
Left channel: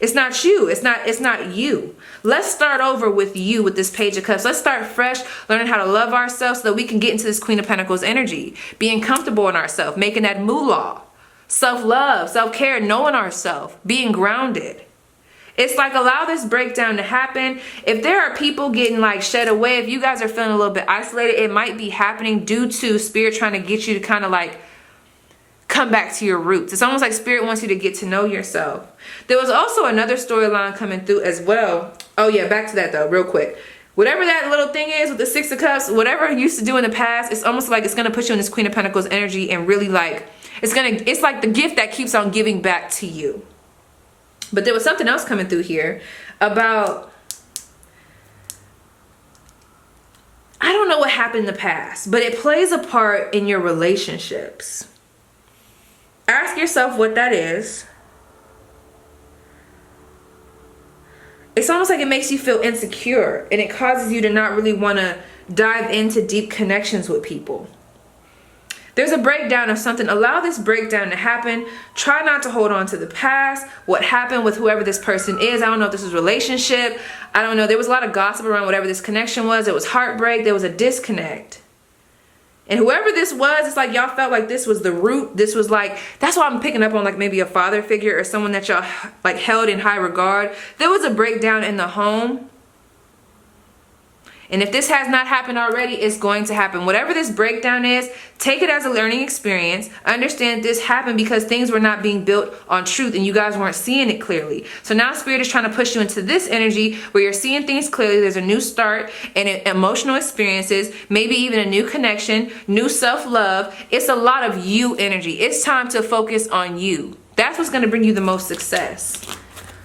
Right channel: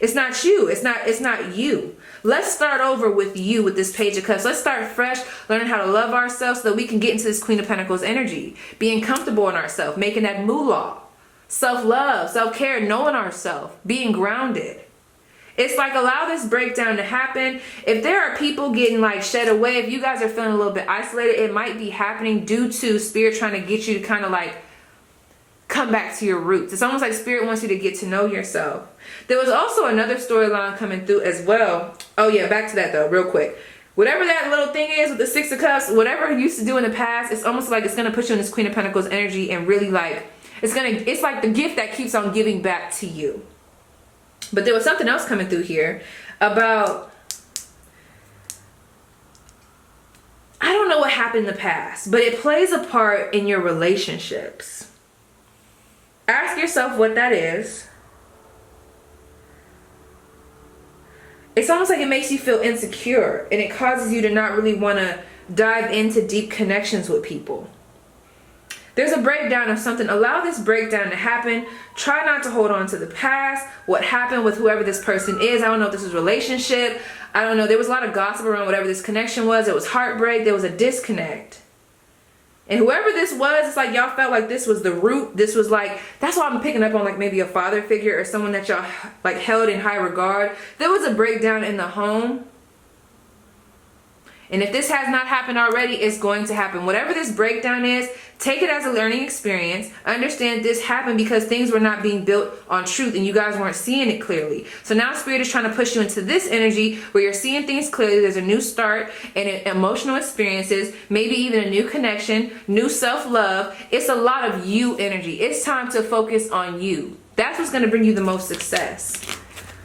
It's not you. It's not you. Let's start over with you with this Page of Cups. Let's start fresh, learning how to love ourselves so that we can get into this Queen of Pentacles energy, being comfortable in ourselves, making that moolah, self-love, self-care, knowing ourselves, being grounded. It's like, allow this breakdown to happen. If there are people getting like shed away, if you guys are feeling a little bit isolated, it might be happening due to Spirit trying to get you to kind of like come back to your roots. It's almost like Spirit wants you to get to know yourself. There was also another storyline coming through as well. Oh yeah, back to that though, real quick. Whatever that little thing is with the Six of Cups, whatever you used to do in the past, it's almost like it's going to put you in this Queen of Pentacles energy, and really like, it's like the gift that keeps on giving back to you. But there was something else coming through here about, I don't know what happened in the past, but it plays a part in your relationships. Ask yourself what that is. It's almost like it makes you feel insecure, and it causes you to not really want to dive into deep connections with people. There's a breakdown of something. Allow this breakdown to happen. Try not to hold on to the past, what happened with whoever this person is. I don't know if this was a relationship. I don't know. There was a lot of gossip around whatever this connection was. It was heartbreak. There was a disconnect. And whoever this was, it's like y'all felt like this was the root. This was like, that's why I'm picking up on like maybe a father figure or someone that y'all like held in high regard. There was a breakdown in the home. And if this has not happened already, it's going to happen. Whatever this breakdown is, take it as a learning experience. Understand this happened because things were not being built on truth and you guys weren't seeing it clearly. So now Spirit is trying to push you into this energy where you're seeing things clearly. There's a new start and emotional experiences, maybe even a new connection, new self-love. It's a lot of you energy. It's time to focus on you. That's what's going to bring you the most success.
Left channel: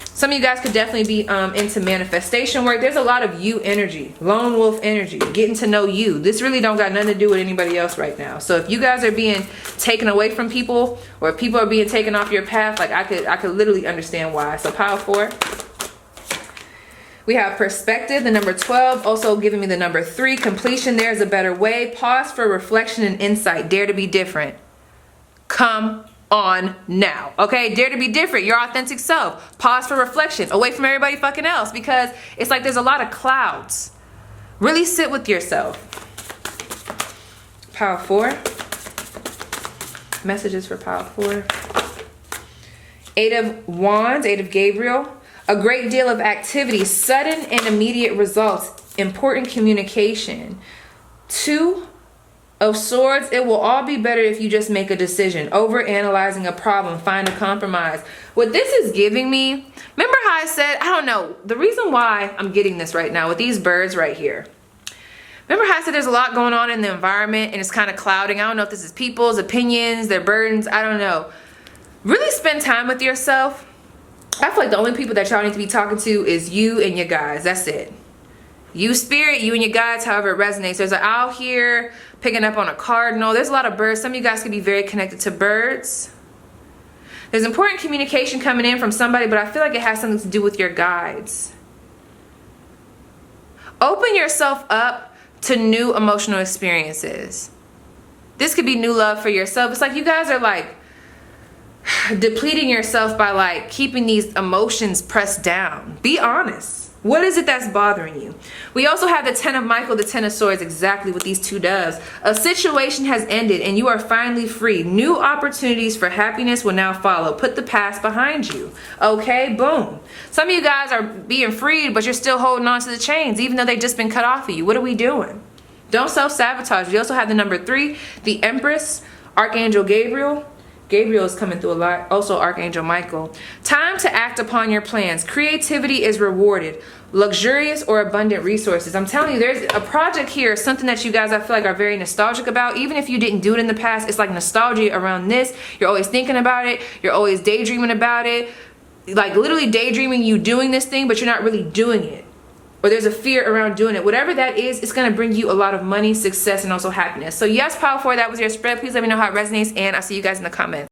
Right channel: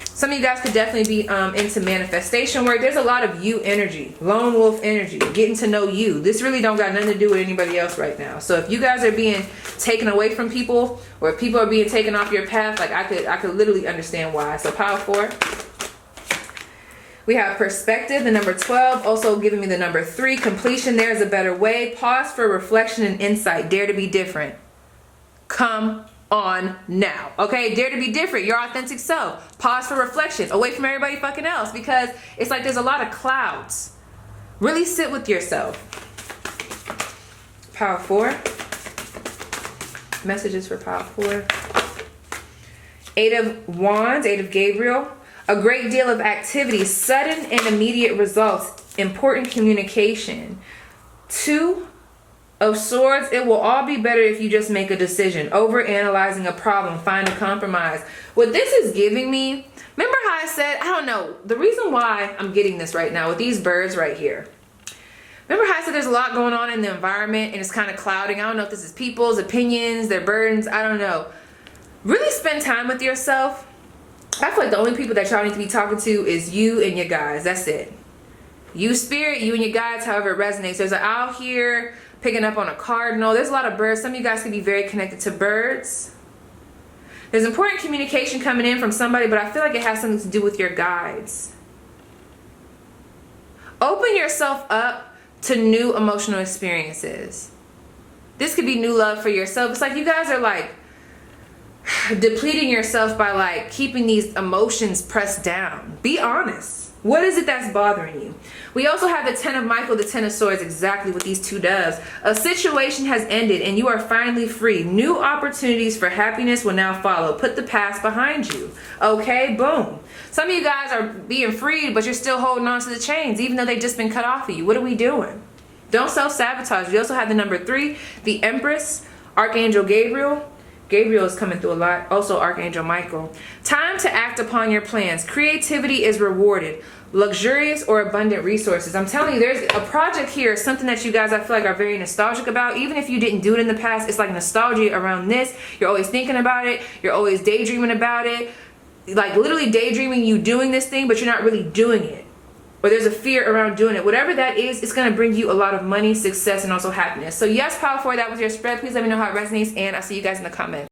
Some of you guys could definitely be into manifestation work. There's a lot of you energy, lone wolf energy, getting to know you. This really don't got nothing to do with anybody else right now. So if you guys are being taken away from people, or if people are being taken off your path, like I could literally understand why. So pile 4. We have perspective, the number 12, also giving me the number 3, completion. There's a better way. Pause for reflection and insight. Dare to be different. Come on now, okay? Dare to be different, your authentic self. Pause for reflection, away from everybody fucking else, because it's like there's a lot of clouds. Really sit with yourself. Pile 4. Messages for pile 4. 8 of Wands, 8 of Gabriel. A great deal of activity, sudden and immediate results, important communication. 2 of Swords, it will all be better if you just make a decision. Over analyzing a problem, find a compromise. What this is giving me, remember how I said, I don't know, the reason why I'm getting this right now with these birds right here. Remember how I said there's a lot going on in the environment and it's kind of clouding. I don't know if this is people's opinions, their burdens, I don't know. Really spend time with yourself. I feel like the only people that y'all need to be talking to is you and your guys. That's it. You Spirit, you and your guides, however it resonates. There's an owl here picking up on a cardinal. There's a lot of birds. Some of you guys can be very connected to birds. There's important communication coming in from somebody, but I feel like it has something to do with your guides. Open yourself up to new emotional experiences. This could be new love for yourself. It's like you guys are like depleting yourself by like keeping these emotions pressed down. Be honest. What is it that's bothering you? We also have the 10 of Michael, the 10 of Swords, exactly what these two does. A situation has ended and you are finally free. New opportunities for happiness will now follow. Put the past behind you. Okay, boom. Some of you guys are being freed, but you're still holding on to the chains, even though they've just been cut off of you. What are we doing? Don't self-sabotage. We also have the number 3, the Empress, Archangel Gabriel. Gabriel is coming through a lot. Also Archangel Michael. Time to act upon your plans. Creativity is rewarded. Luxurious or abundant resources. I'm telling you, there's a project here, something that you guys I feel like are very nostalgic about. Even if you didn't do it in the past, it's like nostalgia around this. You're always thinking about it. You're always daydreaming about it. Like literally daydreaming you doing this thing, but you're not really doing it. Or there's a fear around doing it. Whatever that is, it's going to bring you a lot of money, success, and also happiness. So yes, Power 4, that was your spread. Please let me know how it resonates, and I'll see you guys in the comments.